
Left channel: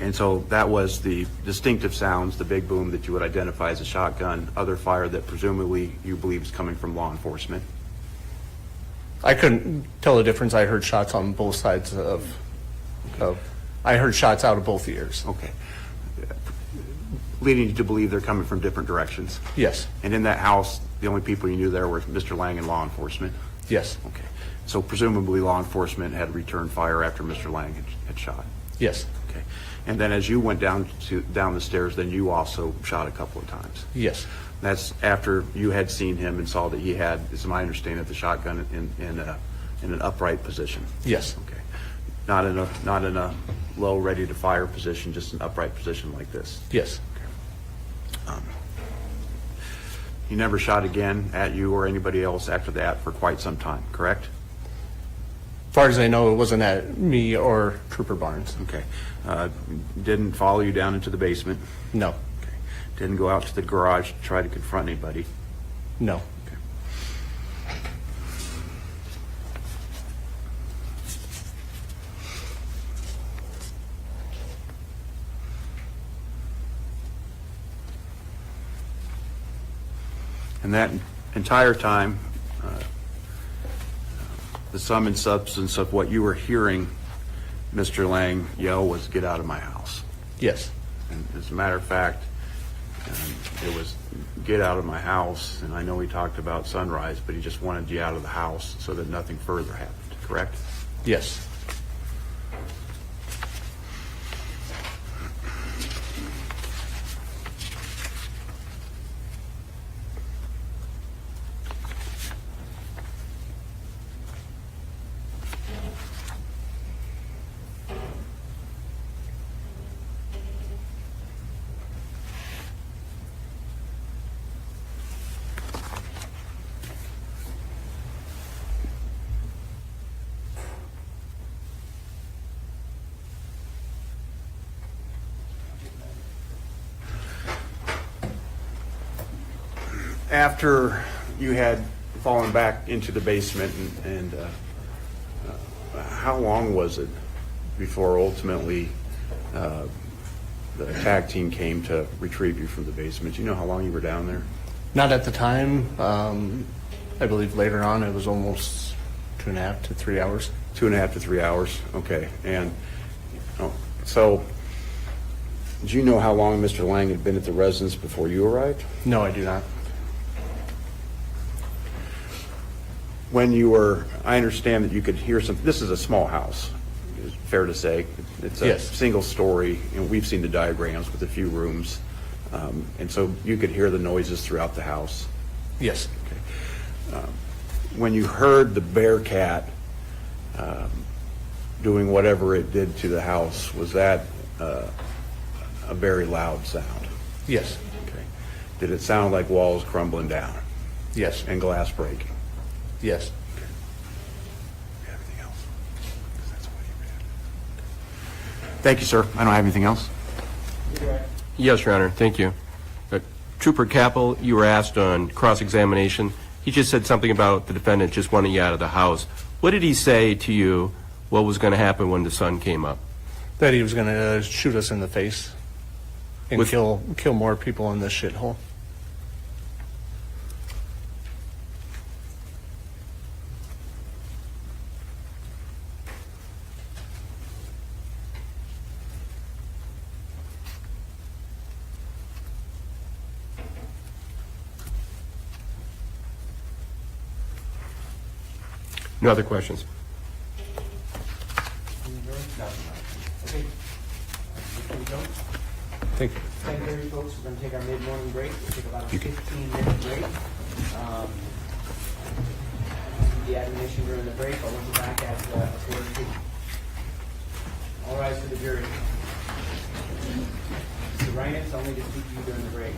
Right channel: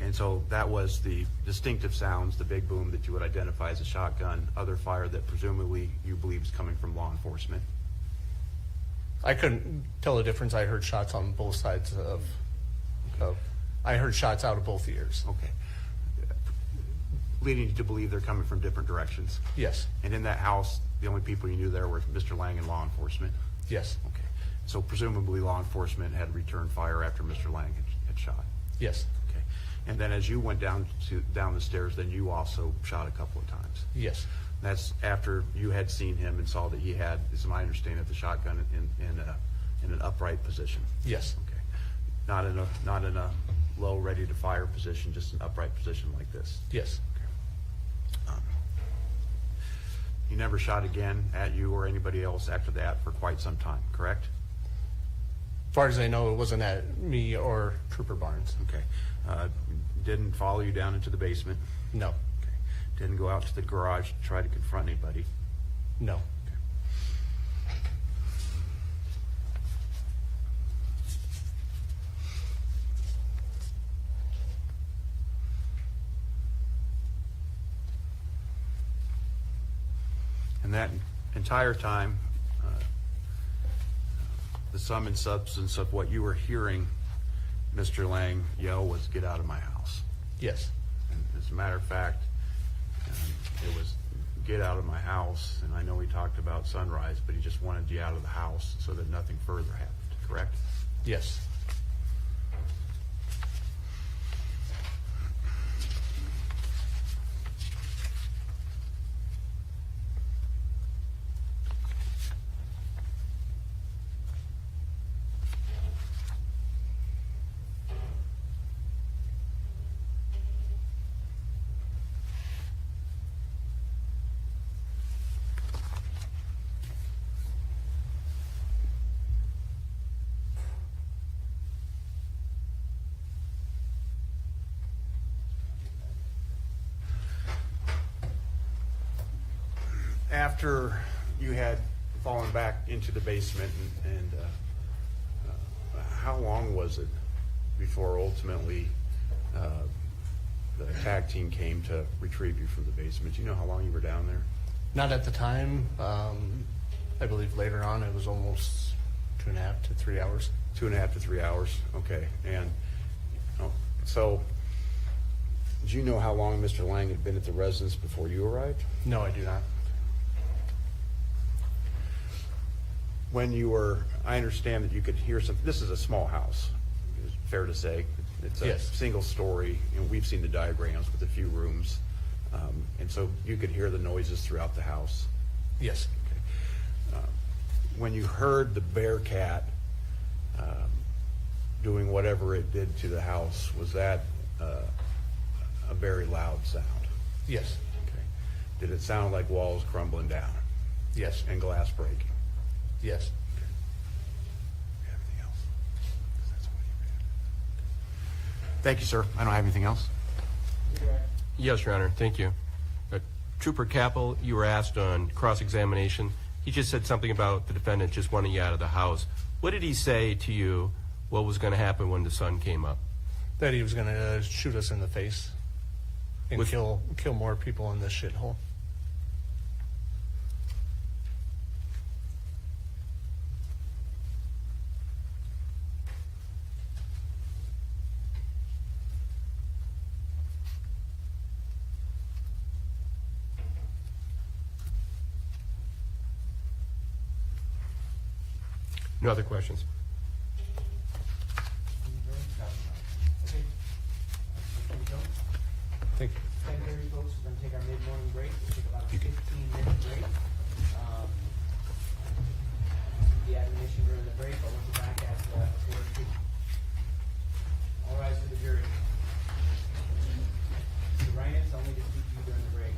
And so that was the distinctive sounds, the big boom that you would identify as a shotgun, other fire that presumably you believe is coming from law enforcement. I couldn't tell the difference. I heard shots on both sides I heard shots out of both ears. Okay. Leading you to believe they're coming from different directions. Yes. And in that house, the only people you knew there were Mr. Lang and law enforcement? Yes. Okay. So presumably law enforcement had returned fire after Mr. Lang had shot? Yes. Okay. And then as you went down the stairs, then you also shot a couple of times? Yes. That's after you had seen him and saw that he had, is my understanding, the shotgun in an upright position? Yes. Okay. Not in a low, ready to fire position, just an upright position like this? Yes. He never shot again at you or anybody else after that for quite some time, correct? As far as I know, it wasn't at me or Trooper Barnes. Okay. Didn't follow you down into the basement? No. Okay. Didn't go out to the garage to try to confront anybody? No. Okay. And that entire time, the sum and substance of what you were hearing Mr. Lang yell was, "Get out of my house." Yes. And as a matter of fact, it was, "Get out of my house." And I know he talked about sunrise, but he just wanted you out of the house so that nothing further happened, correct? Yes. After you had fallen back into the basement, and how long was it before ultimately the attack team came to retrieve you from the basement? Do you know how long you were down there? Not at the time. I believe later on it was almost 2.5 to 3 hours. 2.5 to 3 hours, okay. And so, do you know how long Mr. Lang had been at the residence before you arrived? No, I do not. When you were, I understand that you could hear some, this is a small house, it's fair to say. It's a Yes. single story, and we've seen the diagrams with a few rooms. And so you could hear the noises throughout the house. Yes. When you heard the Bearcat doing whatever it did to the house, was that a very loud sound? Yes. Okay. Did it sound like walls crumbling down Yes. and glass breaking? Yes. Anything else? Thank you, sir. I don't have anything else. Yes, Your Honor, thank you. Trooper Kappel, you were asked on cross-examination. He just said something about the defendant just wanting you out of the house. What did he say to you what was going to happen when the sun came up? That he was going to shoot us in the face and With- kill more people in this shithole. No other questions? Okay. Thank you. 10:30, folks, we're gonna take our mid-morning break. We'll take about a 15-minute break. The admonition during the break, I'll look you back at quarter two. All rise for the jury. Mr. Reinitz, only to speak to you during the break.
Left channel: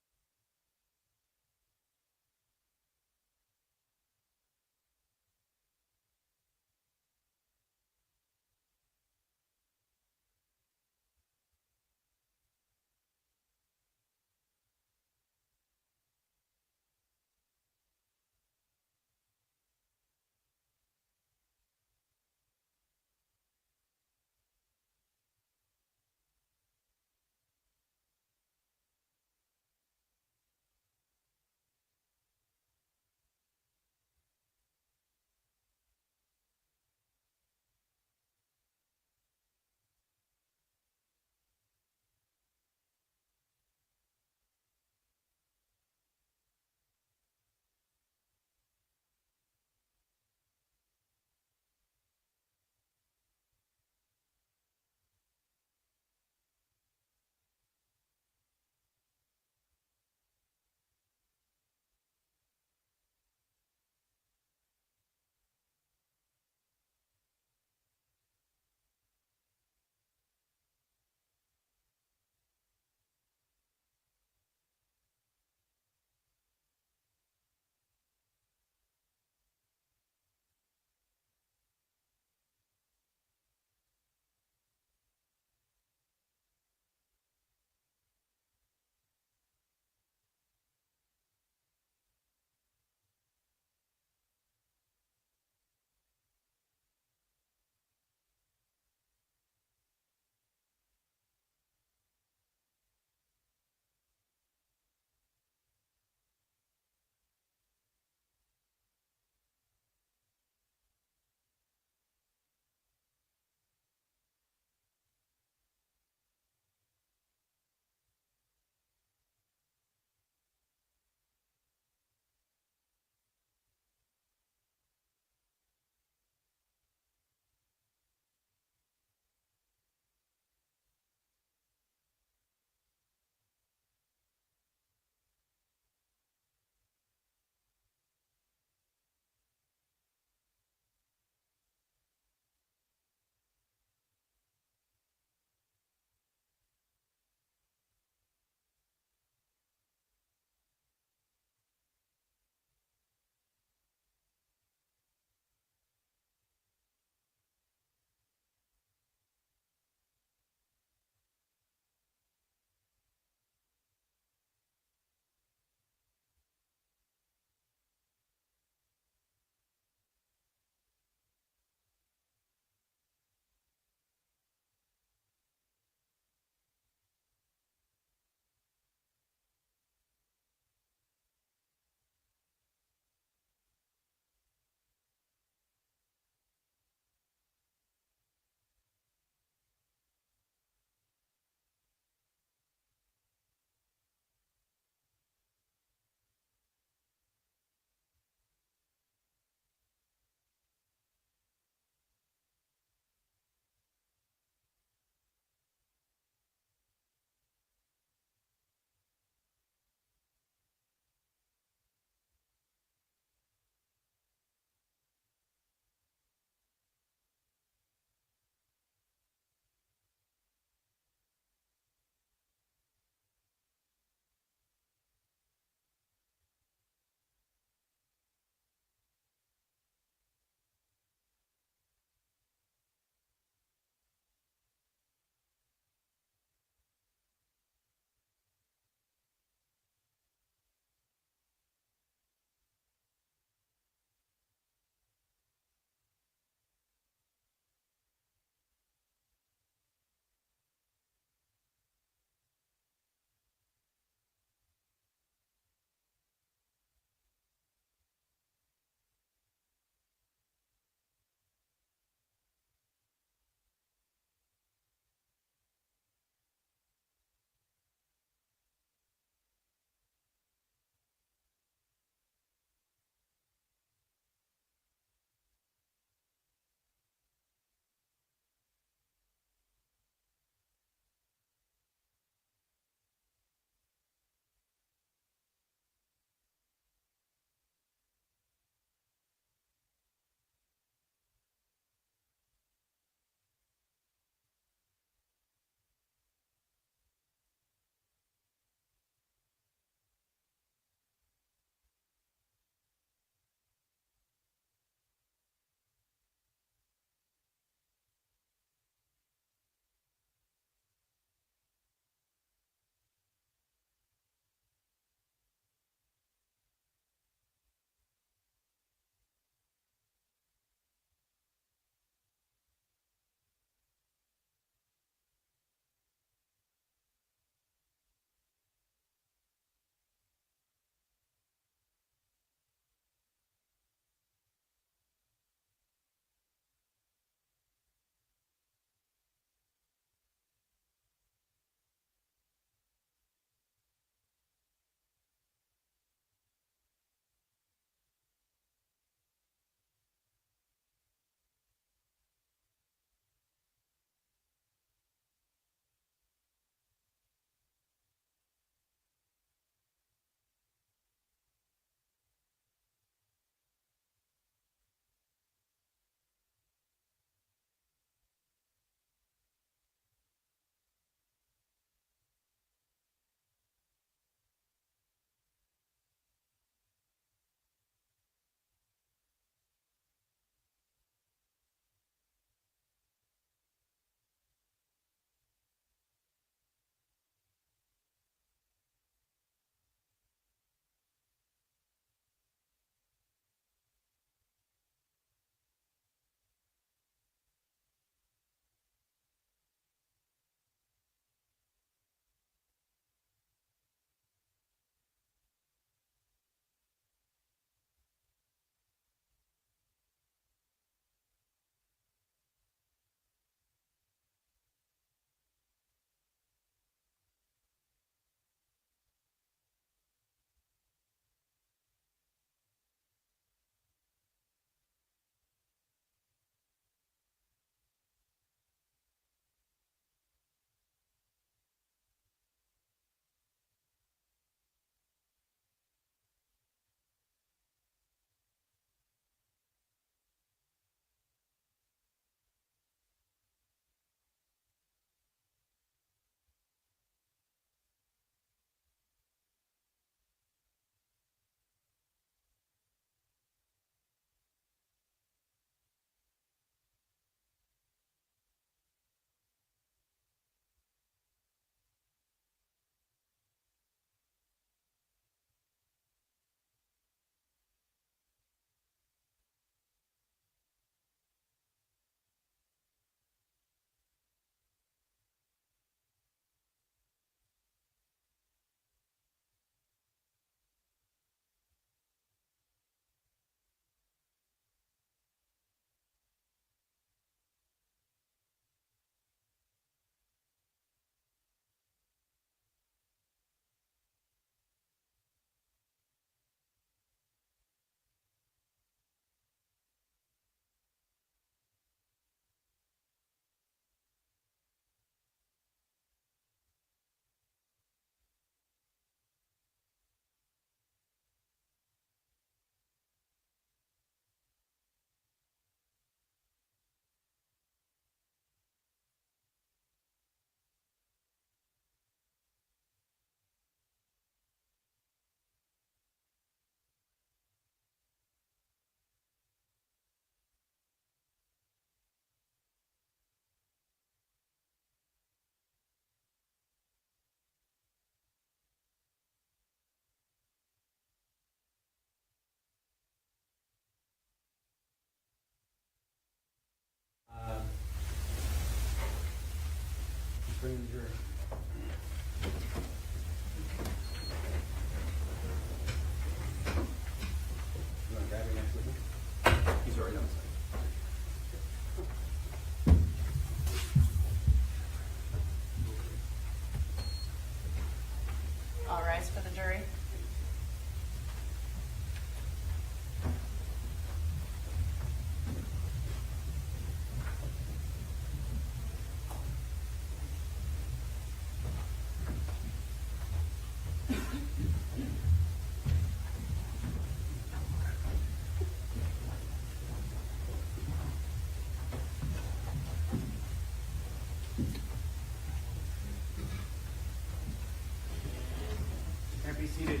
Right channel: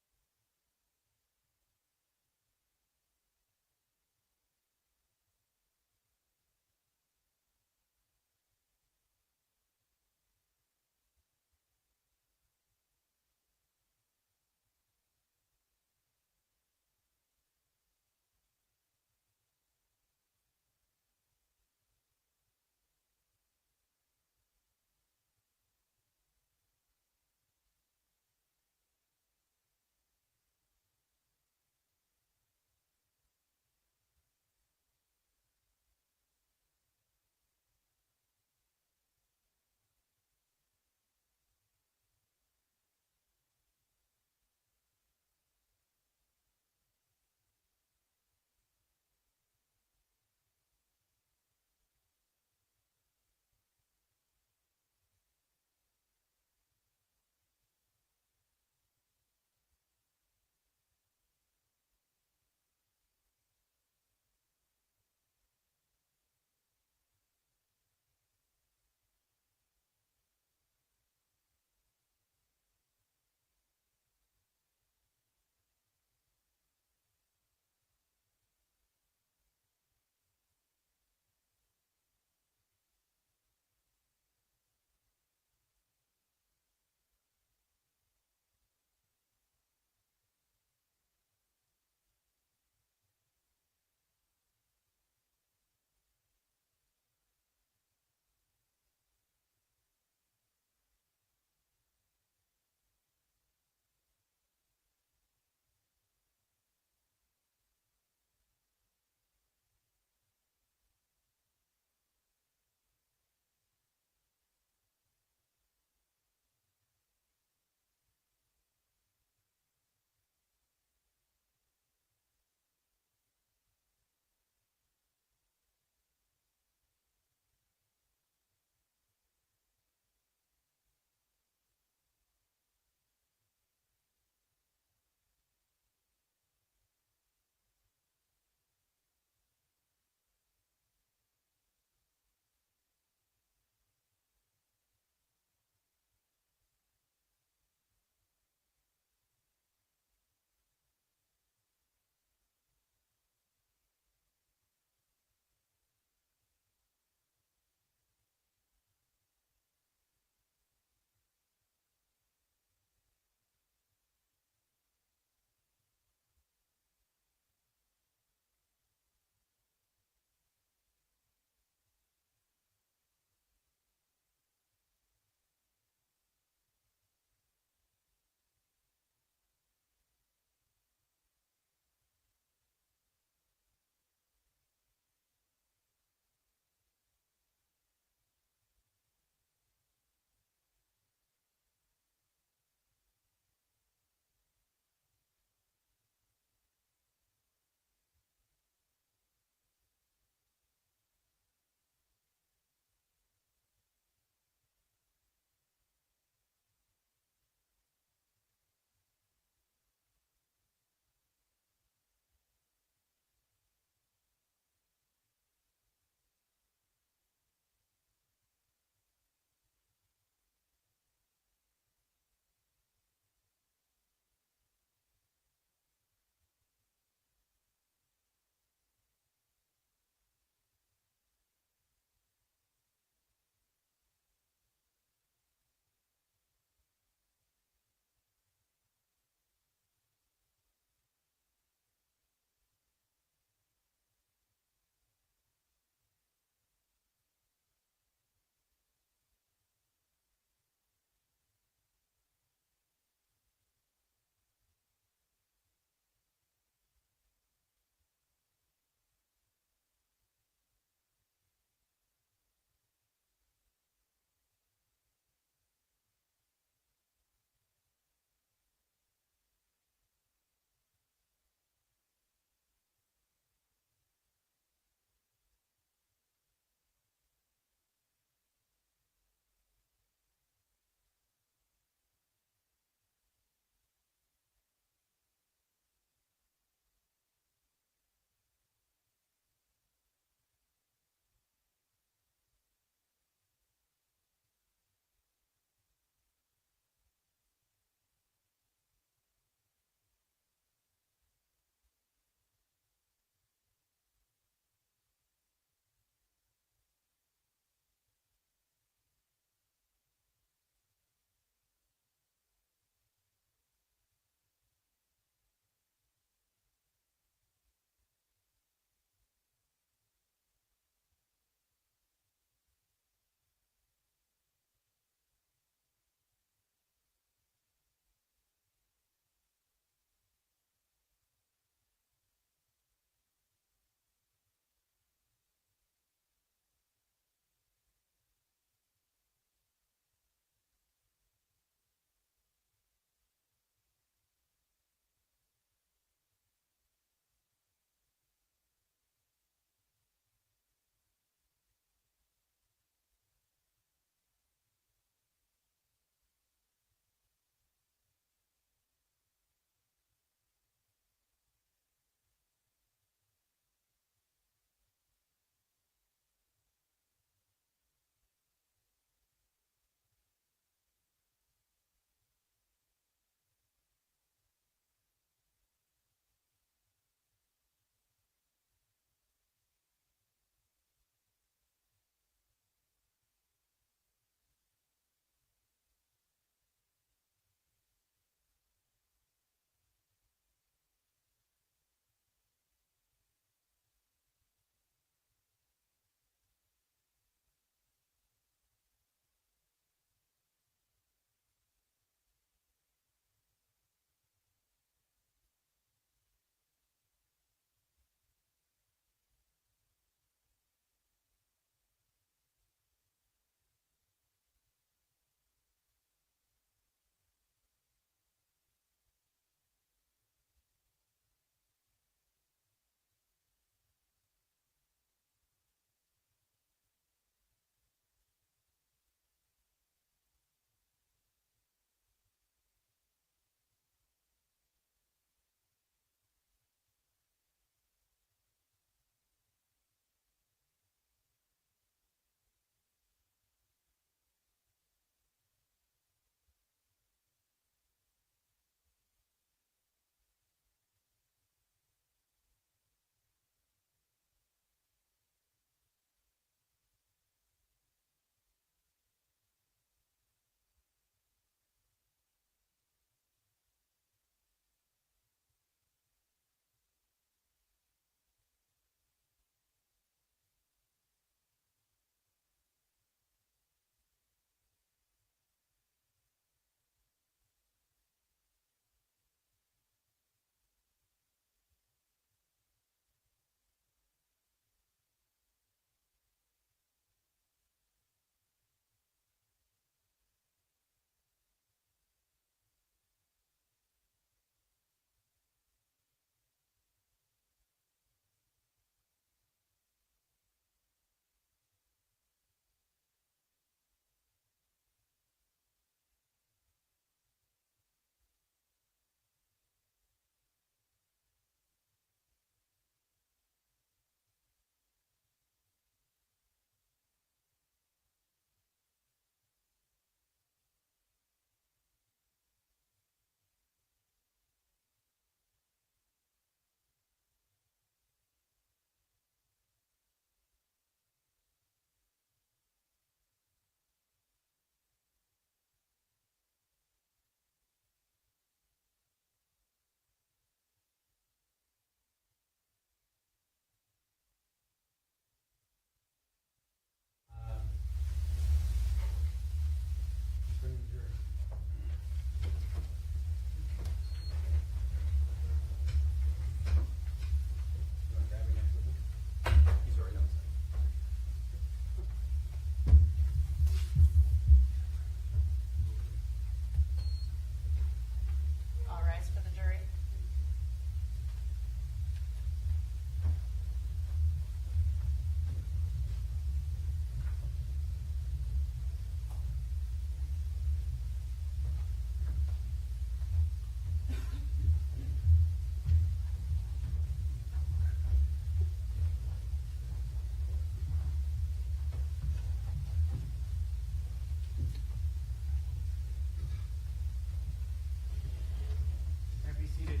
Seated.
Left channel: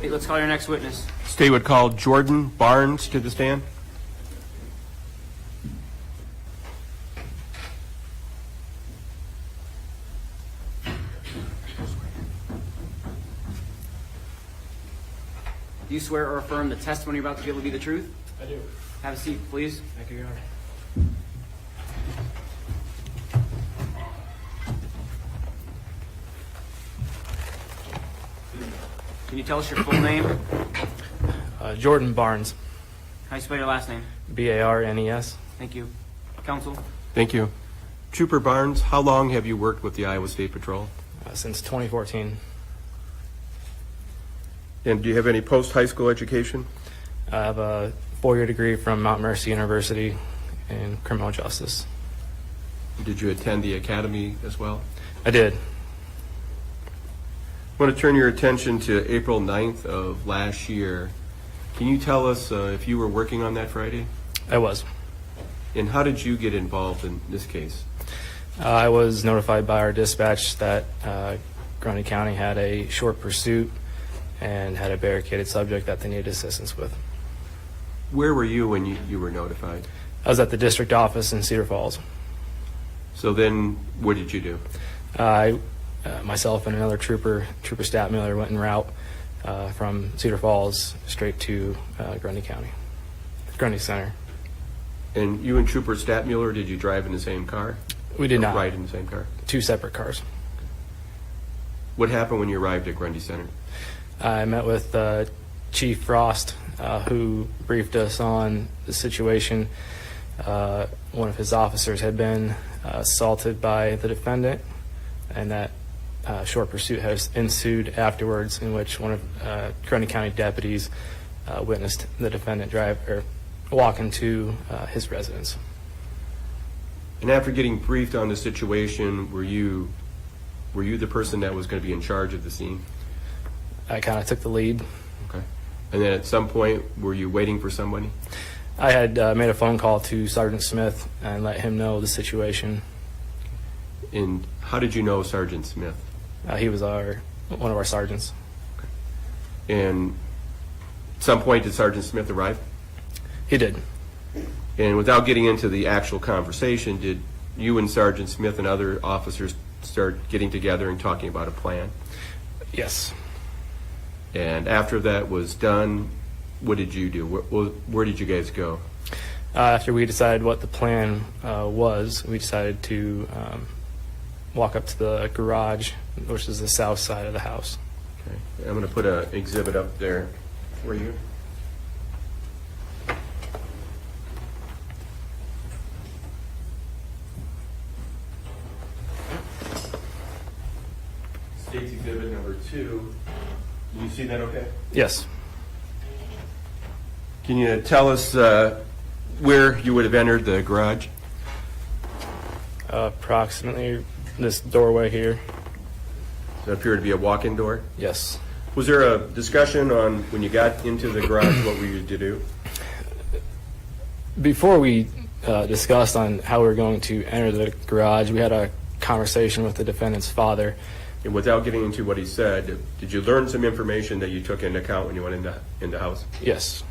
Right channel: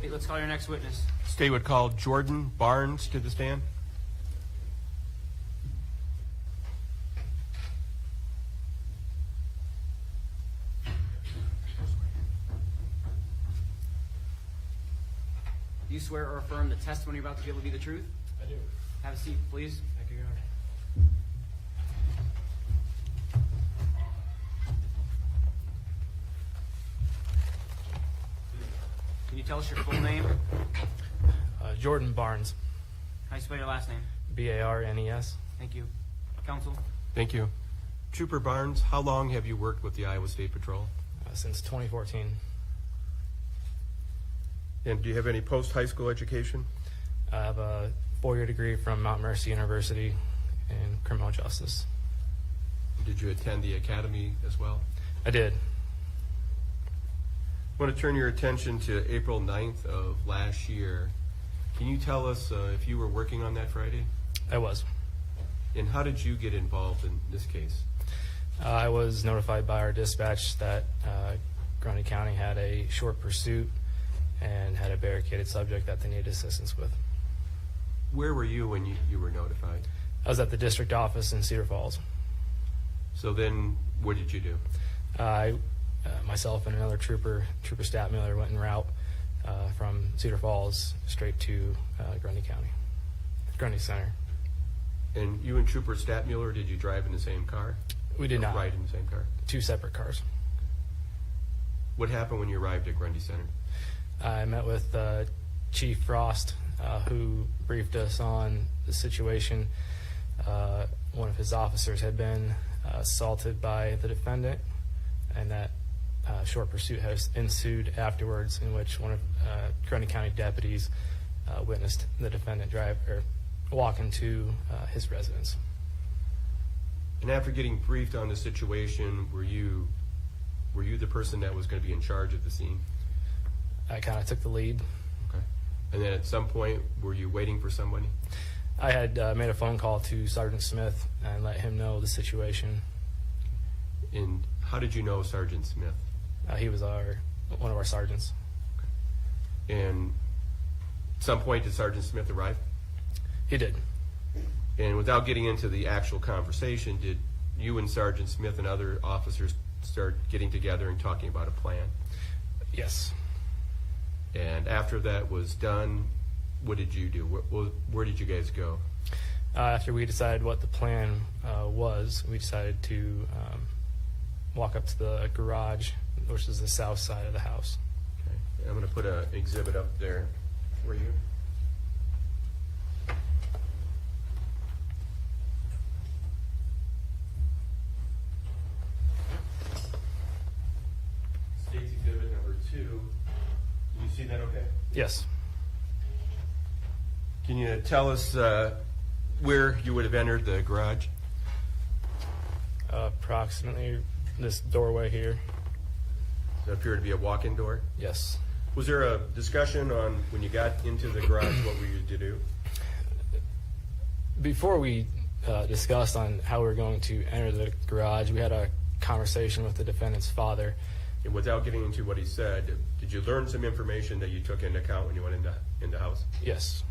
Hey, let's call your next witness. State would call Jordan Barnes to the stand. Do you swear or affirm the testimony you're about to give will be the truth? I do. Have a seat, please. Thank you, Your Honor. Can you tell us your full name? Jordan Barnes, How do you spell your last name? Barnes. Thank you. Counsel? Thank you. Trooper Barnes, how long have you worked with the Iowa State Patrol? Since 2014. And do you have any post-high school education? I have a 4-year degree from Mount Mercy University in criminal justice. Did you attend the academy as well? I did. I want to turn your attention to April 9th of last year. Can you tell us if you were working on that Friday? I was. And how did you get involved in this case? I was notified by our dispatch that Grundy County had a short pursuit and had a barricaded subject that they needed assistance with. Where were you when you were notified? I was at the district office in Cedar Falls. So then what did you do? Myself and another trooper Statmiller, went en route from Cedar Falls straight to Grundy County, Grundy Center. And you and Trooper Statmuller, did you drive in the same car? We did Or not. ride in the same car? 2 separate cars. What happened when you arrived at Grundy Center? I met with Chief Frost, who briefed us on the situation. One of his officers had been assaulted by the defendant, and that short pursuit has ensued afterwards, in which one of Grundy County deputies witnessed the defendant walk into his residence. And after getting briefed on the situation, were you the person that was going to be in charge of the scene? I kind of took the lead. Okay. And then at some point, were you waiting for somebody? I had made a phone call to Sergeant Smith and let him know the situation. And how did you know Sergeant Smith? He was one of our sergeants. And at some point, did Sergeant Smith arrive? He did. And without getting into the actual conversation, did you and Sergeant Smith and other officers start getting together and talking about a plan? Yes. And after that was done, what did you do? Where did you guys go? After we decided what the plan was, we decided to walk up to the garage, which is the south side of the house. Okay. I'm going to put an exhibit up there for you. State's exhibit number 2. Can you see that okay? Yes. Can you tell us where you would have entered the garage? Approximately this doorway here. Does that appear to be a walk-in door? Yes. Was there a discussion on when you got into the garage what were you to do? Before we discussed on how we were going to enter the garage, we had a conversation with the defendant's father. And without getting into what he said, did you learn some information that you took into account when you went in the house? Yes.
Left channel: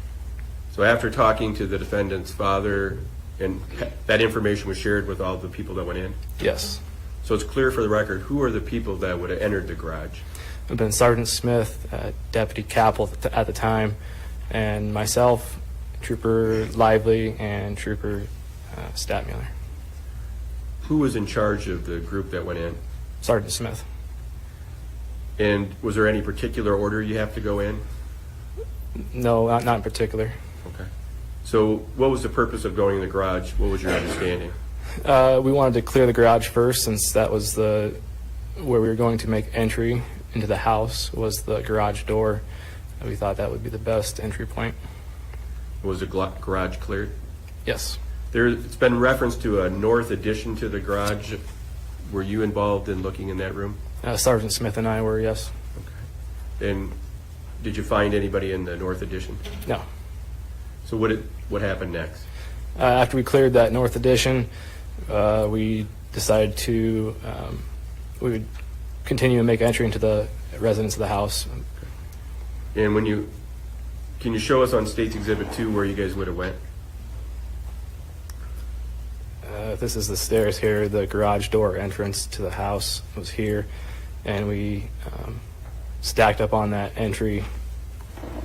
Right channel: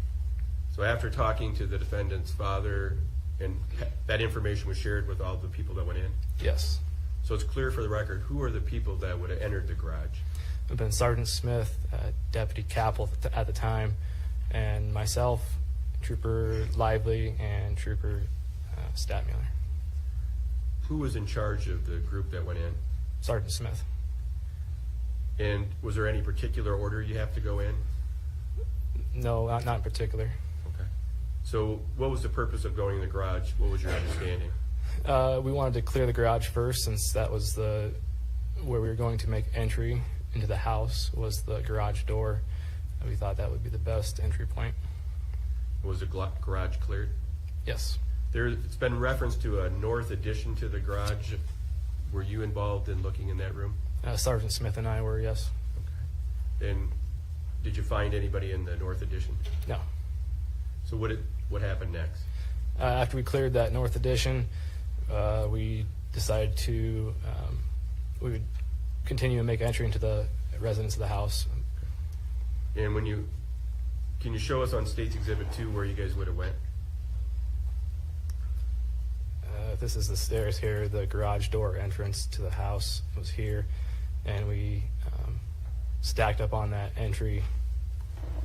So after talking to the defendant's father, and that information was shared with all the people that went in? Yes. So it's clear for the record, who are the people that would have entered the garage? It had been Sergeant Smith, Deputy Kappel at the time, and myself, Trooper Lively, and Trooper Statmuller. Who was in charge of the group that went in? Sergeant Smith. And was there any particular order you have to go in? No, not in particular. Okay. So what was the purpose of going in the garage? What was your understanding? We wanted to clear the garage first, since that was where we were going to make entry into the house, was the garage door. And we thought that would be the best entry point. Was the garage cleared? Yes. It's been referenced to a north addition to the garage. Were you involved in looking in that room? Sergeant Smith and I were, yes. Okay. And did you find anybody in the north addition? No. So what happened next? After we cleared that north addition, We decided to, we would continue to make entry into the residence of the house. And can you show us on State's Exhibit 2 where you guys would have went? This is the stairs here. The garage door entrance to the house was here, and we stacked up on that entry,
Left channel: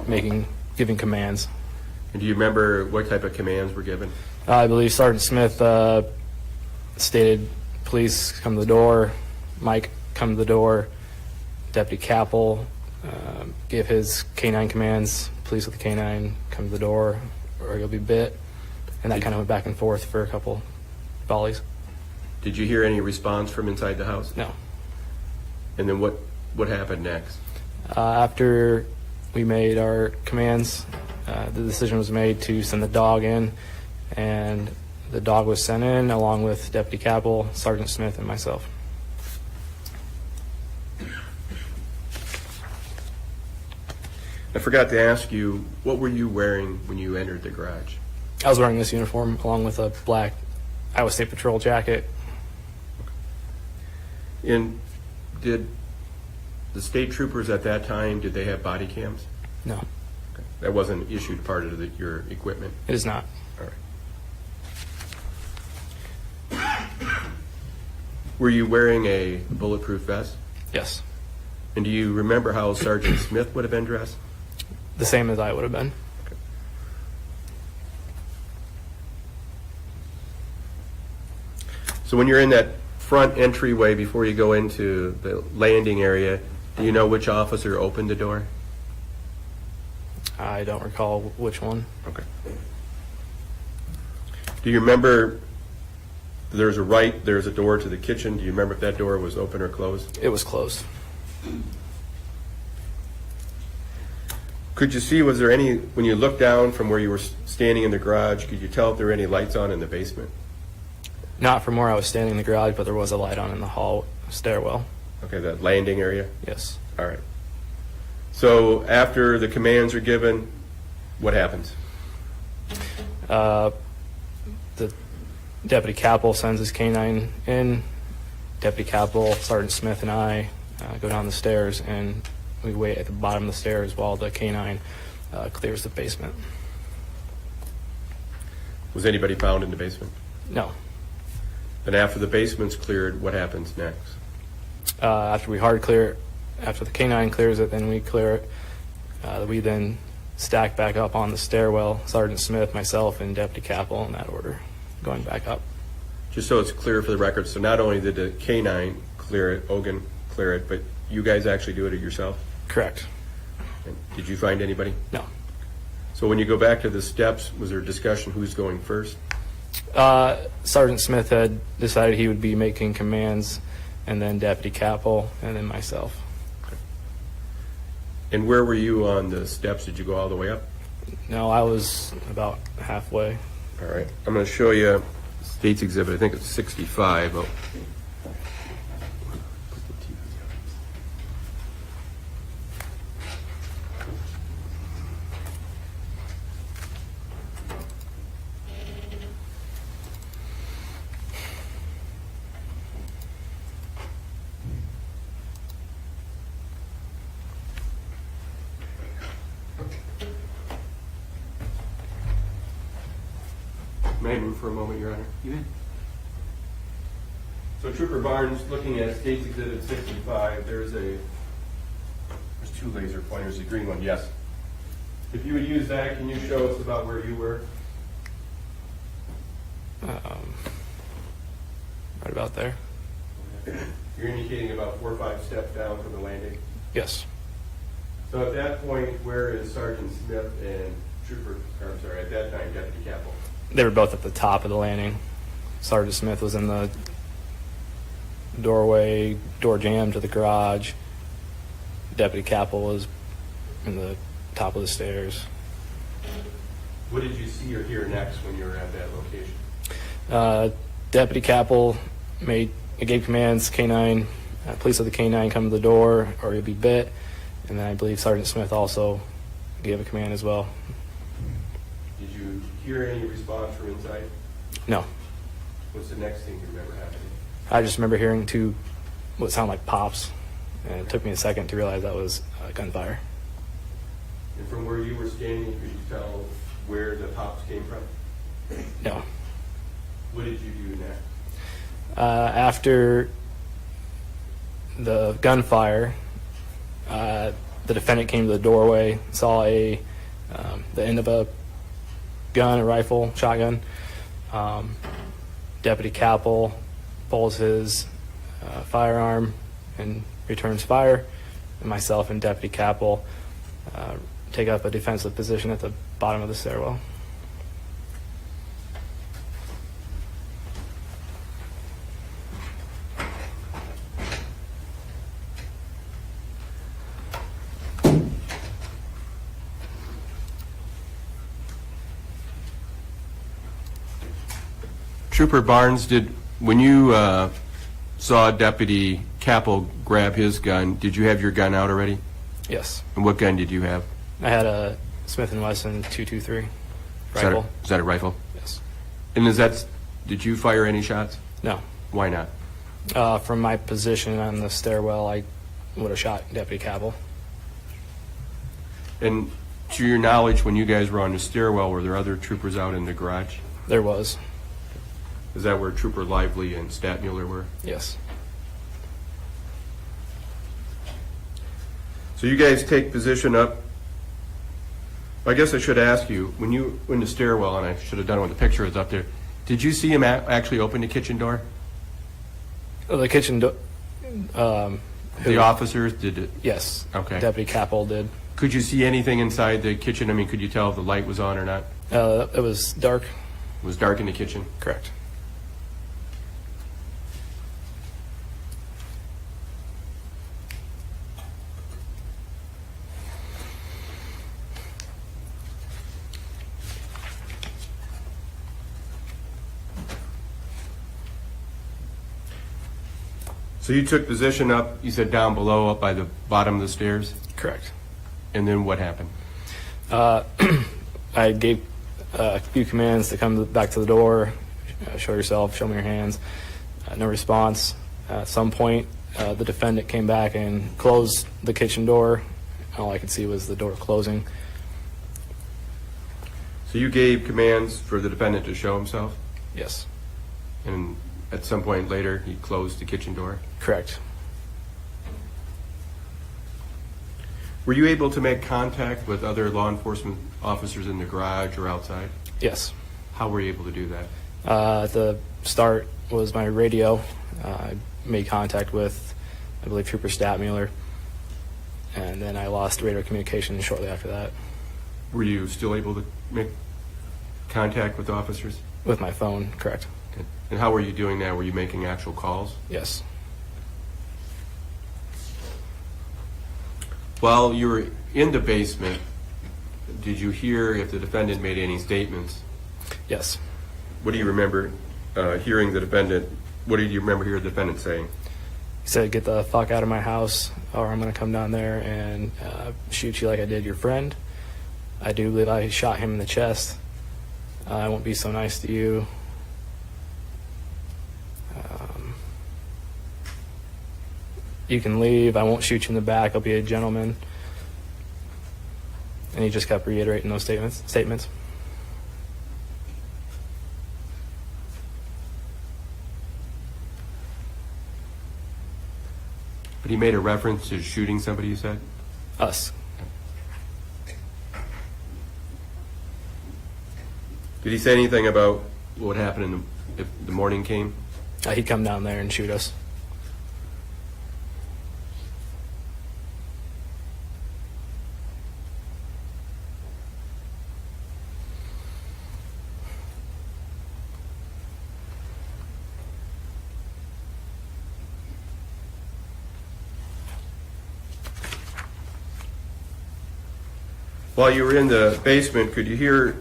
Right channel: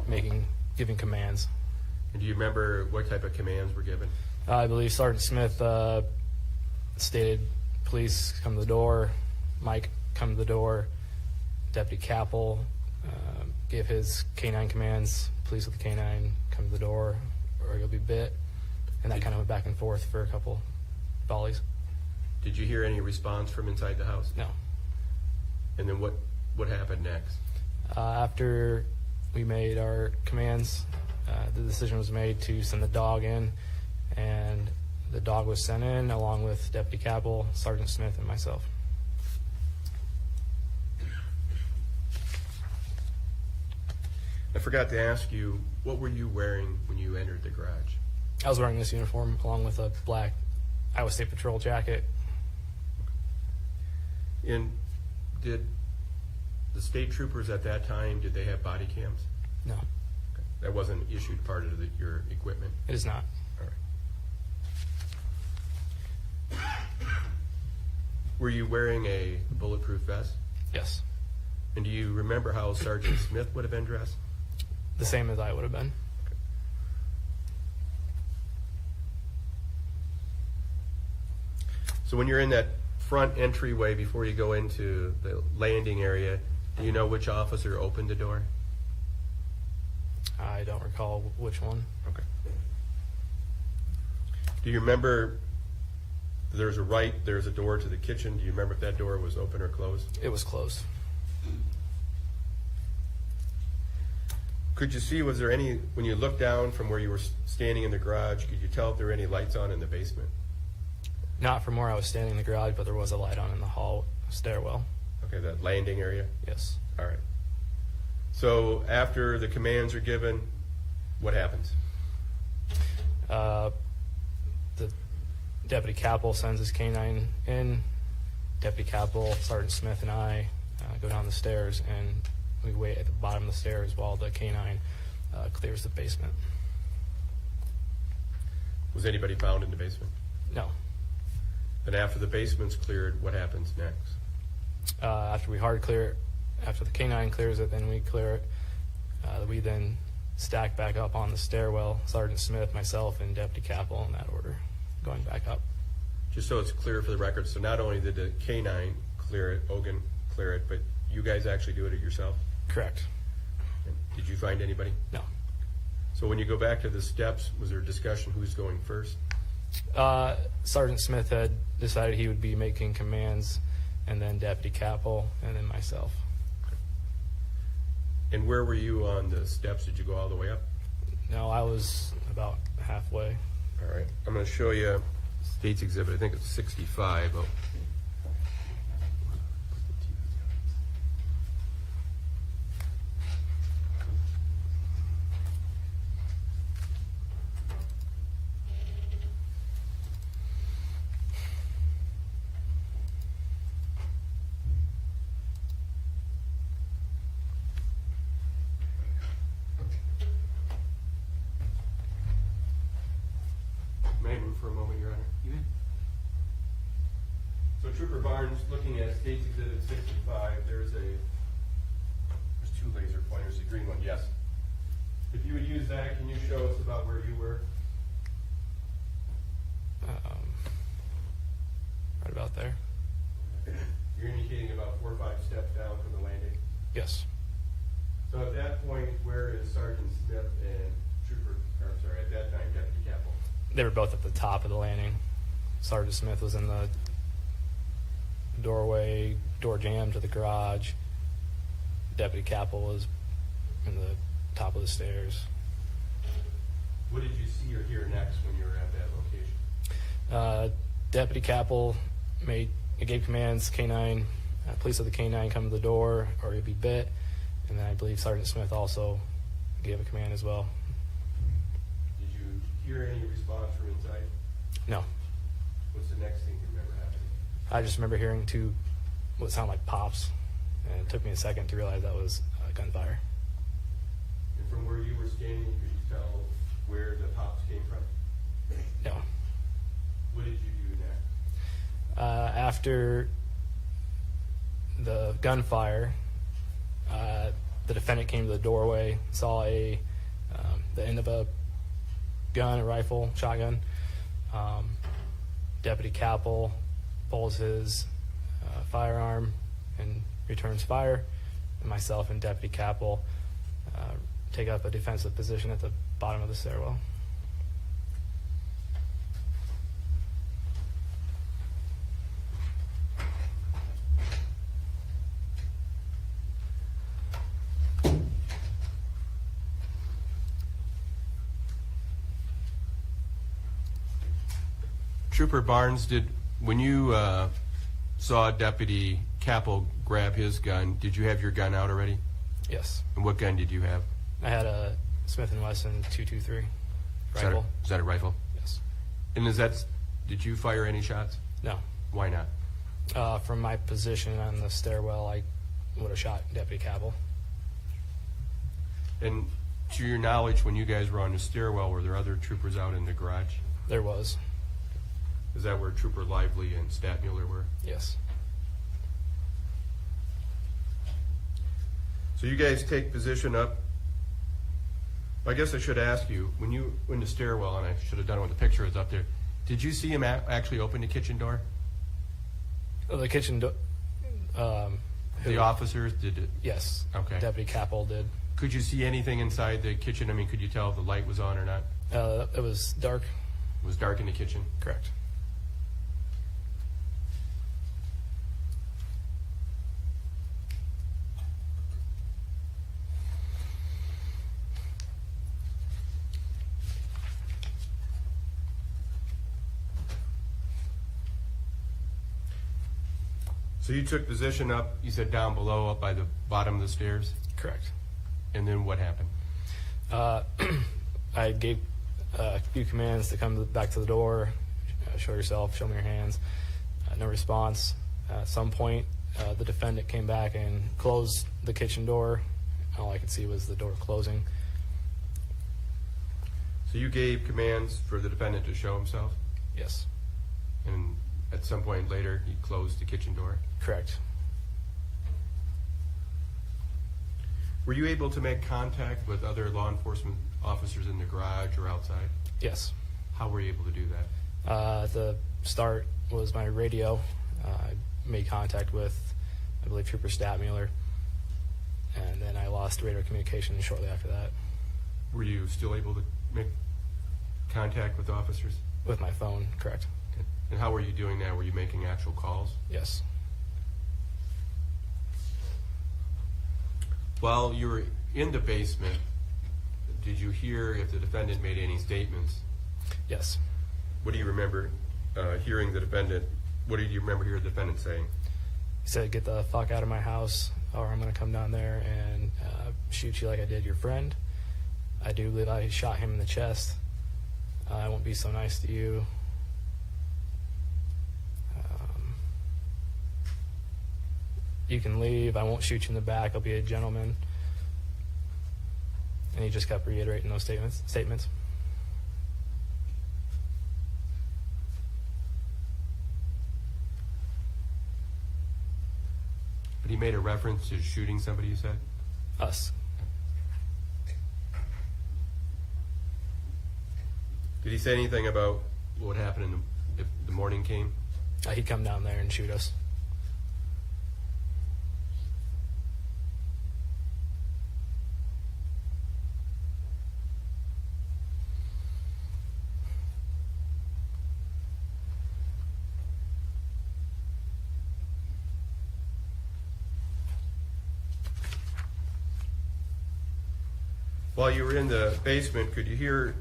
giving commands. And do you remember what type of commands were given? I believe Sergeant Smith stated, "Police, come to the door." Mike, come to the door. Deputy Kappel gave his canine commands. "Police with the canine, come to the door, or you'll be bit." And that kind of went back and forth for a couple volleys. Did you hear any response from inside the house? No. And then what happened next? After we made our commands, the decision was made to send the dog in, and the dog was sent in along with Deputy Kappel, Sergeant Smith, and myself. I forgot to ask you, what were you wearing when you entered the garage? I was wearing this uniform along with a black Iowa State Patrol jacket. And did the state troopers at that time, did they have body cams? No, That wasn't issued part of your equipment? it is not. All right. Were you wearing a bulletproof vest? Yes, And do you remember how Sergeant Smith would have been dressed? the same as I would have been. So when you're in that front entryway before you go into the landing area, do you know which officer opened the door? I don't recall which one. Okay. Do you remember there's a door to the kitchen? Do you remember if that door was open or closed? It was closed. Could you see, was there any, when you looked down from where you were standing in the garage, could you tell if there were any lights on in the basement? Not from where I was standing in the garage, but there was a light on in the hall stairwell. Okay, that landing area? Yes. All right. So after the commands are given, what happens? The Deputy Kappel sends his canine in. Deputy Kappel, Sergeant Smith, and I go down the stairs, and we wait at the bottom of the stairs while the canine clears the basement. Was anybody found in the basement? No. And after the basement's cleared, what happens next? After we hard clear, after the canine clears it, then we clear it. We then stack back up on the stairwell, Sergeant Smith, myself, and Deputy Kappel in that order, going back up. Just so it's clear for the record, so not only did the canine clear it, Ogun clear it, but you guys actually do it yourself? Correct. And did you find anybody? No. So when you go back to the steps, was there a discussion who's going first? Sergeant Smith had decided he would be making commands, and then Deputy Kappel, and then myself. And where were you on the steps? Did you go all the way up? No, I was about halfway. All right. I'm going to show you State's Exhibit. I think it's 65. Oh. May I move for a moment, Your Honor? You in? So Trooper Barnes, looking at State's Exhibit 65, there's two laser pointers, a green one, yes. If you would use that, can you show us about where you were? Right about there. You're indicating about 4 or 5 steps down from the landing. Yes. So at that point, where is Sergeant Smith and at that time, Deputy Kappel? They were both at the top of the landing. Sergeant Smith was in the doorway, door jamb to the garage. Deputy Kappel was in the top of the stairs. What did you see or hear next when you were at that location? Deputy Kappel gave commands, canine, police of the canine, come to the door or you'll be bit. And then I believe Sergeant Smith also gave a command as well. Did you hear any response from inside? No. What's the next thing you remember happening? I just remember hearing what sounded like pops, and it took me a second to realize that was gunfire. And from where you were standing, could you tell where the pops came from? No. What did you do next? After the gunfire, the defendant came to the doorway, saw the end of a gun, a rifle, shotgun. Deputy Kappel pulls his firearm and returns fire. And myself and Deputy Kappel take up a defensive position at the bottom of the stairwell. Trooper Barnes, when you saw Deputy Kappel grab his gun, did you have your gun out already? Yes. And what gun did you have? I had a Smith & Wesson .223 rifle. Is that a rifle? Yes. And did you fire any shots? No. Why not? From my position on the stairwell, I would have shot Deputy Kappel. And to your knowledge, when you guys were on the stairwell, were there other troopers out in the garage? There was. Is that where Trooper Lively and Statmuller were? Yes. So you guys take position up. I guess I should ask you, when you were in the stairwell, and I should have done it when the picture is up there, did you see him actually open the kitchen door? The kitchen door. The officers did it? Yes. Okay. Deputy Kappel did. Could you see anything inside the kitchen? I mean, could you tell if the light was on or not? It was dark. It was dark in the kitchen? Correct. So you took position up, you said down below, up by the bottom of the stairs? Correct. And then what happened? I gave a few commands to come back to the door, show yourself, show me your hands. No response. At some point, the defendant came back and closed the kitchen door. All I could see was the door closing. So you gave commands for the defendant to show himself? Yes. And at some point later, he closed the kitchen door? Correct. Were you able to make contact with other law enforcement officers in the garage or outside? Yes. How were you able to do that? At the start was my radio. I made contact with, I believe, Trooper Statmuller, and then I lost radio communication shortly after that Were you still able to make contact with officers? with my phone. Correct. Okay. And how were you doing that? Were you making actual calls? Yes. While you were in the basement, did you hear if the defendant made any statements? Yes. What do you remember hearing the defendant, what did you remember hearing the defendant saying? He said, "Get the fuck out of my house, or I'm going to come down there and shoot you like I did your friend. I do believe I shot him in the chest. I won't be so nice to you. You can leave. I won't shoot you in the back. I'll be a gentleman." And he just kept reiterating those statements. But he made a reference to shooting somebody, you said? Us. Did he say anything about what would happen if the morning came? He'd come down there and shoot us. While you were in the basement, could you hear,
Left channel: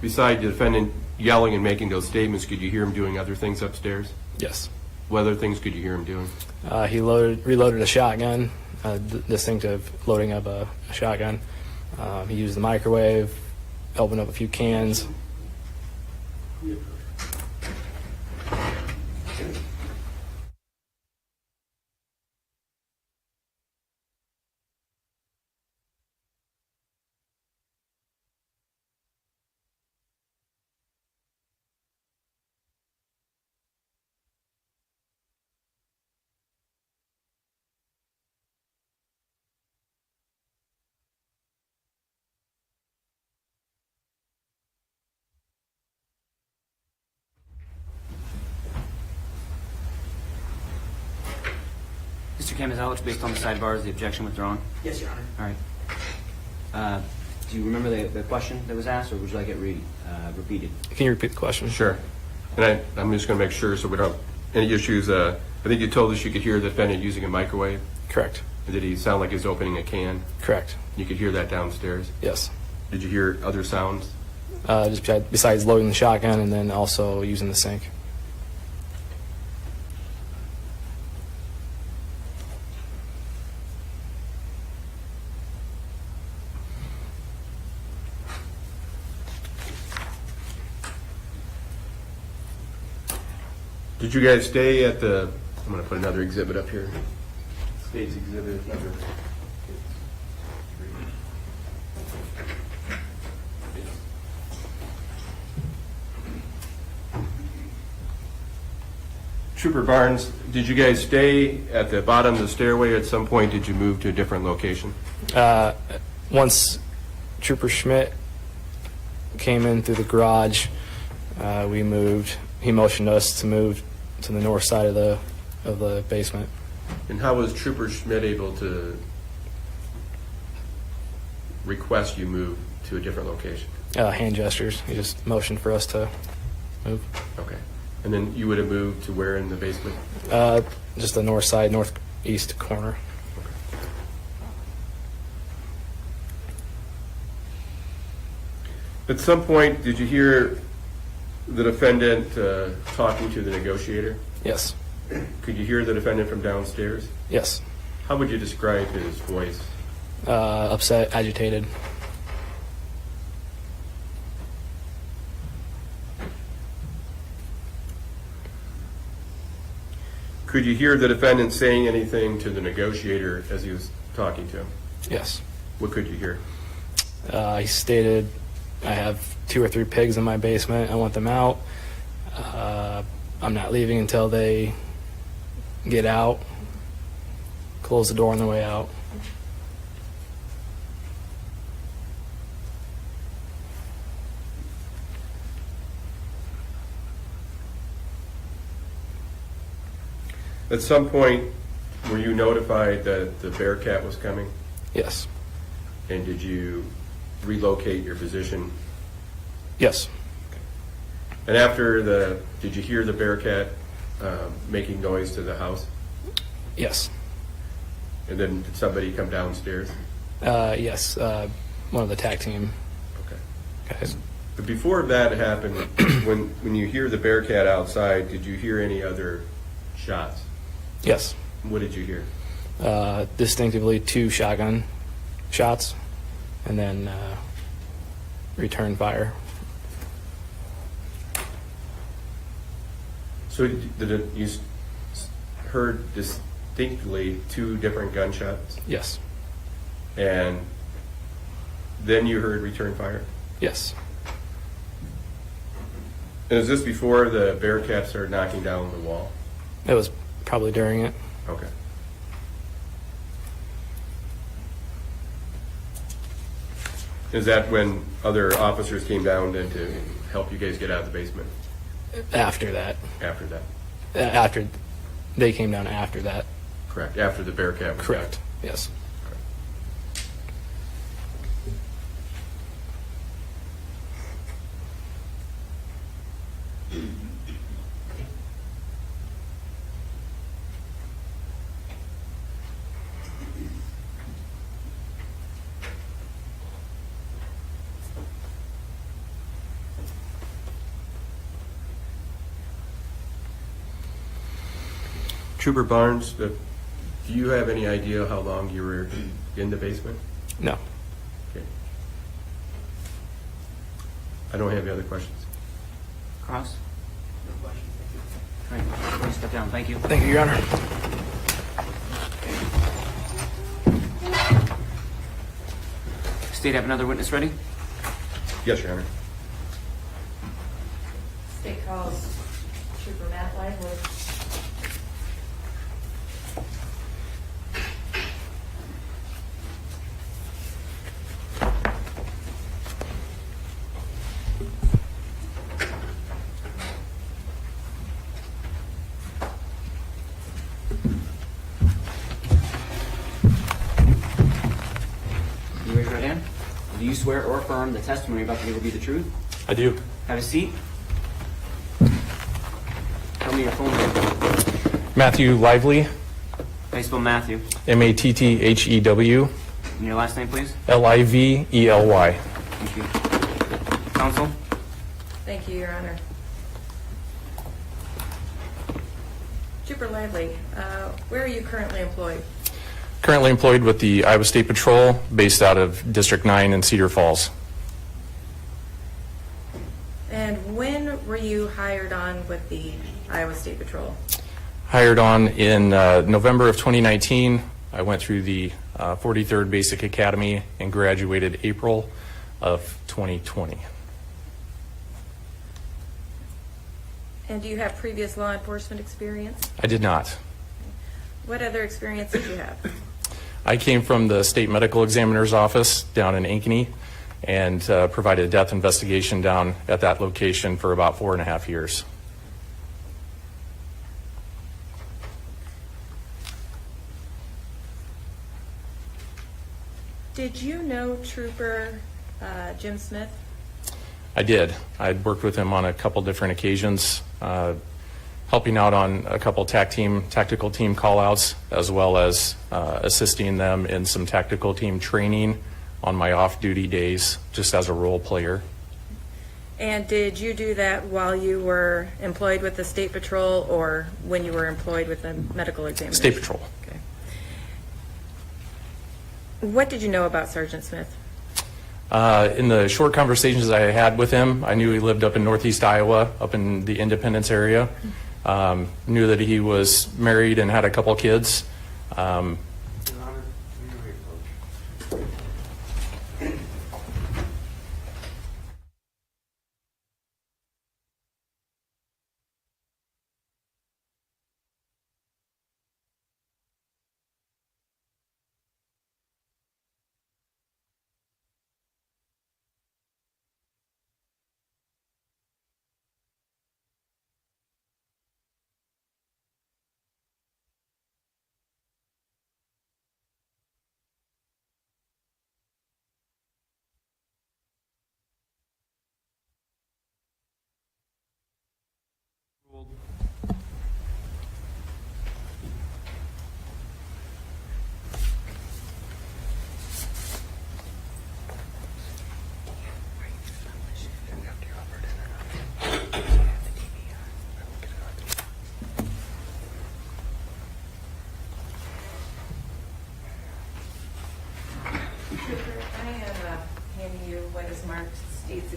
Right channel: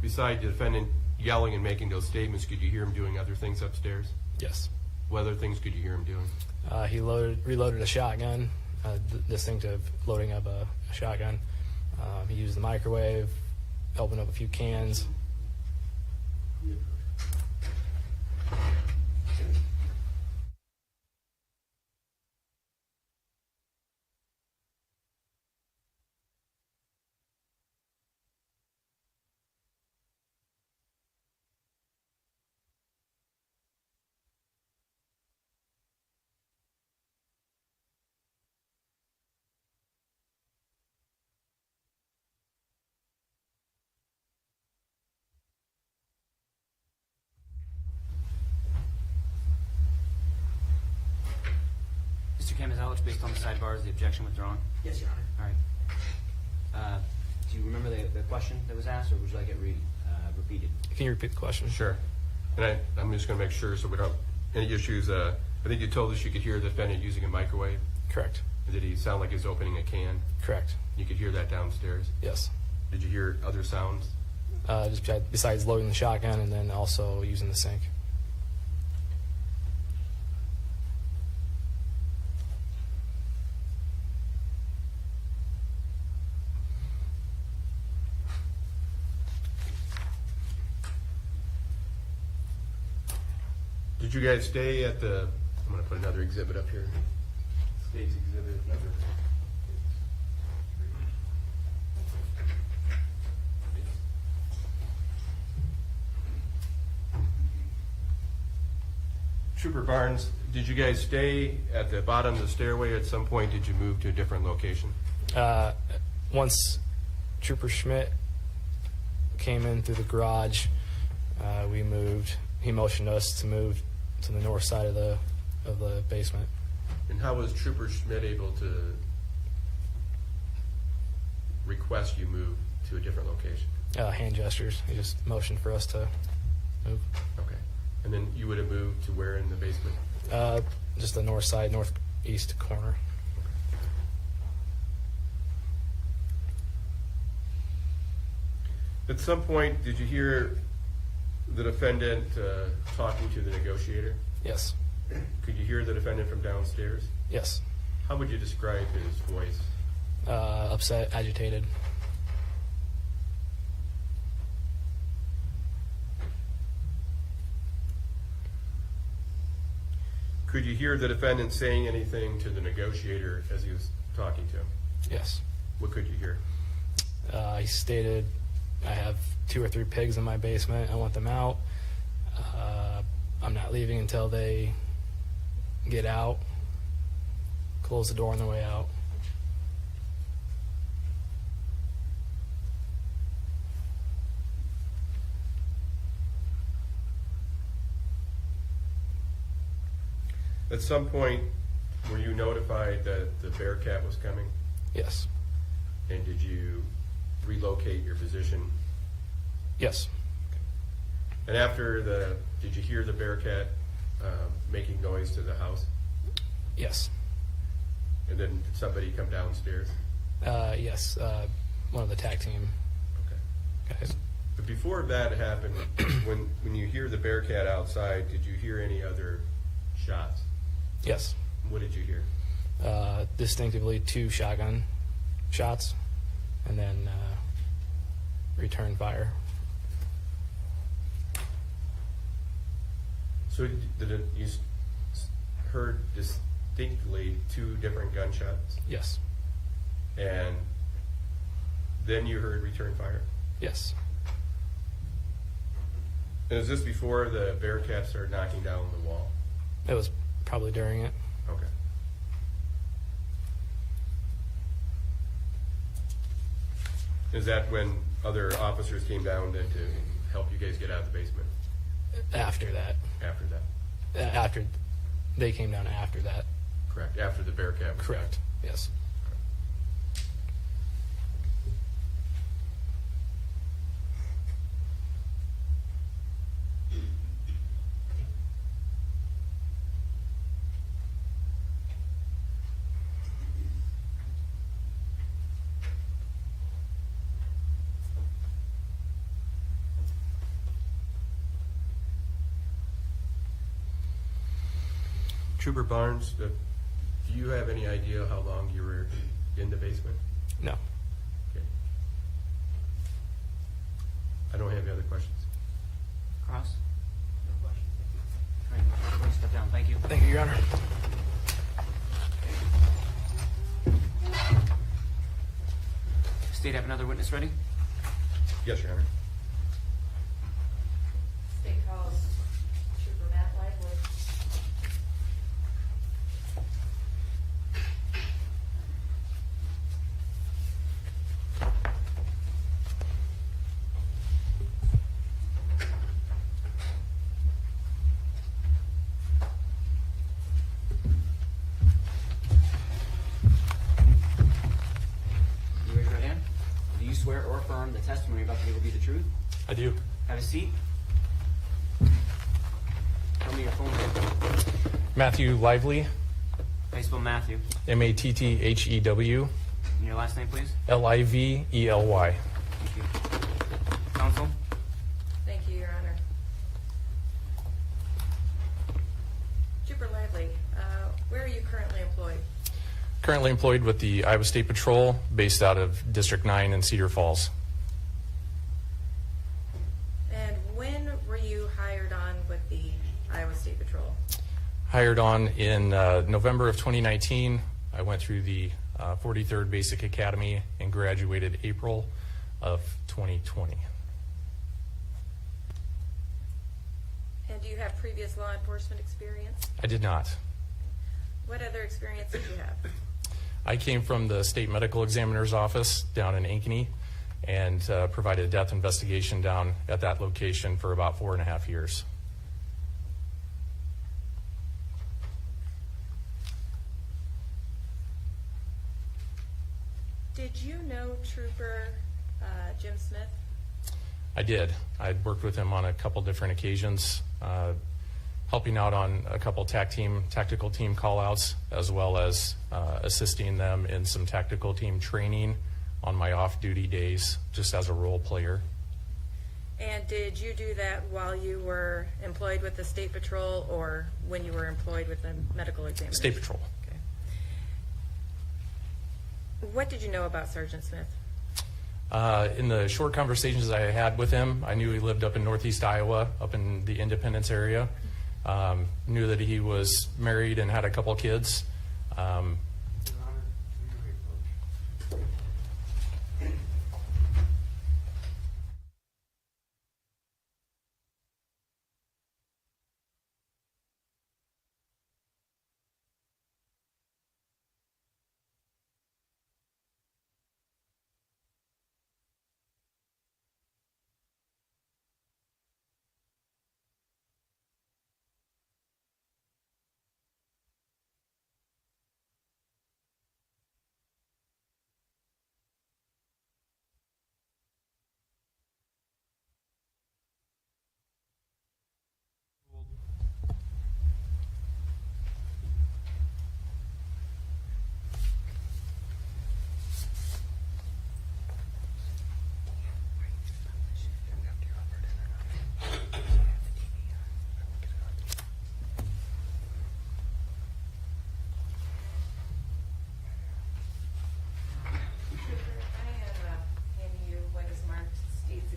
beside the defendant yelling and making those statements, could you hear him doing other things upstairs? Yes. What other things could you hear him doing? He reloaded a shotgun, distinctive loading of a shotgun. He used the microwave, opened up a few cans. Tamazowicz, based on the sidebars, the objection withdrawn? Yes, Your Honor. All right. Do you remember the question that was asked, or would you like it repeated? Can you repeat the question? Sure. And I'm just going to make sure so we don't, any issues, I think you told us you could hear the defendant using a microwave. Correct. Did he sound like he was opening a can? Correct. You could hear that downstairs. Yes. Did you hear other sounds? Just besides loading the shotgun and then also using the sink. Did you guys stay at the, I'm going to put another exhibit up here. State's exhibit number. Trooper Barnes, did you guys stay at the bottom of the stairway? At some point, did you move to a different location? Once Trooper Schmidt came in through the garage, we moved. He motioned us to move to the north side of the basement. And how was Trooper Schmidt able to request you move to a different location? Hand gestures. He just motioned for us to move. Okay. And then you would have moved to where in the basement? Just the north side, northeast corner. At some point, did you hear the defendant talking to the negotiator? Yes. Could you hear the defendant from downstairs? Yes. How would you describe his voice? Upset, agitated. Could you hear the defendant saying anything to the negotiator as he was talking to him? Yes. What could you hear? He stated, I have 2 or 3 pigs in my basement. I want them out. I'm not leaving until they get out. Close the door on the way out. At some point, were you notified that the Bearcat was coming? Yes. And did you relocate your position? Yes. And did you hear the Bearcat making noise to the house? Yes. And then did somebody come downstairs? Yes. One of the tag team Okay. guys. But before that happened, when you hear the Bearcat outside, did you hear any other shots? Yes. What did you hear? Distinctively 2 shotgun shots, and then return fire. So you heard distinctly 2 different gunshots, Yes. and then you heard return fire? Yes. And is this before the Bearcat started knocking down the wall? It was probably during it. Okay. Is that when other officers came down then to help you guys get out of the basement After that. after that? After they came down after that. Correct, after the Bearcat was Correct. down. Yes. Trooper Barnes, do you have any idea how long you were in the basement? No. Okay. I don't have any other questions. Cross? All right, please step down. Thank you. Thank you, Your Honor. State, have another witness ready? Yes, Your Honor. State calls Trooper Matt Lively. swear or affirm the testimony you're about to give will be the truth? I do. Have a seat. Tell me your full name. Matthew Lively, How do you spell Matthew? Matthew, And your last name, please? Lively. Thank you. Counsel? Thank you, Your Honor. Trooper Lively, where are you currently employed? Currently employed with the Iowa State Patrol, based out of District 9 in Cedar Falls. And when were you hired on with the Iowa State Patrol? Hired on in November of 2019. I went through the 43rd Basic Academy and graduated April of 2020. And do you have previous law enforcement experience? I did not. What other experience did you have? I came from the State Medical Examiner's Office down in Ankeny and provided a death investigation down at that location for about 4.5 years. Did you know Trooper Jim Smith? I did. I'd worked with him on a couple different occasions, helping out on a couple tactical team call-outs, as well as assisting them in some tactical team training on my off-duty days, just as a role player. And did you do that while you were employed with the State Patrol or when you were employed with the medical examiner? State Patrol. Okay. What did you know about Sergeant Smith? In the short conversations I had with him, I knew he lived up in northeast Iowa, up in the Independence area. Knew that he was married and had a couple kids.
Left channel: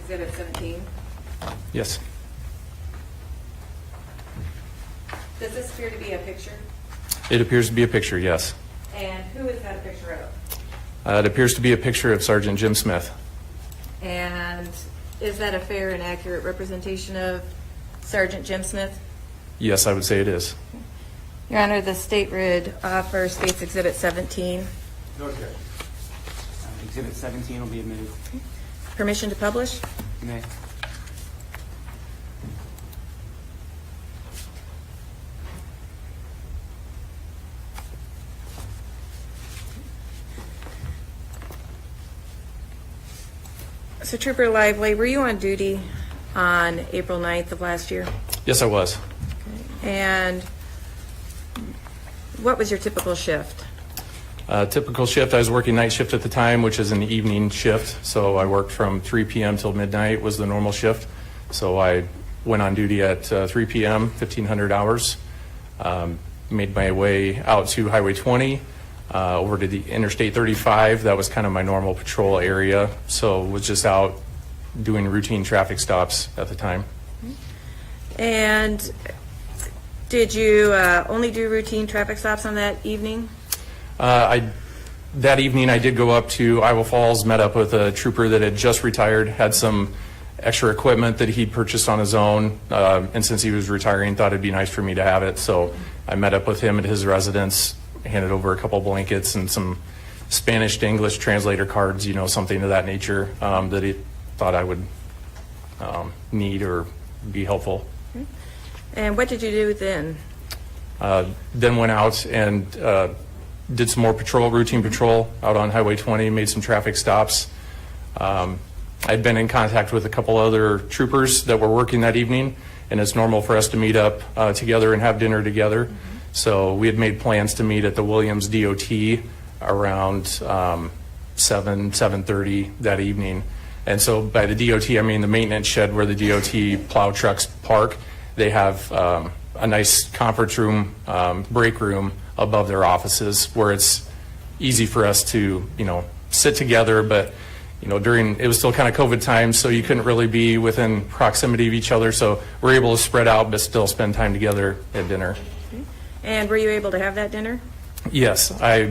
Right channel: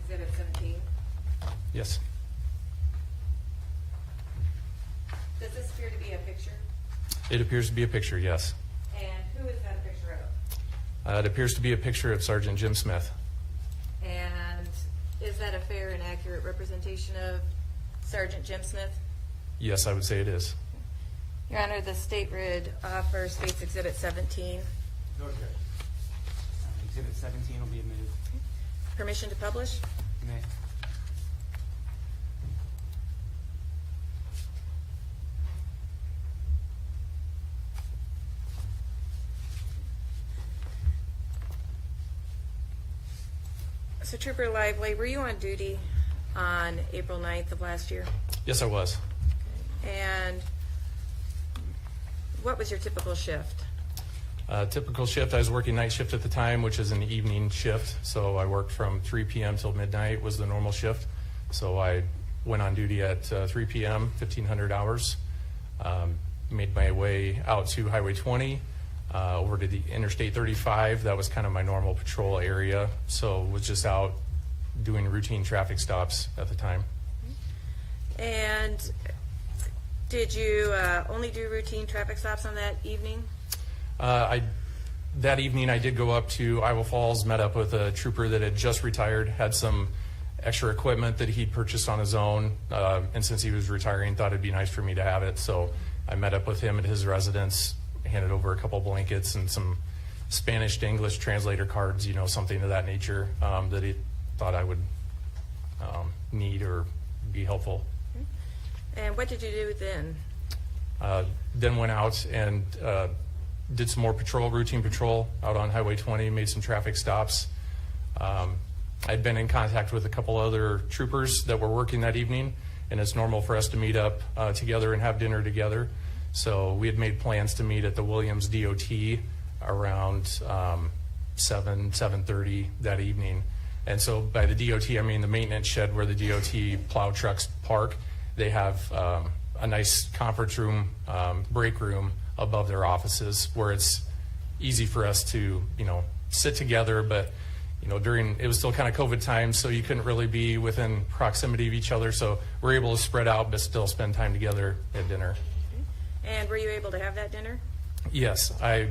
Exhibit 17. Yes. Does this appear to be a picture? It appears to be a picture, yes. And who is that a picture of? It appears to be a picture of Sergeant Jim Smith. And is that a fair and accurate representation of Sergeant Jim Smith? Yes, I would say it is. Your Honor, the state rid offer states Exhibit 17. Exhibit 17 will be admitted. Permission to publish? You may. So Trooper Lively, were you on duty on April 9th of last year? Yes, I was. And what was your typical shift? Typical shift, I was working night shift at the time, which is an evening shift. So I worked from 3 p.m. till midnight was the normal shift. So I went on duty at 3 p.m., 1,500 hours. Made my way out to Highway 20, over to the Interstate 35. That was kind of my normal patrol area. So was just out doing routine traffic stops at the time. And did you only do routine traffic stops on that evening? That evening I did go up to Iowa Falls, met up with a trooper that had just retired, had some extra equipment that he'd purchased on his own, and since he was retiring, thought it'd be nice for me to have it. So I met up with him at his residence, handed over a couple blankets and some Spanish to English translator cards, you know, something of that nature, that he thought I would need or be helpful. And what did you do then? Then went out and did some more patrol, routine patrol out on Highway 20, made some traffic stops. I'd been in contact with a couple other troopers that were working that evening, and it's normal for us to meet up together and have dinner together. So we had made plans to meet at the Williams DOT around 7:30 that evening. And so by the DOT, I mean the maintenance shed where the DOT plow trucks park. They have a nice conference room, break room above their offices where it's easy for us to, sit together, but it was still kind of COVID times, so you couldn't really be within proximity of each other. So we're able to spread out, but still spend time together at dinner. And were you able to have that dinner? Yes, I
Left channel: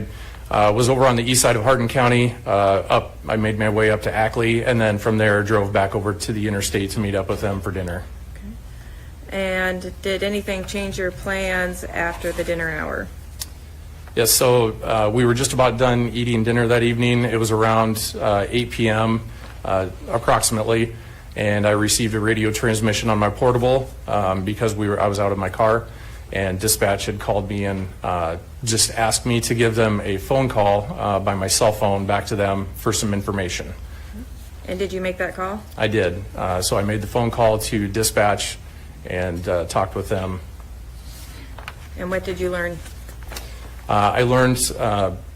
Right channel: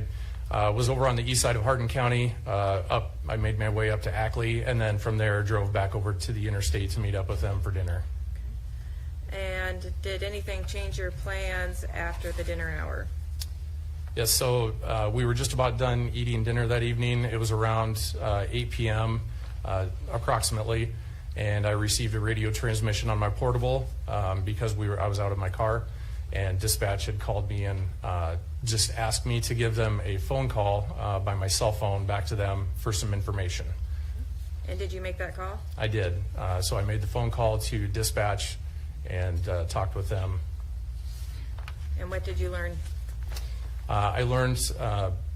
was over on the east side of Hardin County. I made my way up to Ackley, and then from there drove back over to the interstate to meet up with them for dinner. And did anything change your plans after the dinner hour? Yes, so we were just about done eating dinner that evening. It was around 8 p.m. Approximately, and I received a radio transmission on my portable because I was out of my car, and dispatch had called me and just asked me to give them a phone call by my cell phone back to them for some information. And did you make that call? I did. So I made the phone call to dispatch and talked with them. And what did you learn? I learned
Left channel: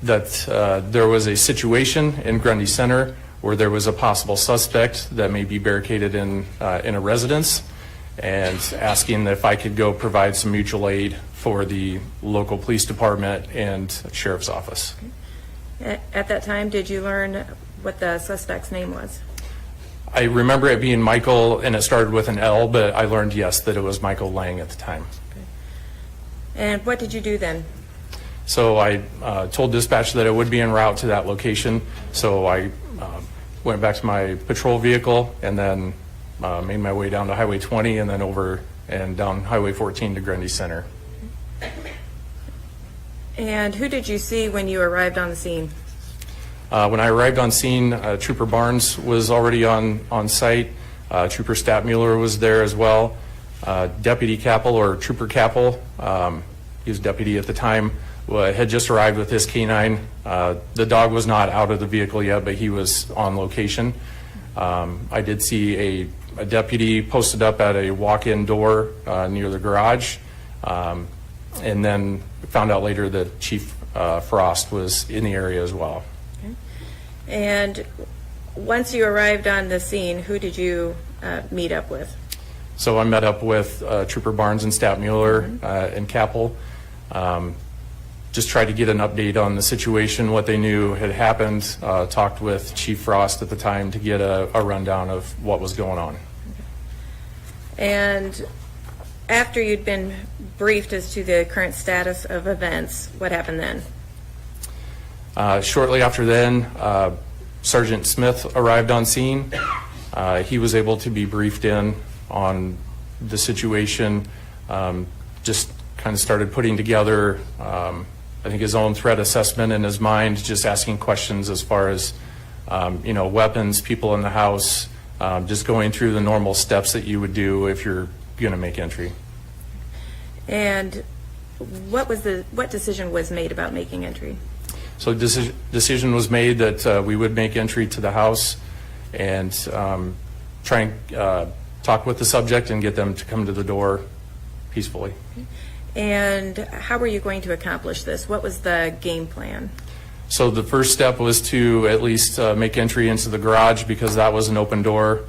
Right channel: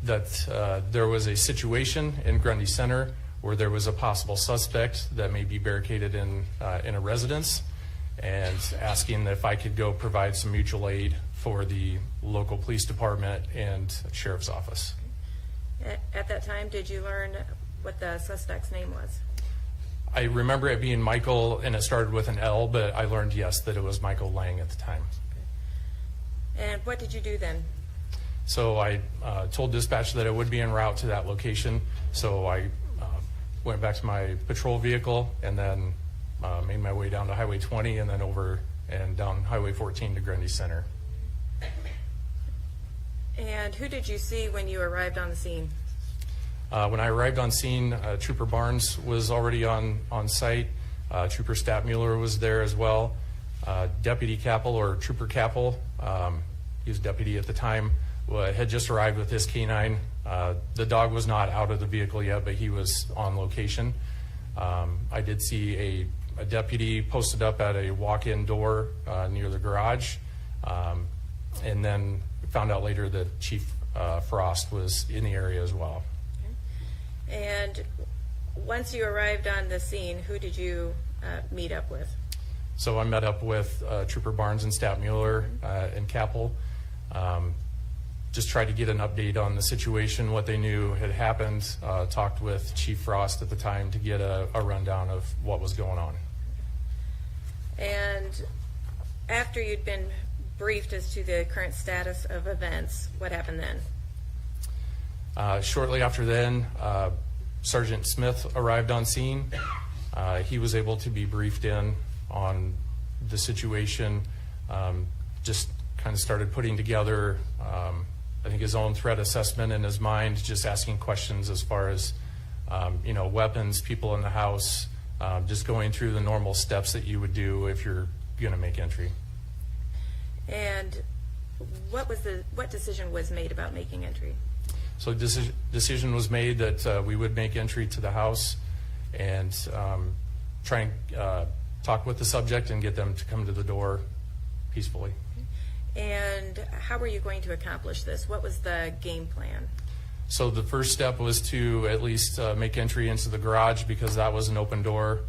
that there was a situation in Grundy Center where there was a possible suspect that may be barricaded in a residence, and asking if I could go provide some mutual aid for the local police department and sheriff's office. At that time, did you learn what the suspect's name was? I remember it being Michael, and it started with an L, but I learned, yes, that it was Michael Lang at the time. And what did you do then? So I told dispatch that I would be en route to that location, so I went back to my patrol vehicle and then made my way down to Highway 20 and then over and down Highway 14 to Grundy Center. And who did you see when you arrived on the scene? When I arrived on scene, Trooper Barnes was already on site. Trooper Statmuller was there as well. Deputy Kappel, or Trooper Kappel, he was deputy at the time, had just arrived with his canine. The dog was not out of the vehicle yet, but he was on location. I did see a deputy posted up at a walk-in door near the garage, and then found out later that Chief Frost was in the area as well. And once you arrived on the scene, who did you meet up with? So I met up with Trooper Barnes and Statmuller and Kappel. Just tried to get an update on the situation, what they knew had happened. Talked with Chief Frost at the time to get a rundown of what was going on. And after you'd been briefed as to the current status of events, what happened then? Shortly after then, Sergeant Smith arrived on scene. He was able to be briefed in on the situation, just kind of started putting together, I think, his own threat assessment in his mind, just asking questions as far as, weapons, people in the house, just going through the normal steps that you would do if you're going to make entry. And what decision was made about making entry? So decision was made that we would make entry to the house and try and talk with the subject and get them to come to the door peacefully. And how were you going to accomplish this? What was the game plan? So the first step was to at least make entry into the garage, because that was an open door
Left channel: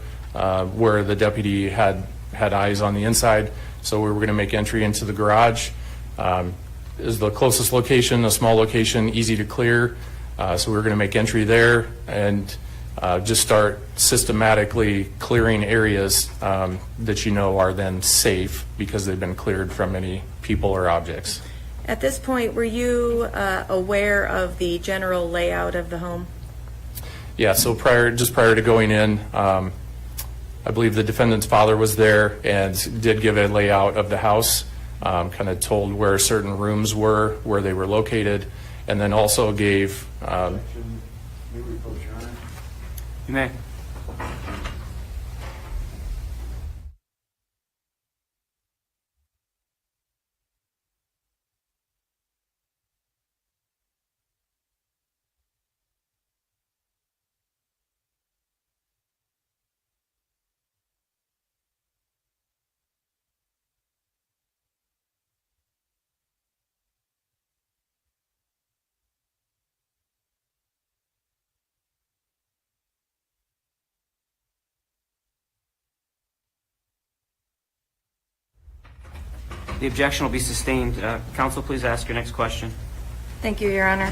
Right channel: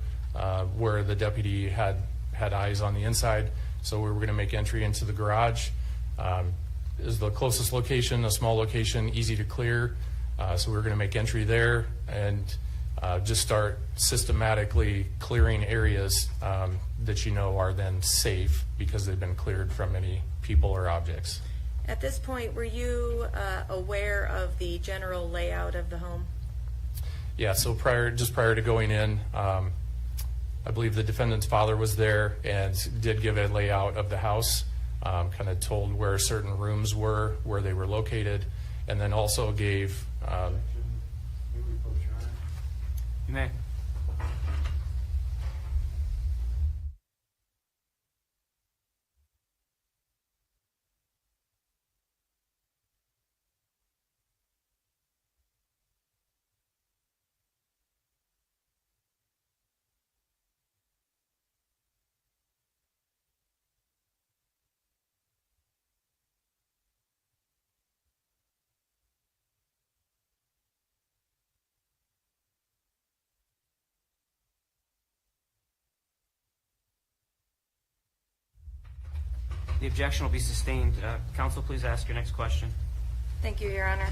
where the deputy had eyes on the inside. So we were going to make entry into the garage. Is the closest location, a small location, easy to clear. So we were going to make entry there and just start systematically clearing areas that are then safe because they've been cleared from any people or objects. At this point, were you aware of the general layout of the home? Yeah, so prior to going in, I believe the defendant's father was there and did give a layout of the house, kind of told where certain rooms were, where they were located, and then also gave... You may. The objection will be sustained. Counsel, please ask your next question. Thank you, Your Honor.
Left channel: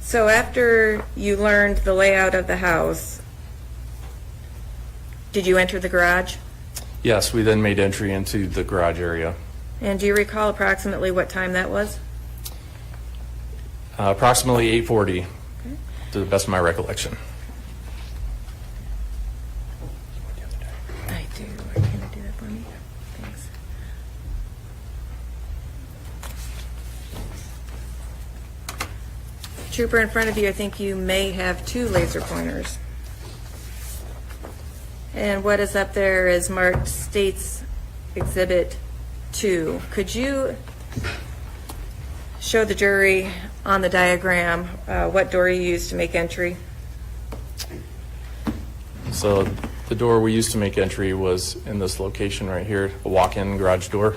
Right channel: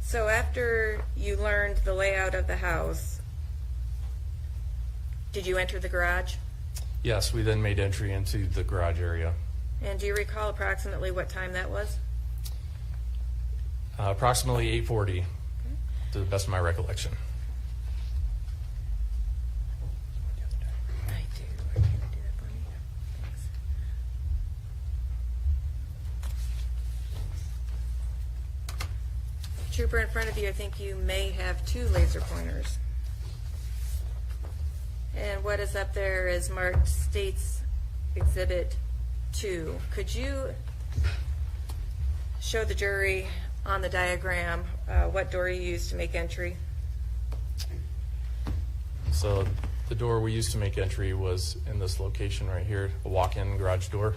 So after you learned the layout of the house, did you enter the garage? Yes, we then made entry into the garage area. And do you recall approximately what time that was? Approximately 8:40, to the best of my recollection. I do. Can you do that for me? Thanks. Trooper, in front of you, I think you may have 2 laser pointers. And what is up there is marked States Exhibit 2. Could you show the jury on the diagram what door you used to make entry? So the door we used to make entry was in this location right here, a walk-in garage door.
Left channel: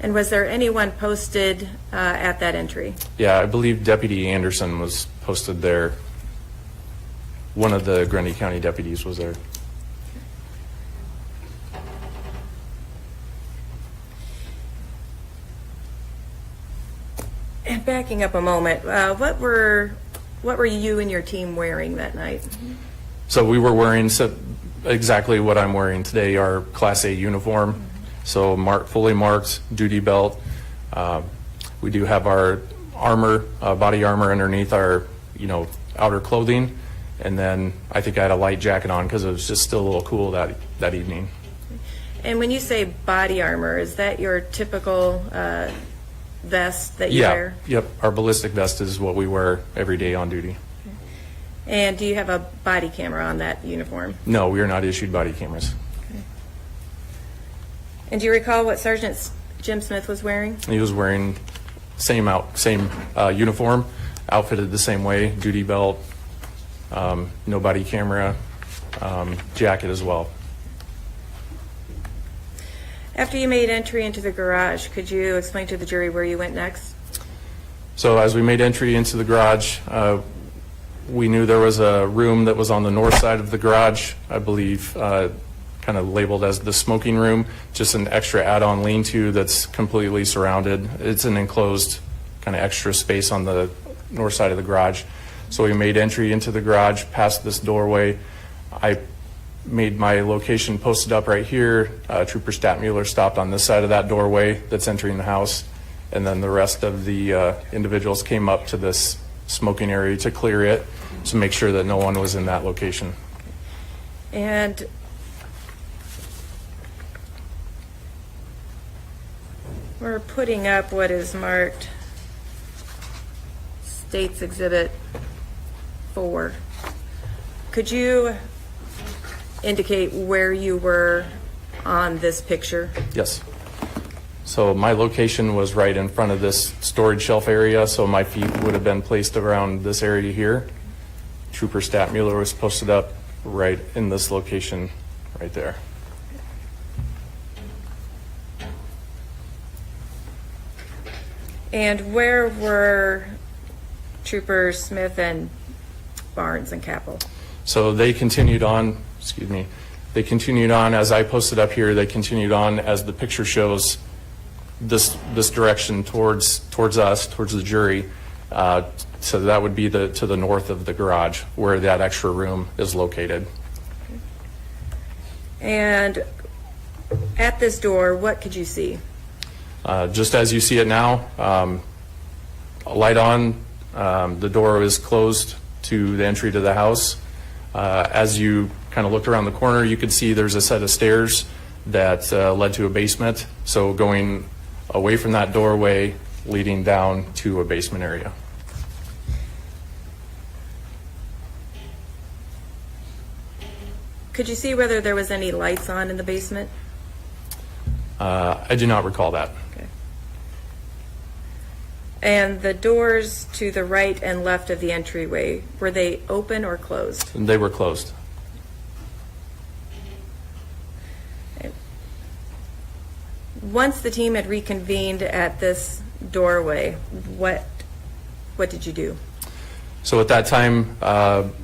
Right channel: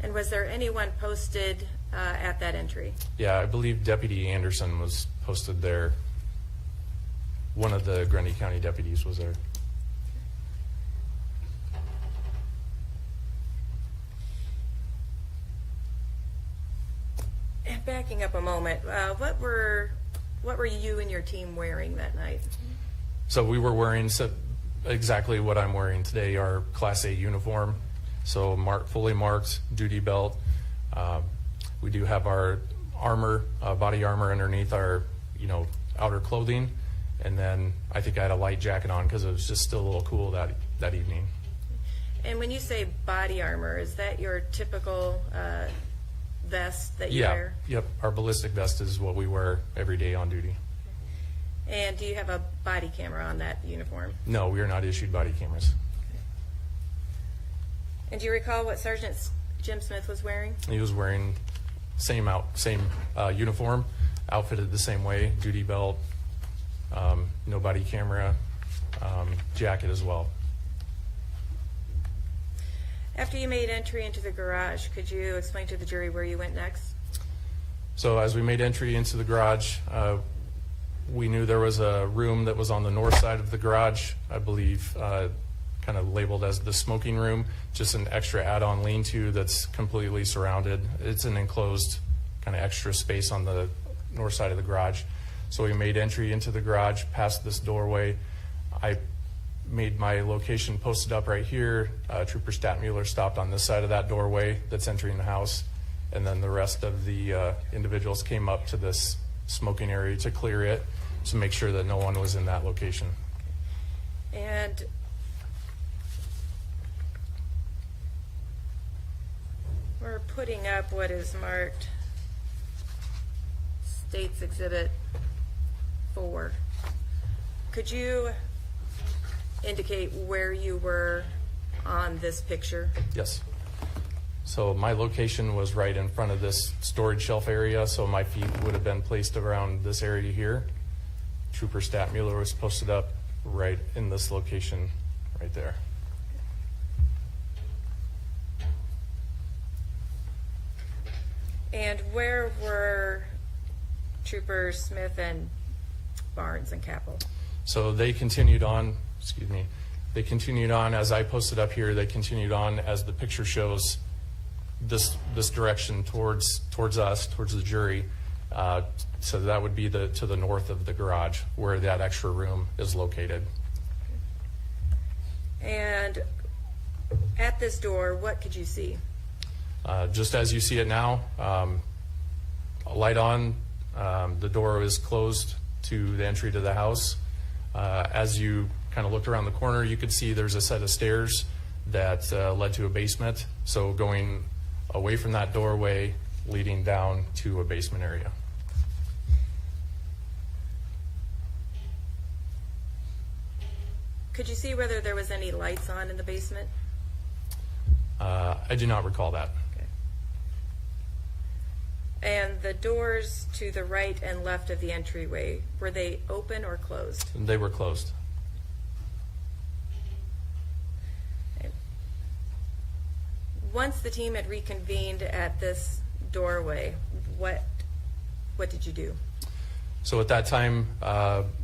And was there anyone posted at that entry? Yeah, I believe Deputy Anderson was posted there. One of the Grundy County deputies was there. And backing up a moment, what were you and your team wearing that night? So we were wearing exactly what I'm wearing today, our Class A uniform. So fully marked, duty belt. We do have our armor, body armor underneath our, outer clothing. And then I think I had a light jacket on because it was just still a little cool that evening. And when you say body armor, is that your typical vest that you wear? Yep. Our ballistic vest is what we wear every day on duty. And do you have a body camera on that uniform? No, we are not issued body cameras. And do you recall what Sergeant Jim Smith was wearing? He was wearing same uniform, outfitted the same way, duty belt, no body camera, jacket as well. After you made entry into the garage, could you explain to the jury where you went next? So as we made entry into the garage, we knew there was a room that was on the north side of the garage, I believe, kind of labeled as the smoking room, just an extra add-on lean-to that's completely surrounded. It's an enclosed kind of extra space on the north side of the garage. So we made entry into the garage past this doorway. I made my location posted up right here. Trooper Statmuller stopped on this side of that doorway that's entering the house. And then the rest of the individuals came up to this smoking area to clear it to make sure that no one was in that location. And we're putting up what is marked States Exhibit 4. Could you indicate where you were on this picture? Yes. So my location was right in front of this storage shelf area, so my feet would have been placed around this area here. Trooper Statmuller was posted up right in this location right there. And where were Troopers Smith and Barnes and Kappel? So they continued on, they continued on as I posted up here, they continued on as the picture shows this direction towards us, towards the jury. So that would be to the north of the garage where that extra room is located. And at this door, what could you see? Just as you see it now, a light on, the door is closed to the entry to the house. As you kind of looked around the corner, you could see there's a set of stairs that led to a basement. So going away from that doorway, leading down to a basement area. Could you see whether there was any lights on in the basement? I do not recall that. Okay. And the doors to the right and left of the entryway, were they open or closed? They were closed. Once the team had reconvened at this doorway, what did you do? So at that time,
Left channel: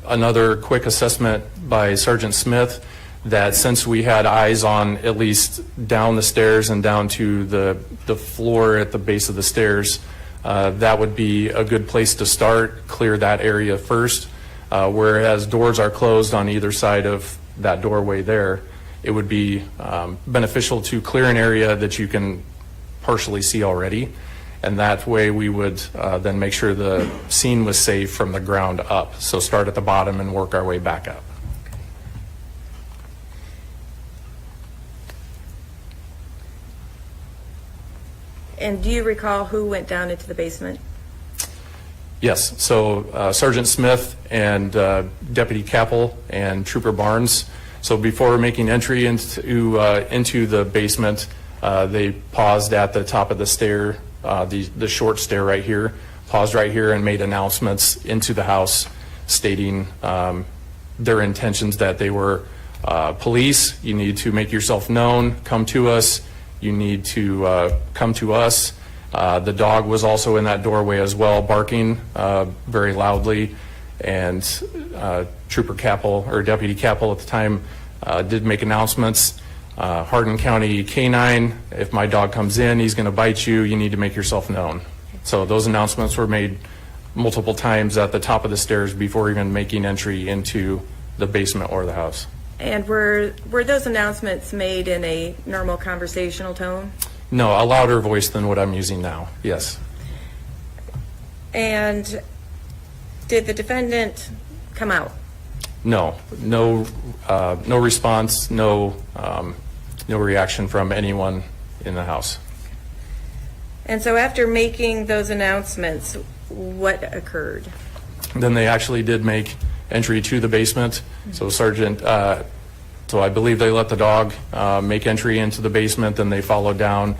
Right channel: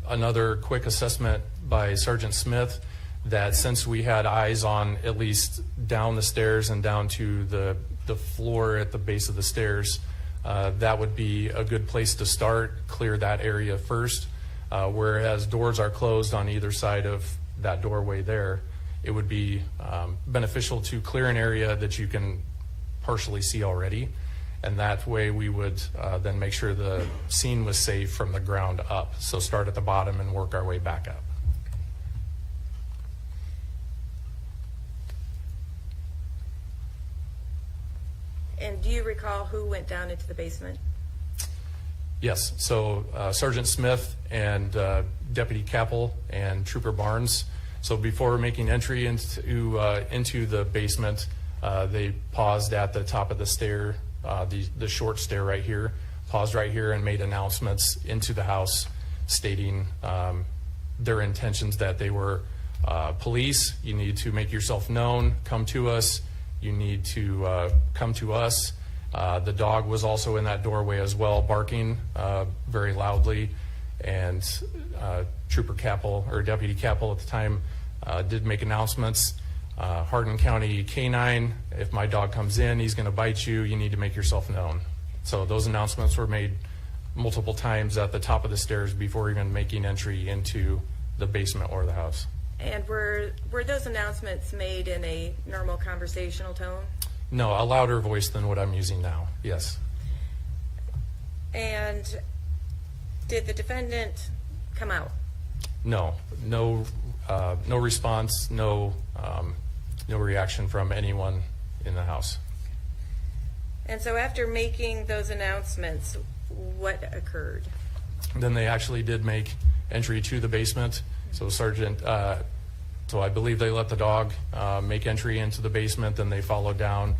another quick assessment by Sergeant Smith that since we had eyes on at least down the stairs and down to the floor at the base of the stairs, that would be a good place to start, clear that area first. Whereas doors are closed on either side of that doorway there, it would be beneficial to clear an area that you can partially see already. And that way we would then make sure the scene was safe from the ground up. So start at the bottom and work our way back up. And do you recall who went down into the basement? Yes, so Sergeant Smith and Deputy Kappel and Trooper Barnes. So before making entry into the basement, they paused at the top of the stair, the short stair right here, paused right here and made announcements into the house stating their intentions that they were police. You need to make yourself known, come to us. You need to come to us. The dog was also in that doorway as well, barking very loudly. And Trooper Kappel, or Deputy Kappel at the time, did make announcements. Hardin County K-9, if my dog comes in, he's going to bite you. You need to make yourself known. So those announcements were made multiple times at the top of the stairs before even making entry into the basement or the house. And were those announcements made in a normal conversational tone? No, a louder voice than what I'm using now, yes. And did the defendant come out? No response, no reaction from anyone in the house. And so after making those announcements, what occurred? Then they actually did make entry to the basement. So Sergeant, so I believe they let the dog make entry into the basement, then they followed down.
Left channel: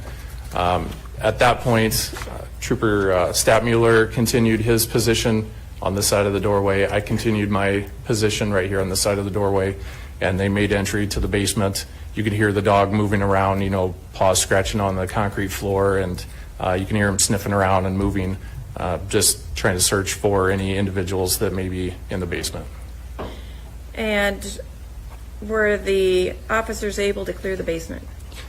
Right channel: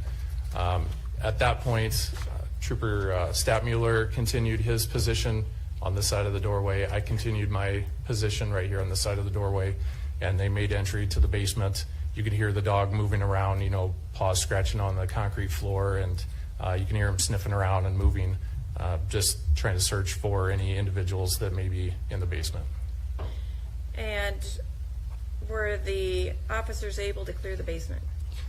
At that point, Trooper Stapmuller continued his position on the side of the doorway. I continued my position right here on the side of the doorway, and they made entry to the basement. You could hear the dog moving around, paws scratching on the concrete floor, and you can hear him sniffing around and moving, just trying to search for any individuals that may be in the basement. And were the officers able to clear the basement?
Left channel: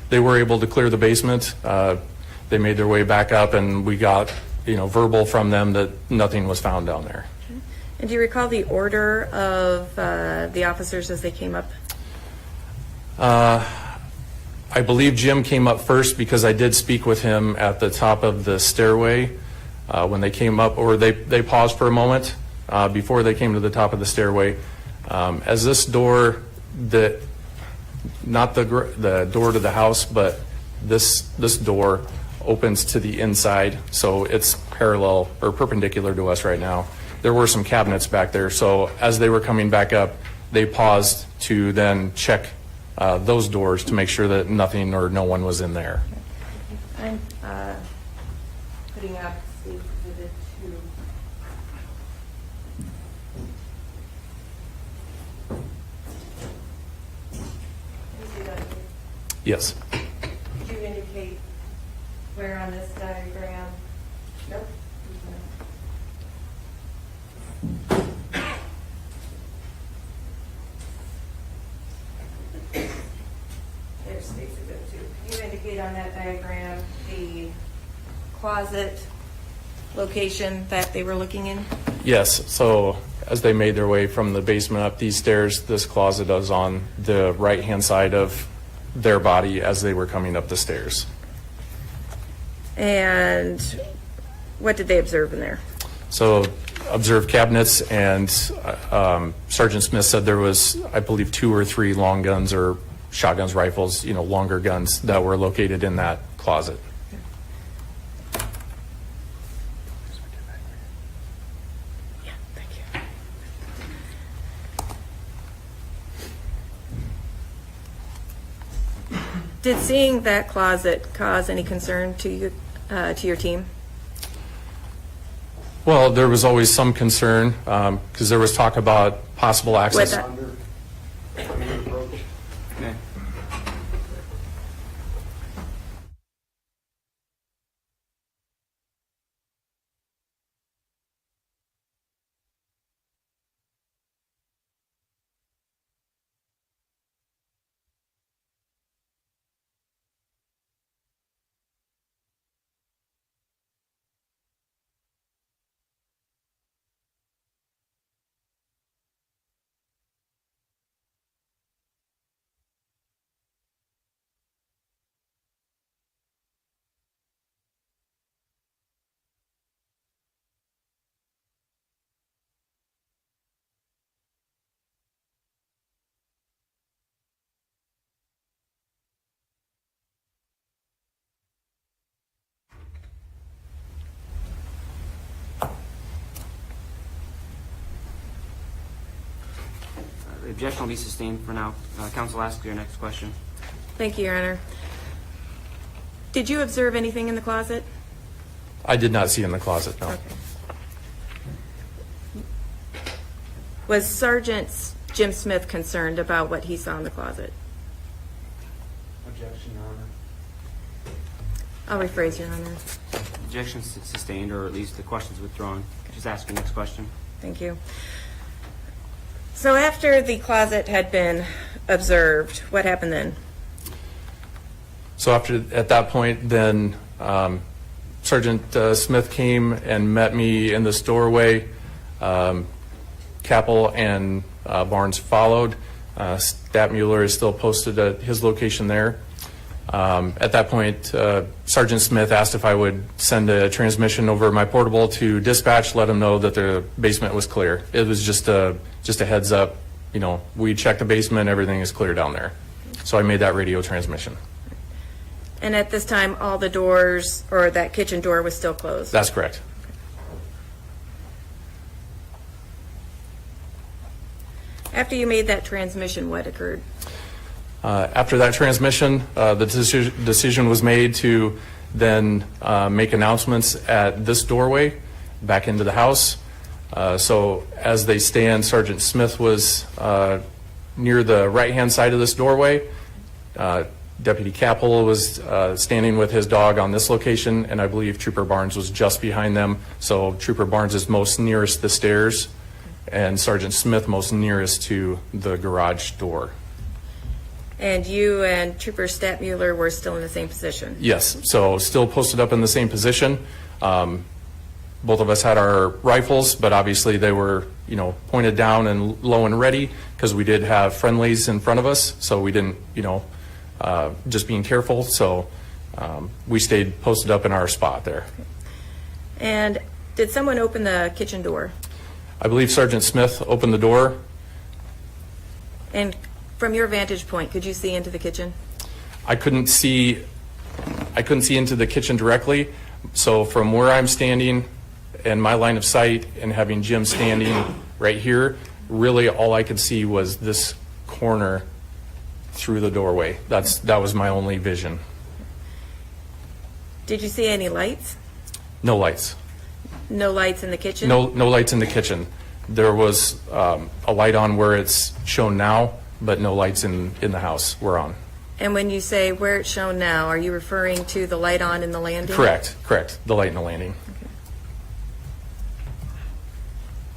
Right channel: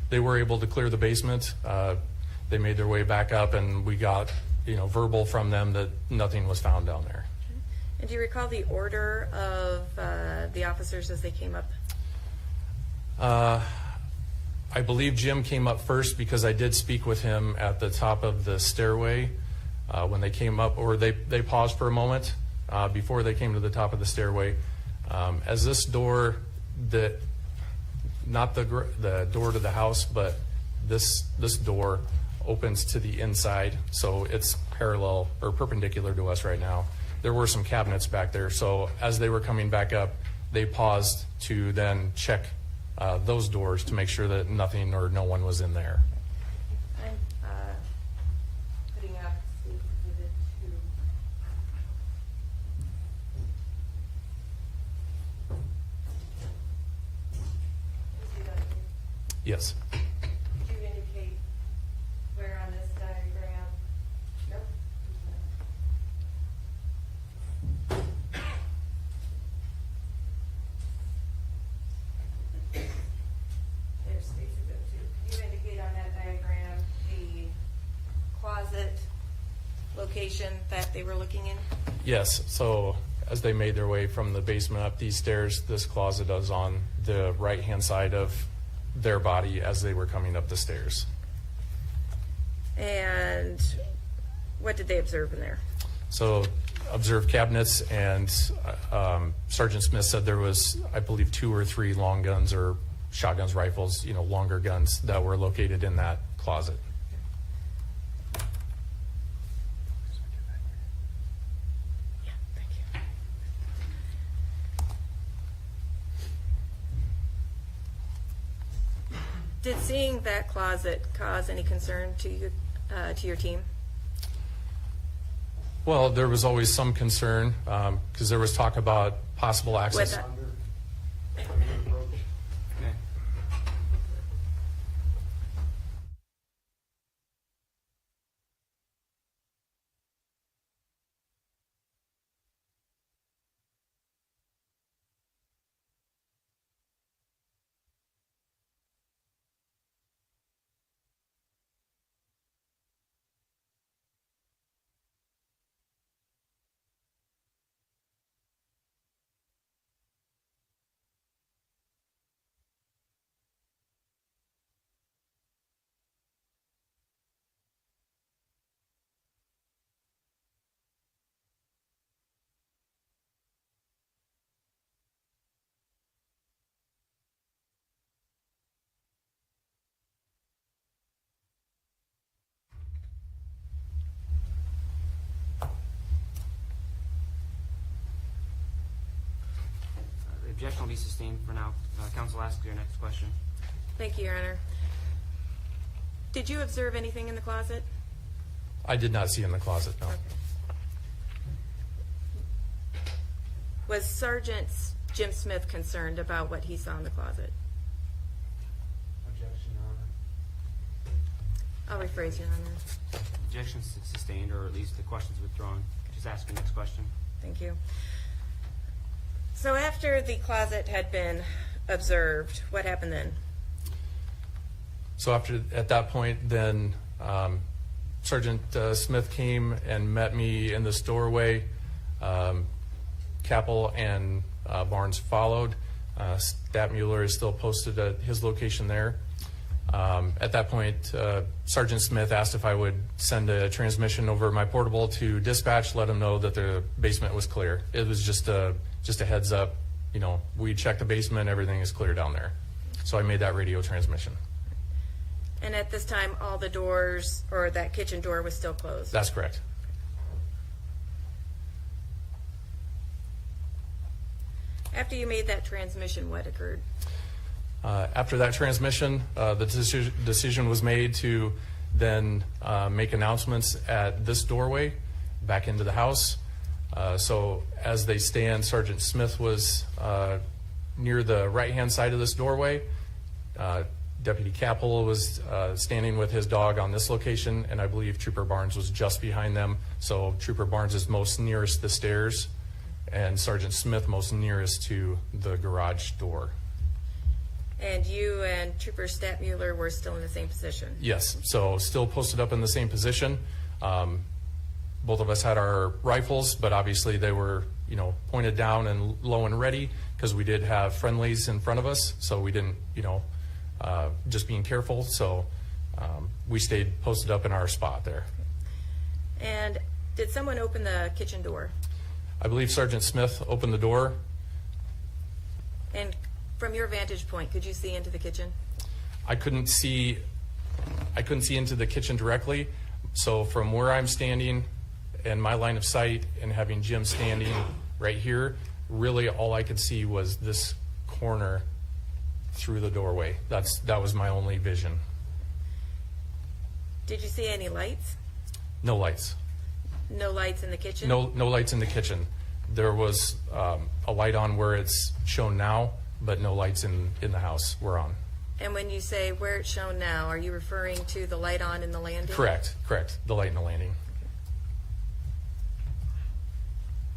They were able to clear the basement. They made their way back up, and we got verbal from them that nothing was found down there. And do you recall the order of the officers as they came up? I believe Jim came up first because I did speak with him at the top of the stairway when they came up, or they paused for a moment before they came to the top of the stairway. As this door, not the door to the house, but this door opens to the inside, so it's parallel or perpendicular to us right now. There were some cabinets back there, so as they were coming back up, they paused to then check those doors to make sure that nothing or no one was in there. I'm putting up Exhibit 2. Yes. Could you indicate where on this diagram? Nope. There's Exhibit 2. Can you indicate on that diagram the closet location that they were looking in? Yes, so as they made their way from the basement up these stairs, this closet is on the right-hand side of their body as they were coming up the stairs. And what did they observe in there? So observed cabinets, and Sergeant Smith said there was, I believe, 2 or 3 long guns or shotguns, rifles, longer guns that were located in that closet. Yeah, thank you. Did seeing that closet cause any concern to you, to your team? Well, there was always some concern because there was talk about possible access. With Objection will be sustained for now. Counsel, ask your next question. Thank you, Your Honor. Did you observe anything in the closet? I did not see in the closet, no. Okay. Was Sergeant Jim Smith concerned about what he saw in the closet? Objection, Your Honor. I'll rephrase, Your Honor. Objection sustained, or at least the question's withdrawn. Just ask your next question. Thank you. So after the closet had been observed, what happened then? So at that point, then Sergeant Smith came and met me in this doorway. Kappel and Barnes followed. Stadtmuller is still posted at his location there. At that point, Sergeant Smith asked if I would send a transmission over my portable to dispatch, let him know that the basement was clear. It was just a heads up, we checked the basement, everything is clear down there. So I made that radio transmission. And at this time, all the doors, or that kitchen door, was still closed? That's correct. After you made that transmission, what occurred? After that transmission, the decision was made to then make announcements at this doorway back into the house. So as they stand, Sergeant Smith was near the right-hand side of this doorway. Deputy Kappel was standing with his dog on this location, and I believe Trooper Barnes was just behind them. So Trooper Barnes is most nearest the stairs, and Sergeant Smith most nearest to the garage door. And you and Trooper Stadtmuller were still in the same position? Yes, so still posted up in the same position. Both of us had our rifles, but obviously they were, pointed down and low and ready because we did have friendlies in front of us, so we didn't, just being careful. So we stayed posted up in our spot there. And did someone open the kitchen door? I believe Sergeant Smith opened the door. And from your vantage point, could you see into the kitchen? I couldn't see into the kitchen directly. So from where I'm standing and my line of sight and having Jim standing right here, really all I could see was this corner through the doorway. That was my only vision. Did you see any lights? No lights. No lights in the kitchen? No lights in the kitchen. There was a light on where it's shown now, but no lights in the house were on. And when you say where it's shown now, are you referring to the light on in the landing? Correct. The light in the landing.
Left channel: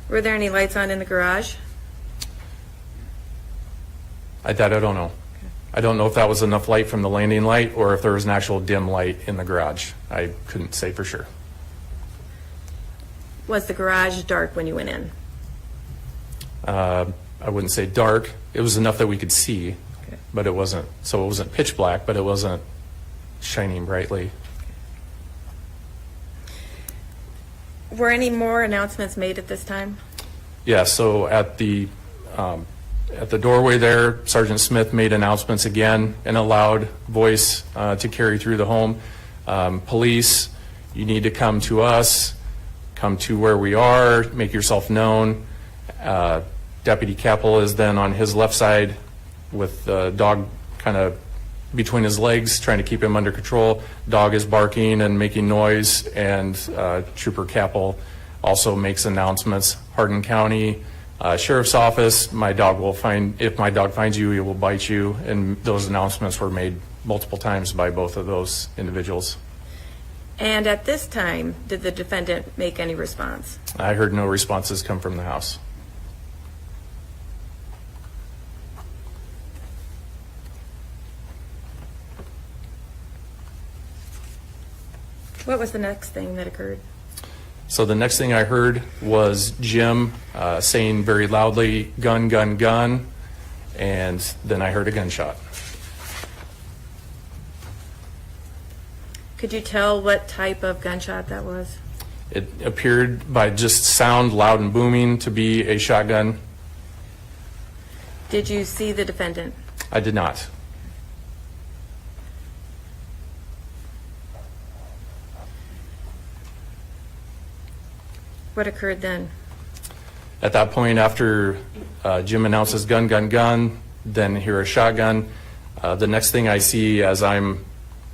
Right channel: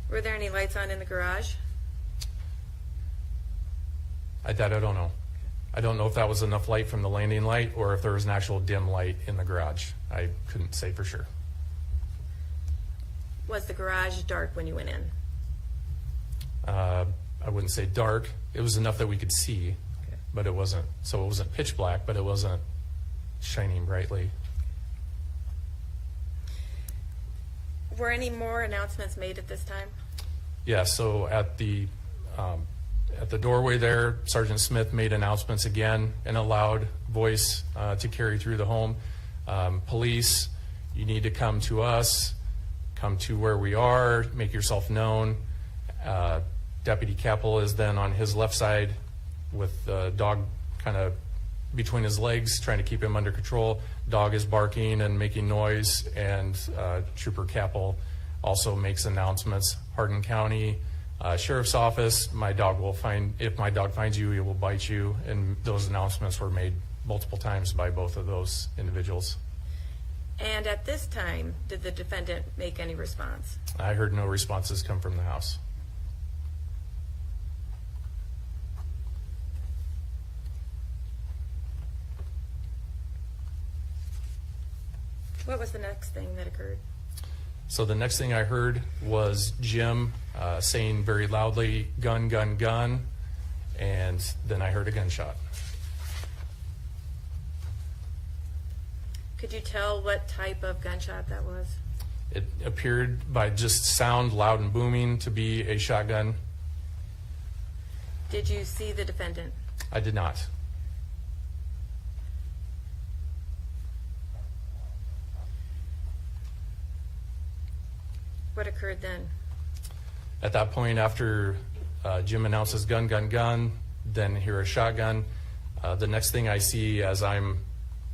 Were there any lights on in the garage? I don't know. I don't know if that was enough light from the landing light or if there was an actual dim light in the garage. I couldn't say for sure. Was the garage dark when you went in? I wouldn't say dark. It was enough that we could see, Okay. but it wasn't pitch black, but it wasn't shining brightly. Were any more announcements made at this time? Yeah, so at the doorway there, Sergeant Smith made announcements again in a loud voice to carry through the home. Police, you need to come to us, come to where we are, make yourself known. Deputy Kappel is then on his left side with the dog kind of between his legs, trying to keep him under control. Dog is barking and making noise, and Trooper Kappel also makes announcements. Hardin County Sheriff's Office, if my dog finds you, he will bite you, and those announcements were made multiple times by both of those individuals. And at this time, did the defendant make any response? I heard no responses come from the house. What was the next thing that occurred? So the next thing I heard was Jim saying very loudly, "Gun, gun, gun," and then I heard a gunshot. Could you tell what type of gunshot that was? It appeared by just sound, loud and booming, to be a shotgun. Did you see the defendant? I did not. What occurred then? At that point, after Jim announces gun, gun, gun, then hear a shotgun. The next thing I see as I'm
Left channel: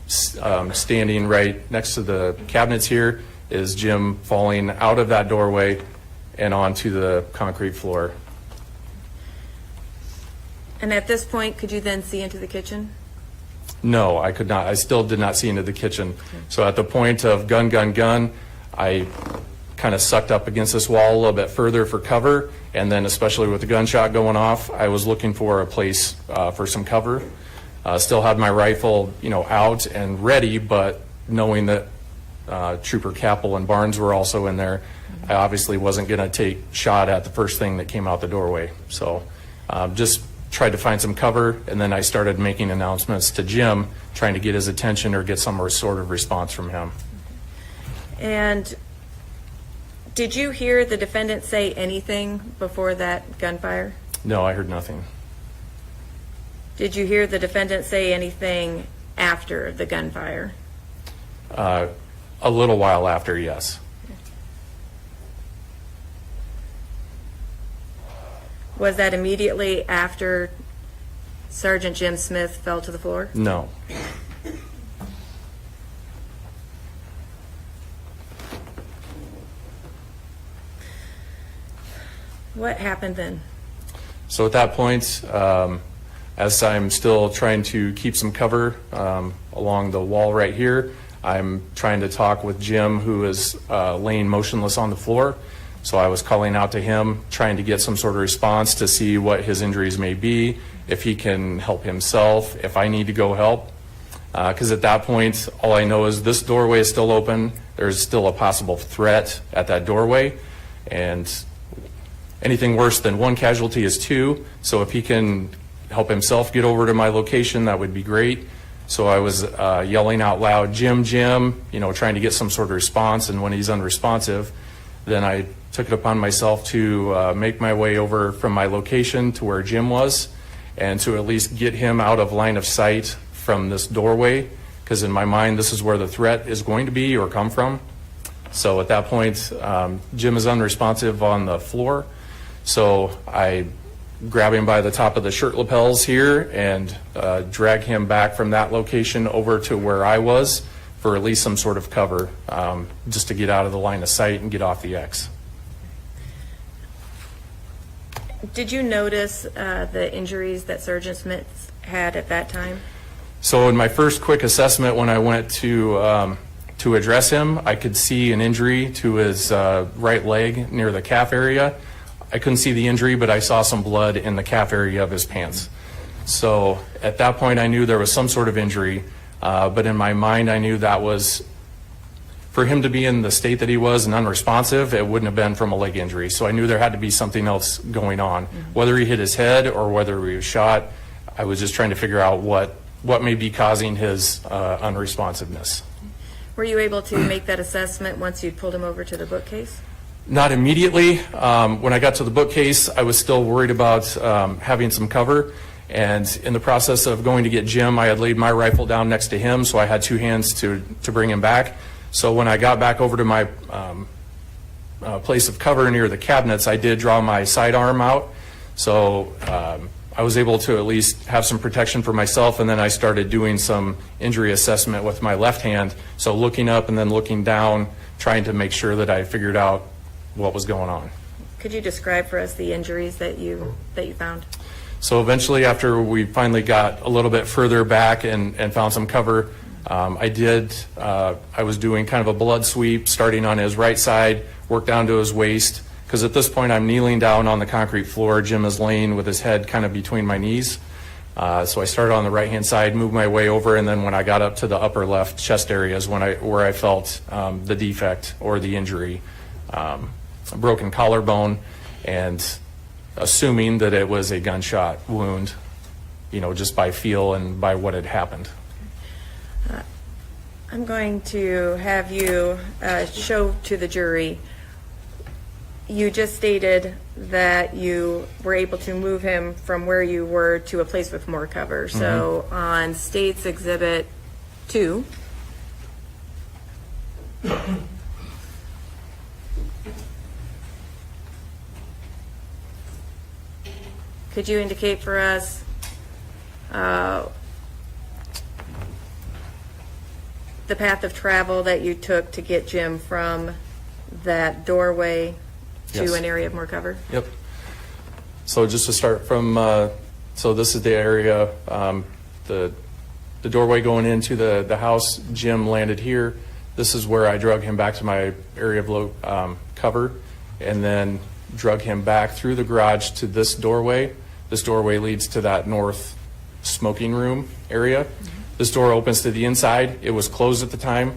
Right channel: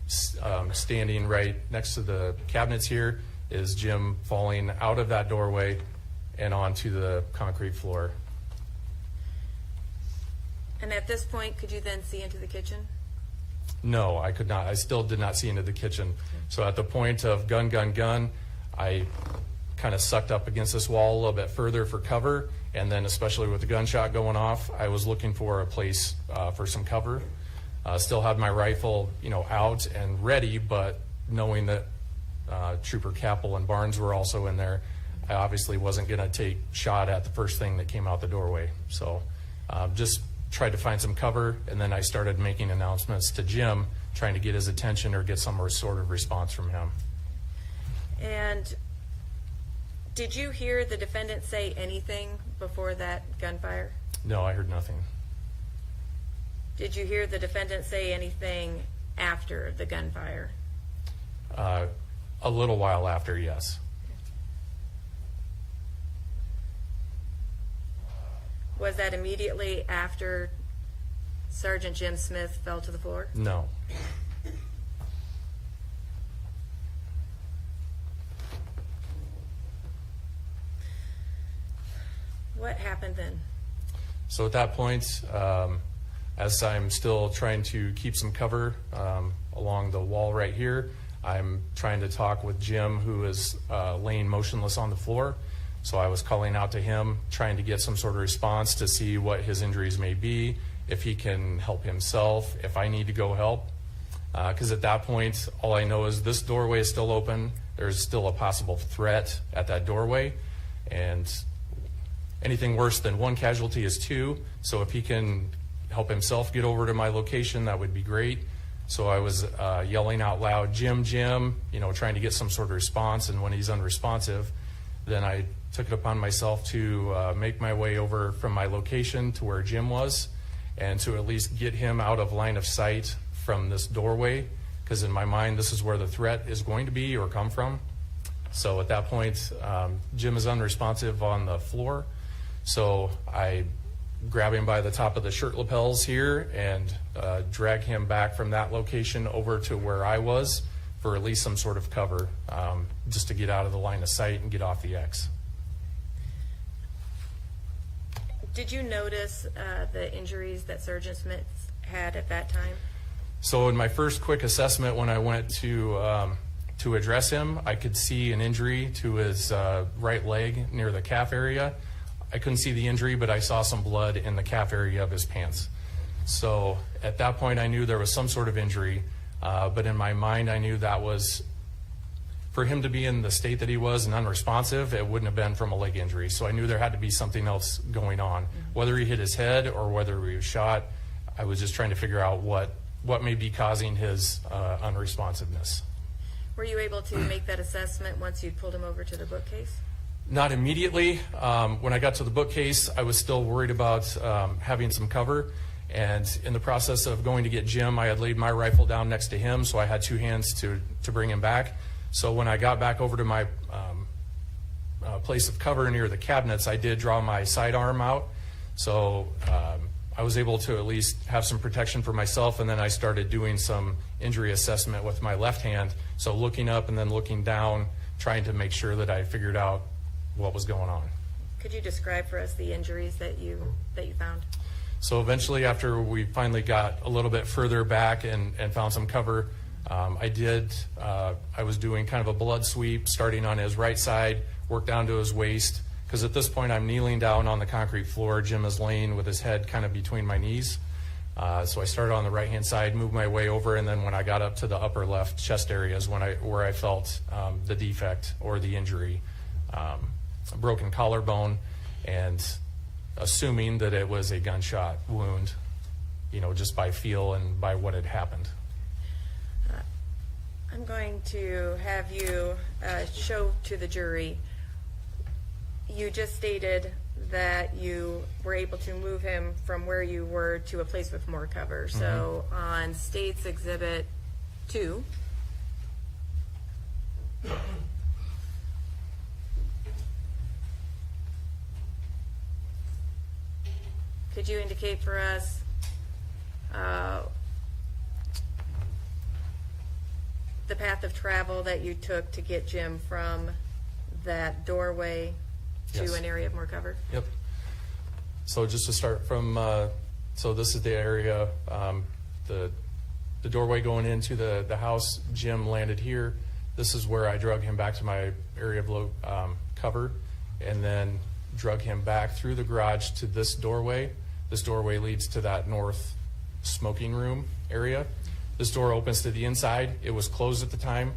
standing right next to the cabinets here is Jim falling out of that doorway and onto the concrete floor. And at this point, could you then see into the kitchen? No, I could not. I still did not see into the kitchen. So at the point of gun, gun, gun, I kind of sucked up against this wall a little bit further for cover, and then especially with the gunshot going off, I was looking for a place for some cover. Still had my rifle, out and ready, but knowing that Trooper Kappel and Barnes were also in there, I obviously wasn't going to take shot at the first thing that came out the doorway. So just tried to find some cover, and then I started making announcements to Jim, trying to get his attention or get some sort of response from him. And did you hear the defendant say anything before that gunfire? No, I heard nothing. Did you hear the defendant say anything after the gunfire? A little while after, yes. Was that immediately after Sergeant Jim Smith fell to the floor? No. What happened then? So at that point, as I'm still trying to keep some cover along the wall right here, I'm trying to talk with Jim, who is laying motionless on the floor. So I was calling out to him, trying to get some sort of response to see what his injuries may be, if he can help himself, if I need to go help. Because at that point, all I know is this doorway is still open. There's still a possible threat at that doorway. And anything worse than one casualty is two. So if he can help himself get over to my location, that would be great. So I was yelling out loud, Jim, Jim, trying to get some sort of response. And when he's unresponsive, then I took it upon myself to make my way over from my location to where Jim was, and to at least get him out of line of sight from this doorway, because in my mind, this is where the threat is going to be or come from. So at that point, Jim is unresponsive on the floor. So I grab him by the top of the shirt lapels here and drag him back from that location over to where I was for at least some sort of cover, just to get out of the line of sight and get off the X. Did you notice the injuries that Sergeant Smith had at that time? So in my first quick assessment, when I went to address him, I could see an injury to his right leg near the calf area. I couldn't see the injury, but I saw some blood in the calf area of his pants. So at that point, I knew there was some sort of injury, but in my mind, I knew that was, for him to be in the state that he was and unresponsive, it wouldn't have been from a leg injury. So I knew there had to be something else going on. Whether he hit his head or whether he was shot, I was just trying to figure out what may be causing his unresponsiveness. Were you able to make that assessment once you pulled him over to the bookcase? Not immediately. When I got to the bookcase, I was still worried about having some cover. And in the process of going to get Jim, I had laid my rifle down next to him, so I had two hands to bring him back. So when I got back over to my place of cover near the cabinets, I did draw my sidearm out. So I was able to at least have some protection for myself, and then I started doing some injury assessment with my left hand. So looking up and then looking down, trying to make sure that I figured out what was going on. Could you describe for us the injuries that you found? So eventually, after we finally got a little bit further back and found some cover, I was doing kind of a blood sweep, starting on his right side, worked down to his waist, because at this point I'm kneeling down on the concrete floor. Jim is laying with his head kind of between my knees. So I started on the right-hand side, moved my way over, and then when I got up to the upper left chest area is where I felt the defect or the injury, a broken collarbone, and assuming that it was a gunshot wound, just by feel and by what had happened. I'm going to have you show to the jury. You just stated that you were able to move him from where you were to a place with more cover. So on State's Exhibit 2, could you indicate for us the path of travel that you took to get Jim from that doorway to Yes. an area of more cover? Yep. So just to start from, so this is the area, the doorway going into the house. Jim landed here. This is where I drug him back to my area of low cover, and then drug him back through the garage to this doorway. This doorway leads to that north smoking room area. This door opens to the inside. It was closed at the time.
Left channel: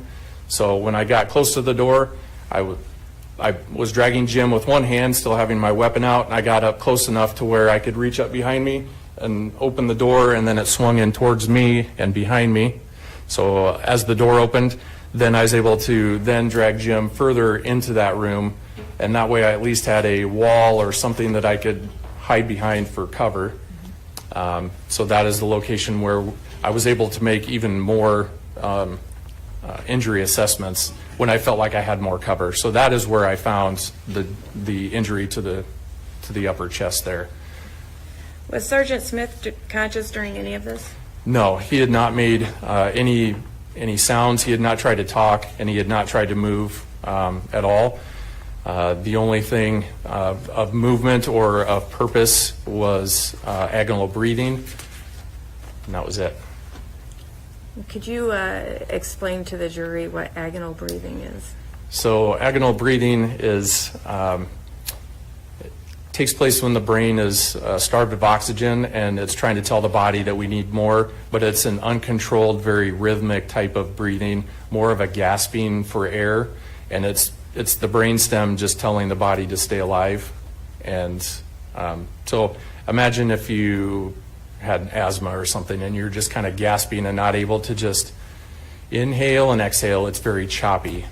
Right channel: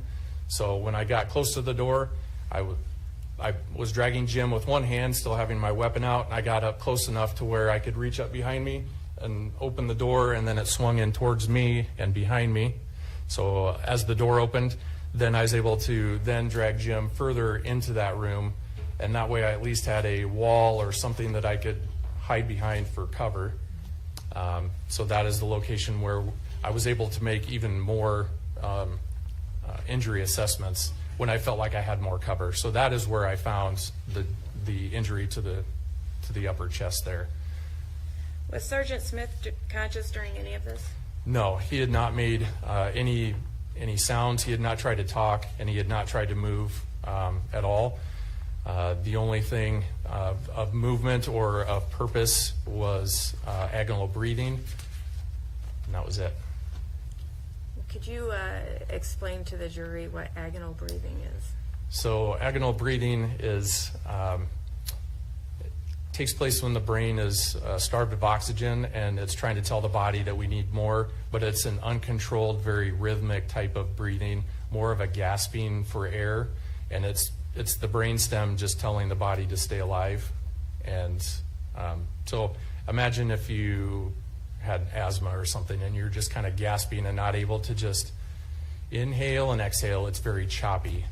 So when I got close to the door, I was dragging Jim with one hand, still having my weapon out, and I got up close enough to where I could reach up behind me and open the door, and then it swung in towards me and behind me. So as the door opened, then I was able to then drag Jim further into that room, and that way I at least had a wall or something that I could hide behind for cover. So that is the location where I was able to make even more injury assessments when I felt like I had more cover. So that is where I found the injury to the upper chest there. Was Sergeant Smith conscious during any of this? No, he had not made any sounds. He had not tried to talk, and he had not tried to move at all. The only thing of movement or of purpose was agonal breathing, and that was it. Could you explain to the jury what agonal breathing is? So agonal breathing is it takes place when the brain is starved of oxygen, and it's trying to tell the body that we need more, but it's an uncontrolled, very rhythmic type of breathing, more of a gasping for air, and it's the brainstem just telling the body to stay alive. And so imagine if you had asthma or something and you're just kind of gasping and not able to just inhale and exhale. It's very choppy.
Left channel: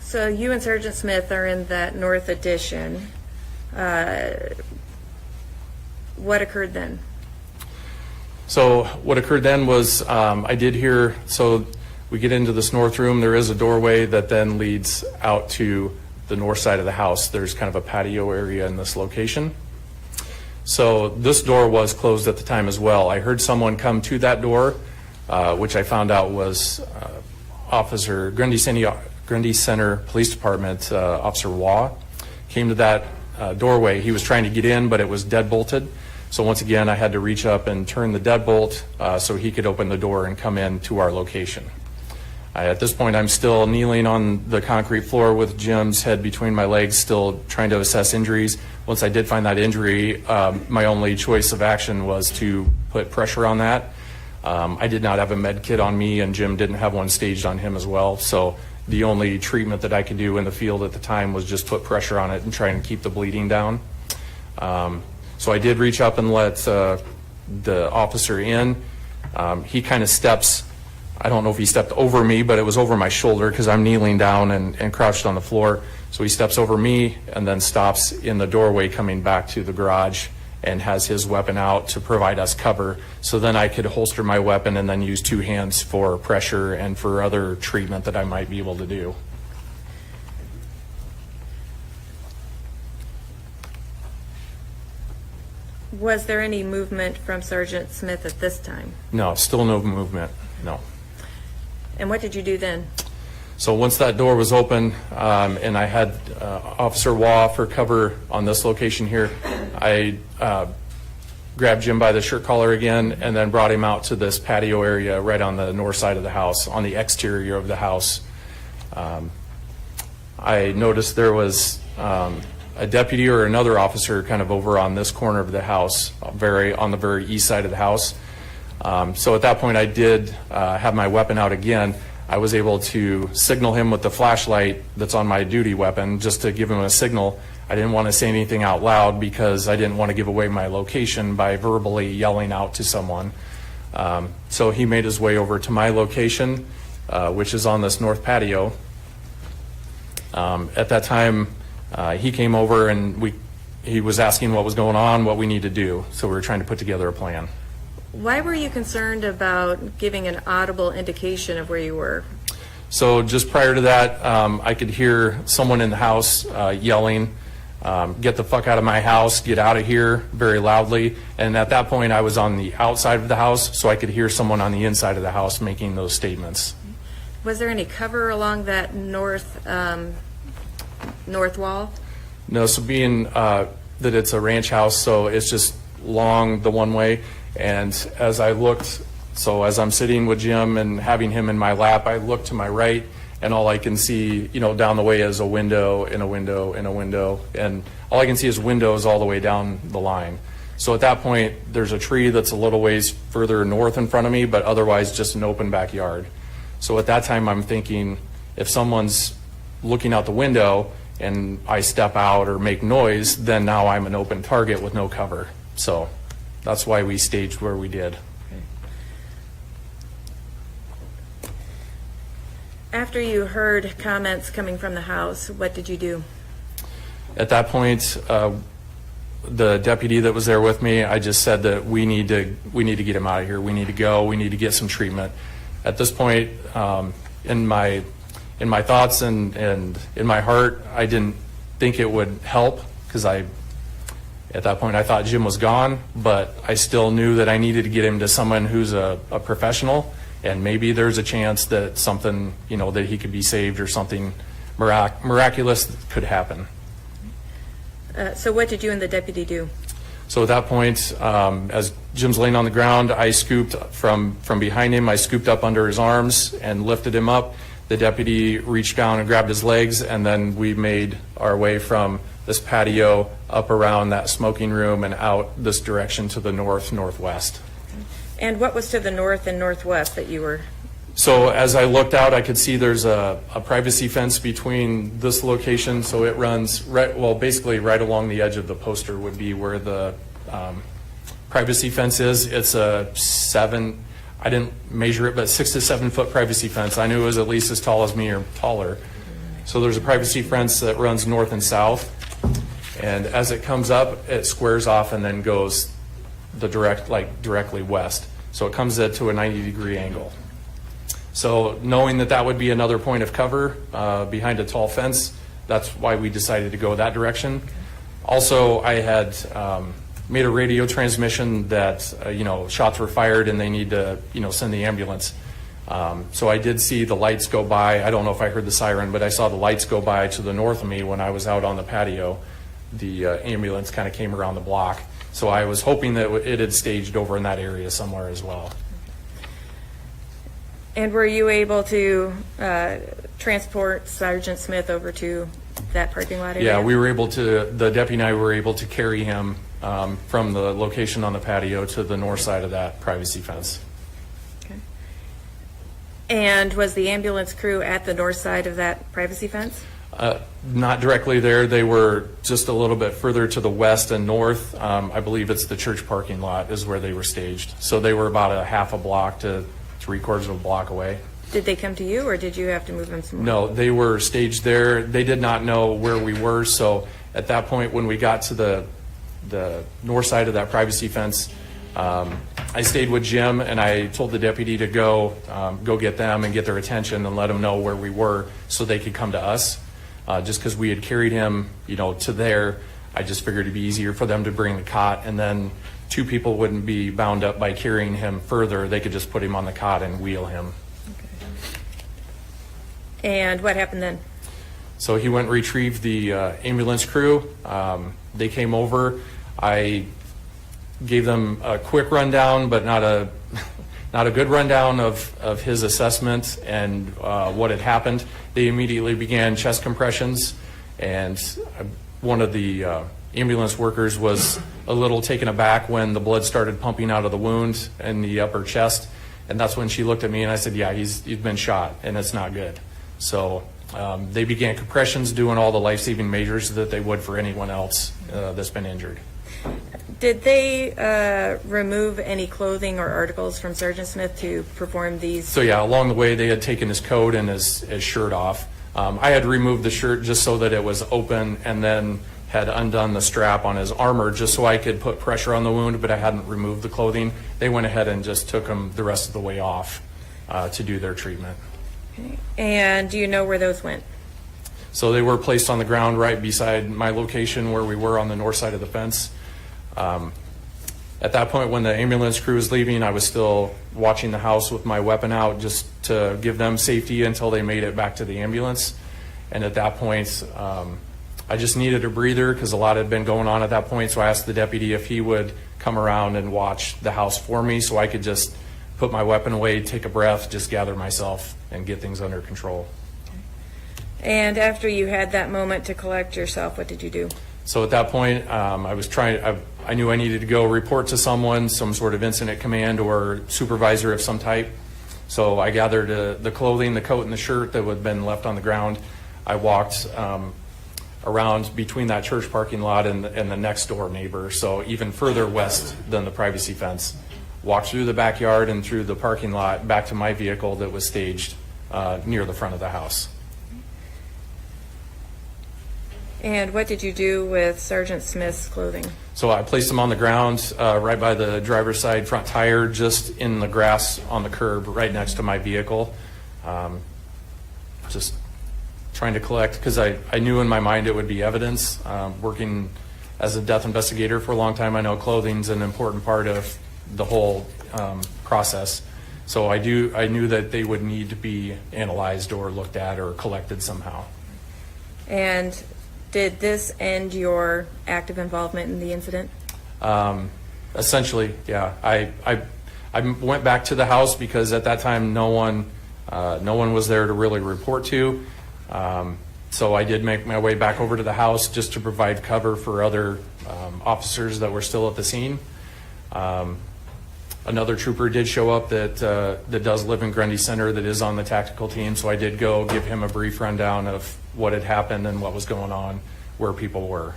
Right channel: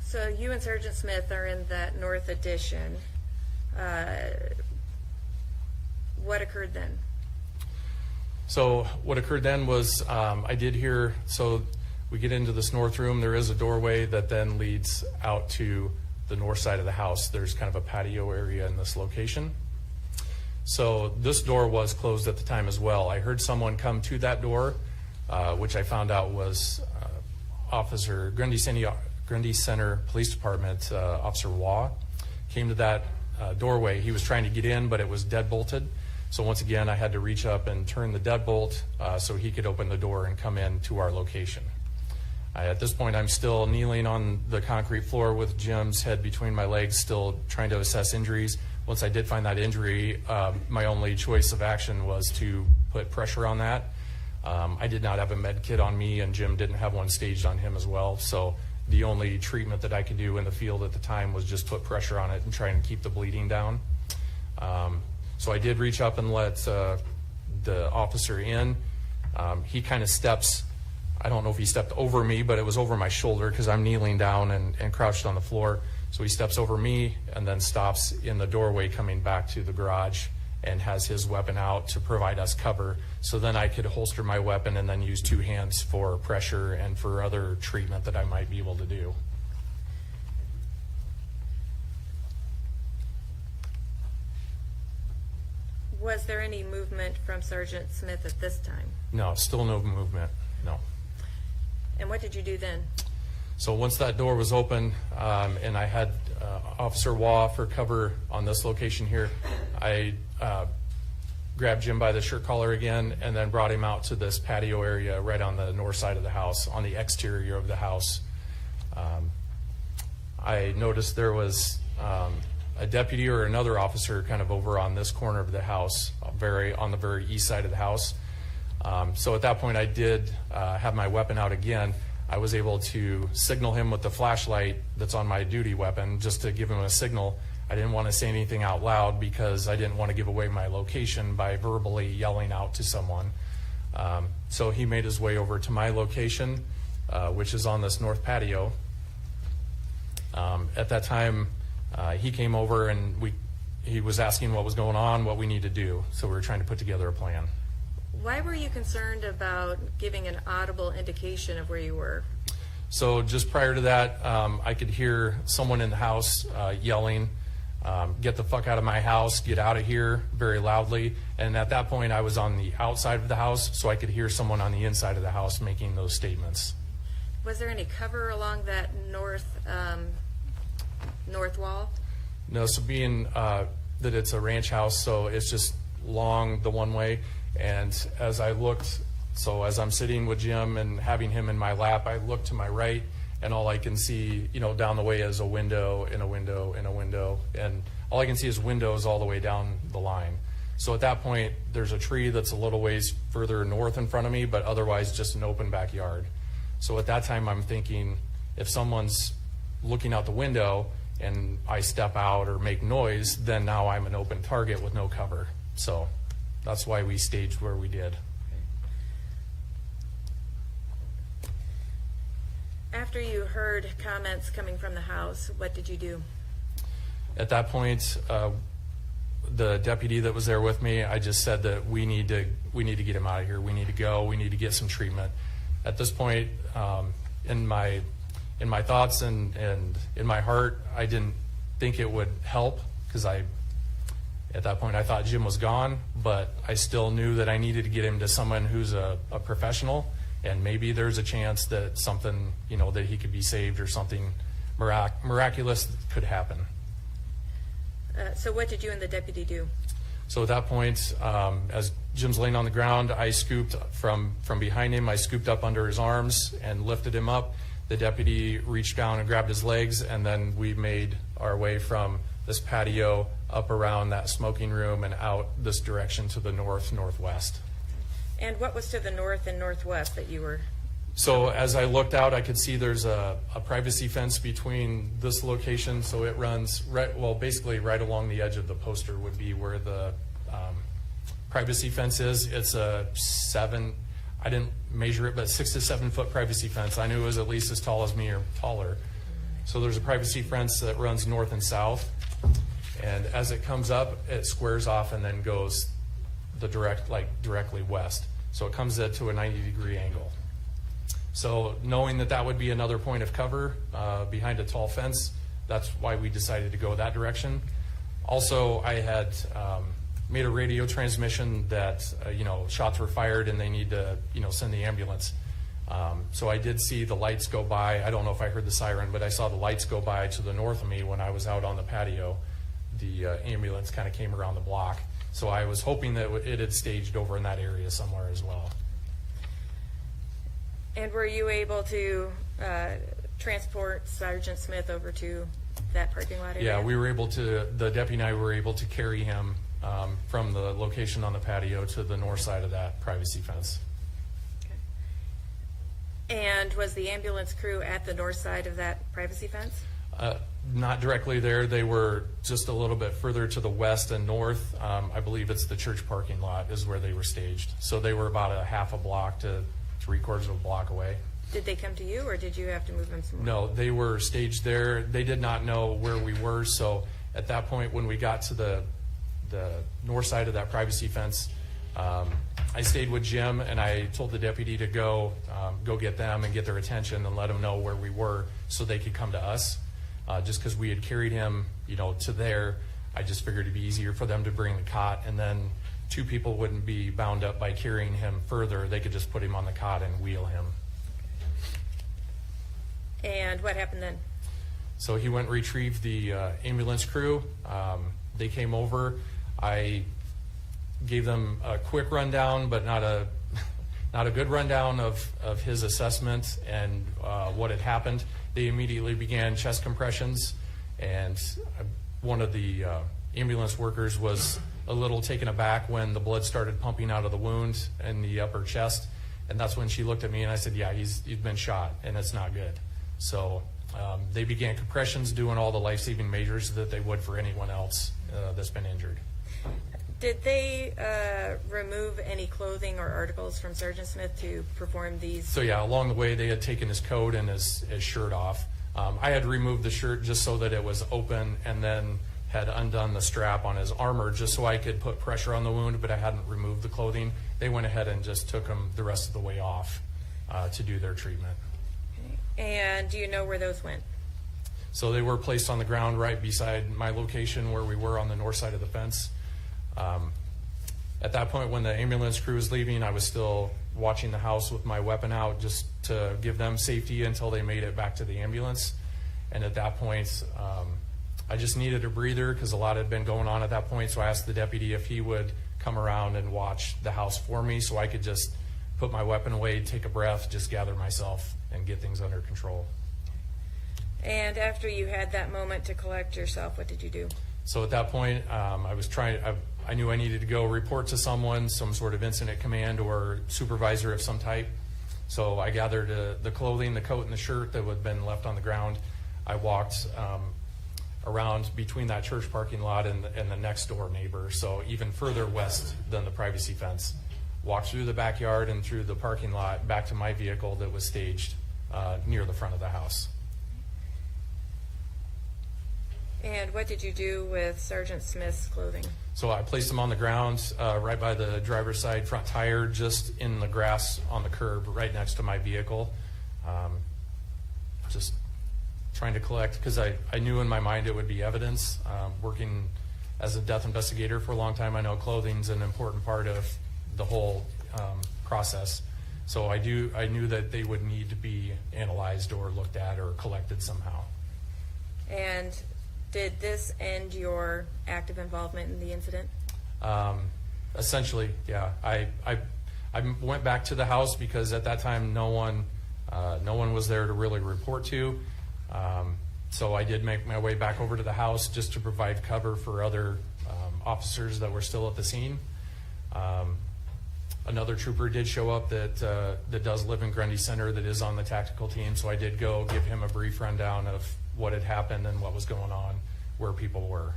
So you and Sergeant Smith are in that north addition. What occurred then? So what occurred then was I did hear, so we get into this north room. There is a doorway that then leads out to the north side of the house. There's kind of a patio area in this location. So this door was closed at the time as well. I heard someone come to that door, which I found out was Officer Grundy Center Police Department, Officer Waugh, came to that doorway. He was trying to get in, but it was deadbolted. So once again, I had to reach up and turn the deadbolt so he could open the door and come in to our location. At this point, I'm still kneeling on the concrete floor with Jim's head between my legs, still trying to assess injuries. Once I did find that injury, my only choice of action was to put pressure on that. I did not have a med kit on me, and Jim didn't have one staged on him as well. So the only treatment that I could do in the field at the time was just put pressure on it and try and keep the bleeding down. So I did reach up and let the officer in. He kind of steps, I don't know if he stepped over me, but it was over my shoulder because I'm kneeling down and crouched on the floor. So he steps over me and then stops in the doorway coming back to the garage and has his weapon out to provide us cover. So then I could holster my weapon and then use two hands for pressure and for other treatment that I might be able to do. Was there any movement from Sergeant Smith at this time? No, still no movement, no. And what did you do then? So once that door was open and I had Officer Waugh for cover on this location here, I grabbed Jim by the shirt collar again and then brought him out to this patio area right on the north side of the house, on the exterior of the house. I noticed there was a deputy or another officer kind of over on this corner of the house, on the very east side of the house. So at that point I did have my weapon out again. I was able to signal him with the flashlight that's on my duty weapon just to give him a signal. I didn't want to say anything out loud because I didn't want to give away my location by verbally yelling out to someone. So he made his way over to my location, which is on this north patio. At that time, he came over and he was asking what was going on, what we need to do. So we were trying to put together a plan. Why were you concerned about giving an audible indication of where you were? So just prior to that, I could hear someone in the house yelling, "Get the fuck out of my house, get out of here," very loudly. And at that point, I was on the outside of the house, so I could hear someone on the inside of the house making those statements. Was there any cover along that north wall? No, so being that it's a ranch house, so it's just long the one way. And as I looked, so as I'm sitting with Jim and having him in my lap, I look to my right, and all I can see, down the way is a window and a window and a window. And all I can see is windows all the way down the line. So at that point, there's a tree that's a little ways further north in front of me, but otherwise just an open backyard. So at that time, I'm thinking, if someone's looking out the window and I step out or make noise, then now I'm an open target with no cover. So that's why we staged where we did. After you heard comments coming from the house, what did you do? At that point, the deputy that was there with me, I just said that we need to get him out of here. We need to go. We need to get some treatment. At this point, in my thoughts and in my heart, I didn't think it would help, because at that point I thought Jim was gone, but I still knew that I needed to get him to someone who's a professional, and maybe there's a chance that something, that he could be saved, or something miraculous could happen. So what did you and the deputy do? So at that point, as Jim's laying on the ground, I scooped from behind him, I scooped up under his arms and lifted him up. The deputy reached down and grabbed his legs, and then we made our way from this patio up around that smoking room and out this direction to the northwest. And what was to the north and northwest that you were? So as I looked out, I could see there's a privacy fence between this location, so it runs basically right along the edge of the poster would be where the privacy fence is. It's a I didn't measure it, but 6 to 7 foot privacy fence. I knew it was at least as tall as me or taller. So there's a privacy fence that runs north and south, and as it comes up, it squares off and then goes directly west. So it comes to a 90-degree angle. So knowing that would be another point of cover behind a tall fence, that's why we decided to go that direction. Also, I had made a radio transmission that shots were fired and they need to send the ambulance. So I did see the lights go by. I don't know if I heard the siren, but I saw the lights go by to the north of me when I was out on the patio. The ambulance kind of came around the block. So I was hoping that it had staged over in that area somewhere as well. And were you able to transport Sergeant Smith over to that parking lot area? Yeah, the deputy and I were able to carry him from the location on the patio to the north side of that privacy fence. Okay. And was the ambulance crew at the north side of that privacy fence? Not directly there. They were just a little bit further to the west and north. I believe it's the church parking lot is where they were staged. So they were about a half a block to 3/4 of a block away. Did they come to you, or did you have to move them somewhere? No, they were staged there. They did not know where we were, so at that point when we got to the north side of that privacy fence, I stayed with Jim and I told the deputy to go get them and get their attention and let them know where we were so they could come to us. Just because we had carried him, to there, I just figured it'd be easier for them to bring the cot, and then 2 people wouldn't be bound up by carrying him further. They could just put him on the cot and wheel him. Okay. And what happened then? So he went and retrieved the ambulance crew. They came over. I gave them a quick rundown, but not a good rundown of his assessment and what had happened. They immediately began chest compressions, and one of the ambulance workers was a little taken aback when the blood started pumping out of the wound in the upper chest, and that's when she looked at me and I said, yeah, he's been shot and it's not good. So they began compressions, doing all the life-saving measures that they would for anyone else that's been injured. Did they remove any clothing or articles from Sergeant Smith to perform these? So yeah, along the way they had taken his coat and his shirt off. I had removed the shirt just so that it was open, and then had undone the strap on his armor just so I could put pressure on the wound, but I hadn't removed the clothing. They went ahead and just took him the rest of the way off to do their treatment. And do you know where those went? So they were placed on the ground right beside my location where we were on the north side of the fence. At that point, when the ambulance crew was leaving, I was still watching the house with my weapon out just to give them safety until they made it back to the ambulance. And at that point, I just needed a breather because a lot had been going on at that point. So I asked the deputy if he would come around and watch the house for me so I could just put my weapon away, take a breath, just gather myself and get things under control. And after you had that moment to collect yourself, what did you do? So at that point, I knew I needed to go report to someone, some sort of incident command or supervisor of some type. So I gathered the clothing, the coat and the shirt that had been left on the ground. I walked around between that church parking lot and the next door neighbor, so even further west than the privacy fence. Walked through the backyard and through the parking lot back to my vehicle that was staged near the front of the house. And what did you do with Sergeant Smith's clothing? So I placed him on the ground right by the driver's side front tire, just in the grass on the curb right next to my vehicle. Just trying to collect, because I knew in my mind it would be evidence. Working as a death investigator for a long time, I know clothing's an important part of the whole process. So I knew that they would need to be analyzed or looked at or collected somehow. And did this end your active involvement in the incident? Essentially, yeah. I went back to the house because at that time no one was there to really report to. So I did make my way back over to the house just to provide cover for other officers that were still at the scene. Another trooper did show up that does live in Grundy Center, that is on the tactical team, so I did go give him a brief rundown of what had happened and what was going on, where people were.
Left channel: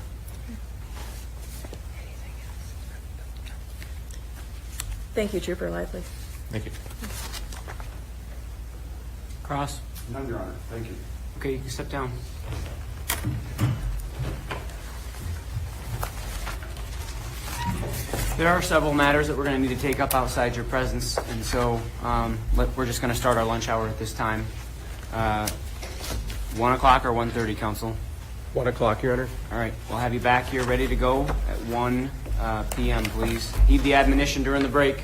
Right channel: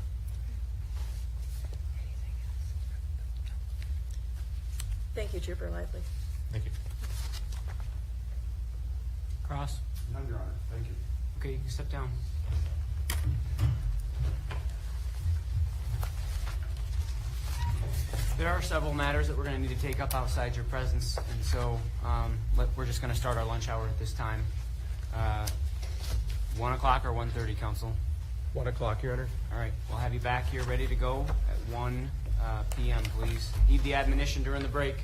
Thank you, Trooper Lively. Thank you. Cross? None, Your Honor. Thank you. Okay, you can step down. There are several matters that we're going to need to take up outside your presence, and so we're just going to start our lunch hour at this time. 1 o'clock or 1:30, Counsel? 1 o'clock, Your Honor. All right, we'll have you back here ready to go at 1 p.m., please. Heed the admonition during the break.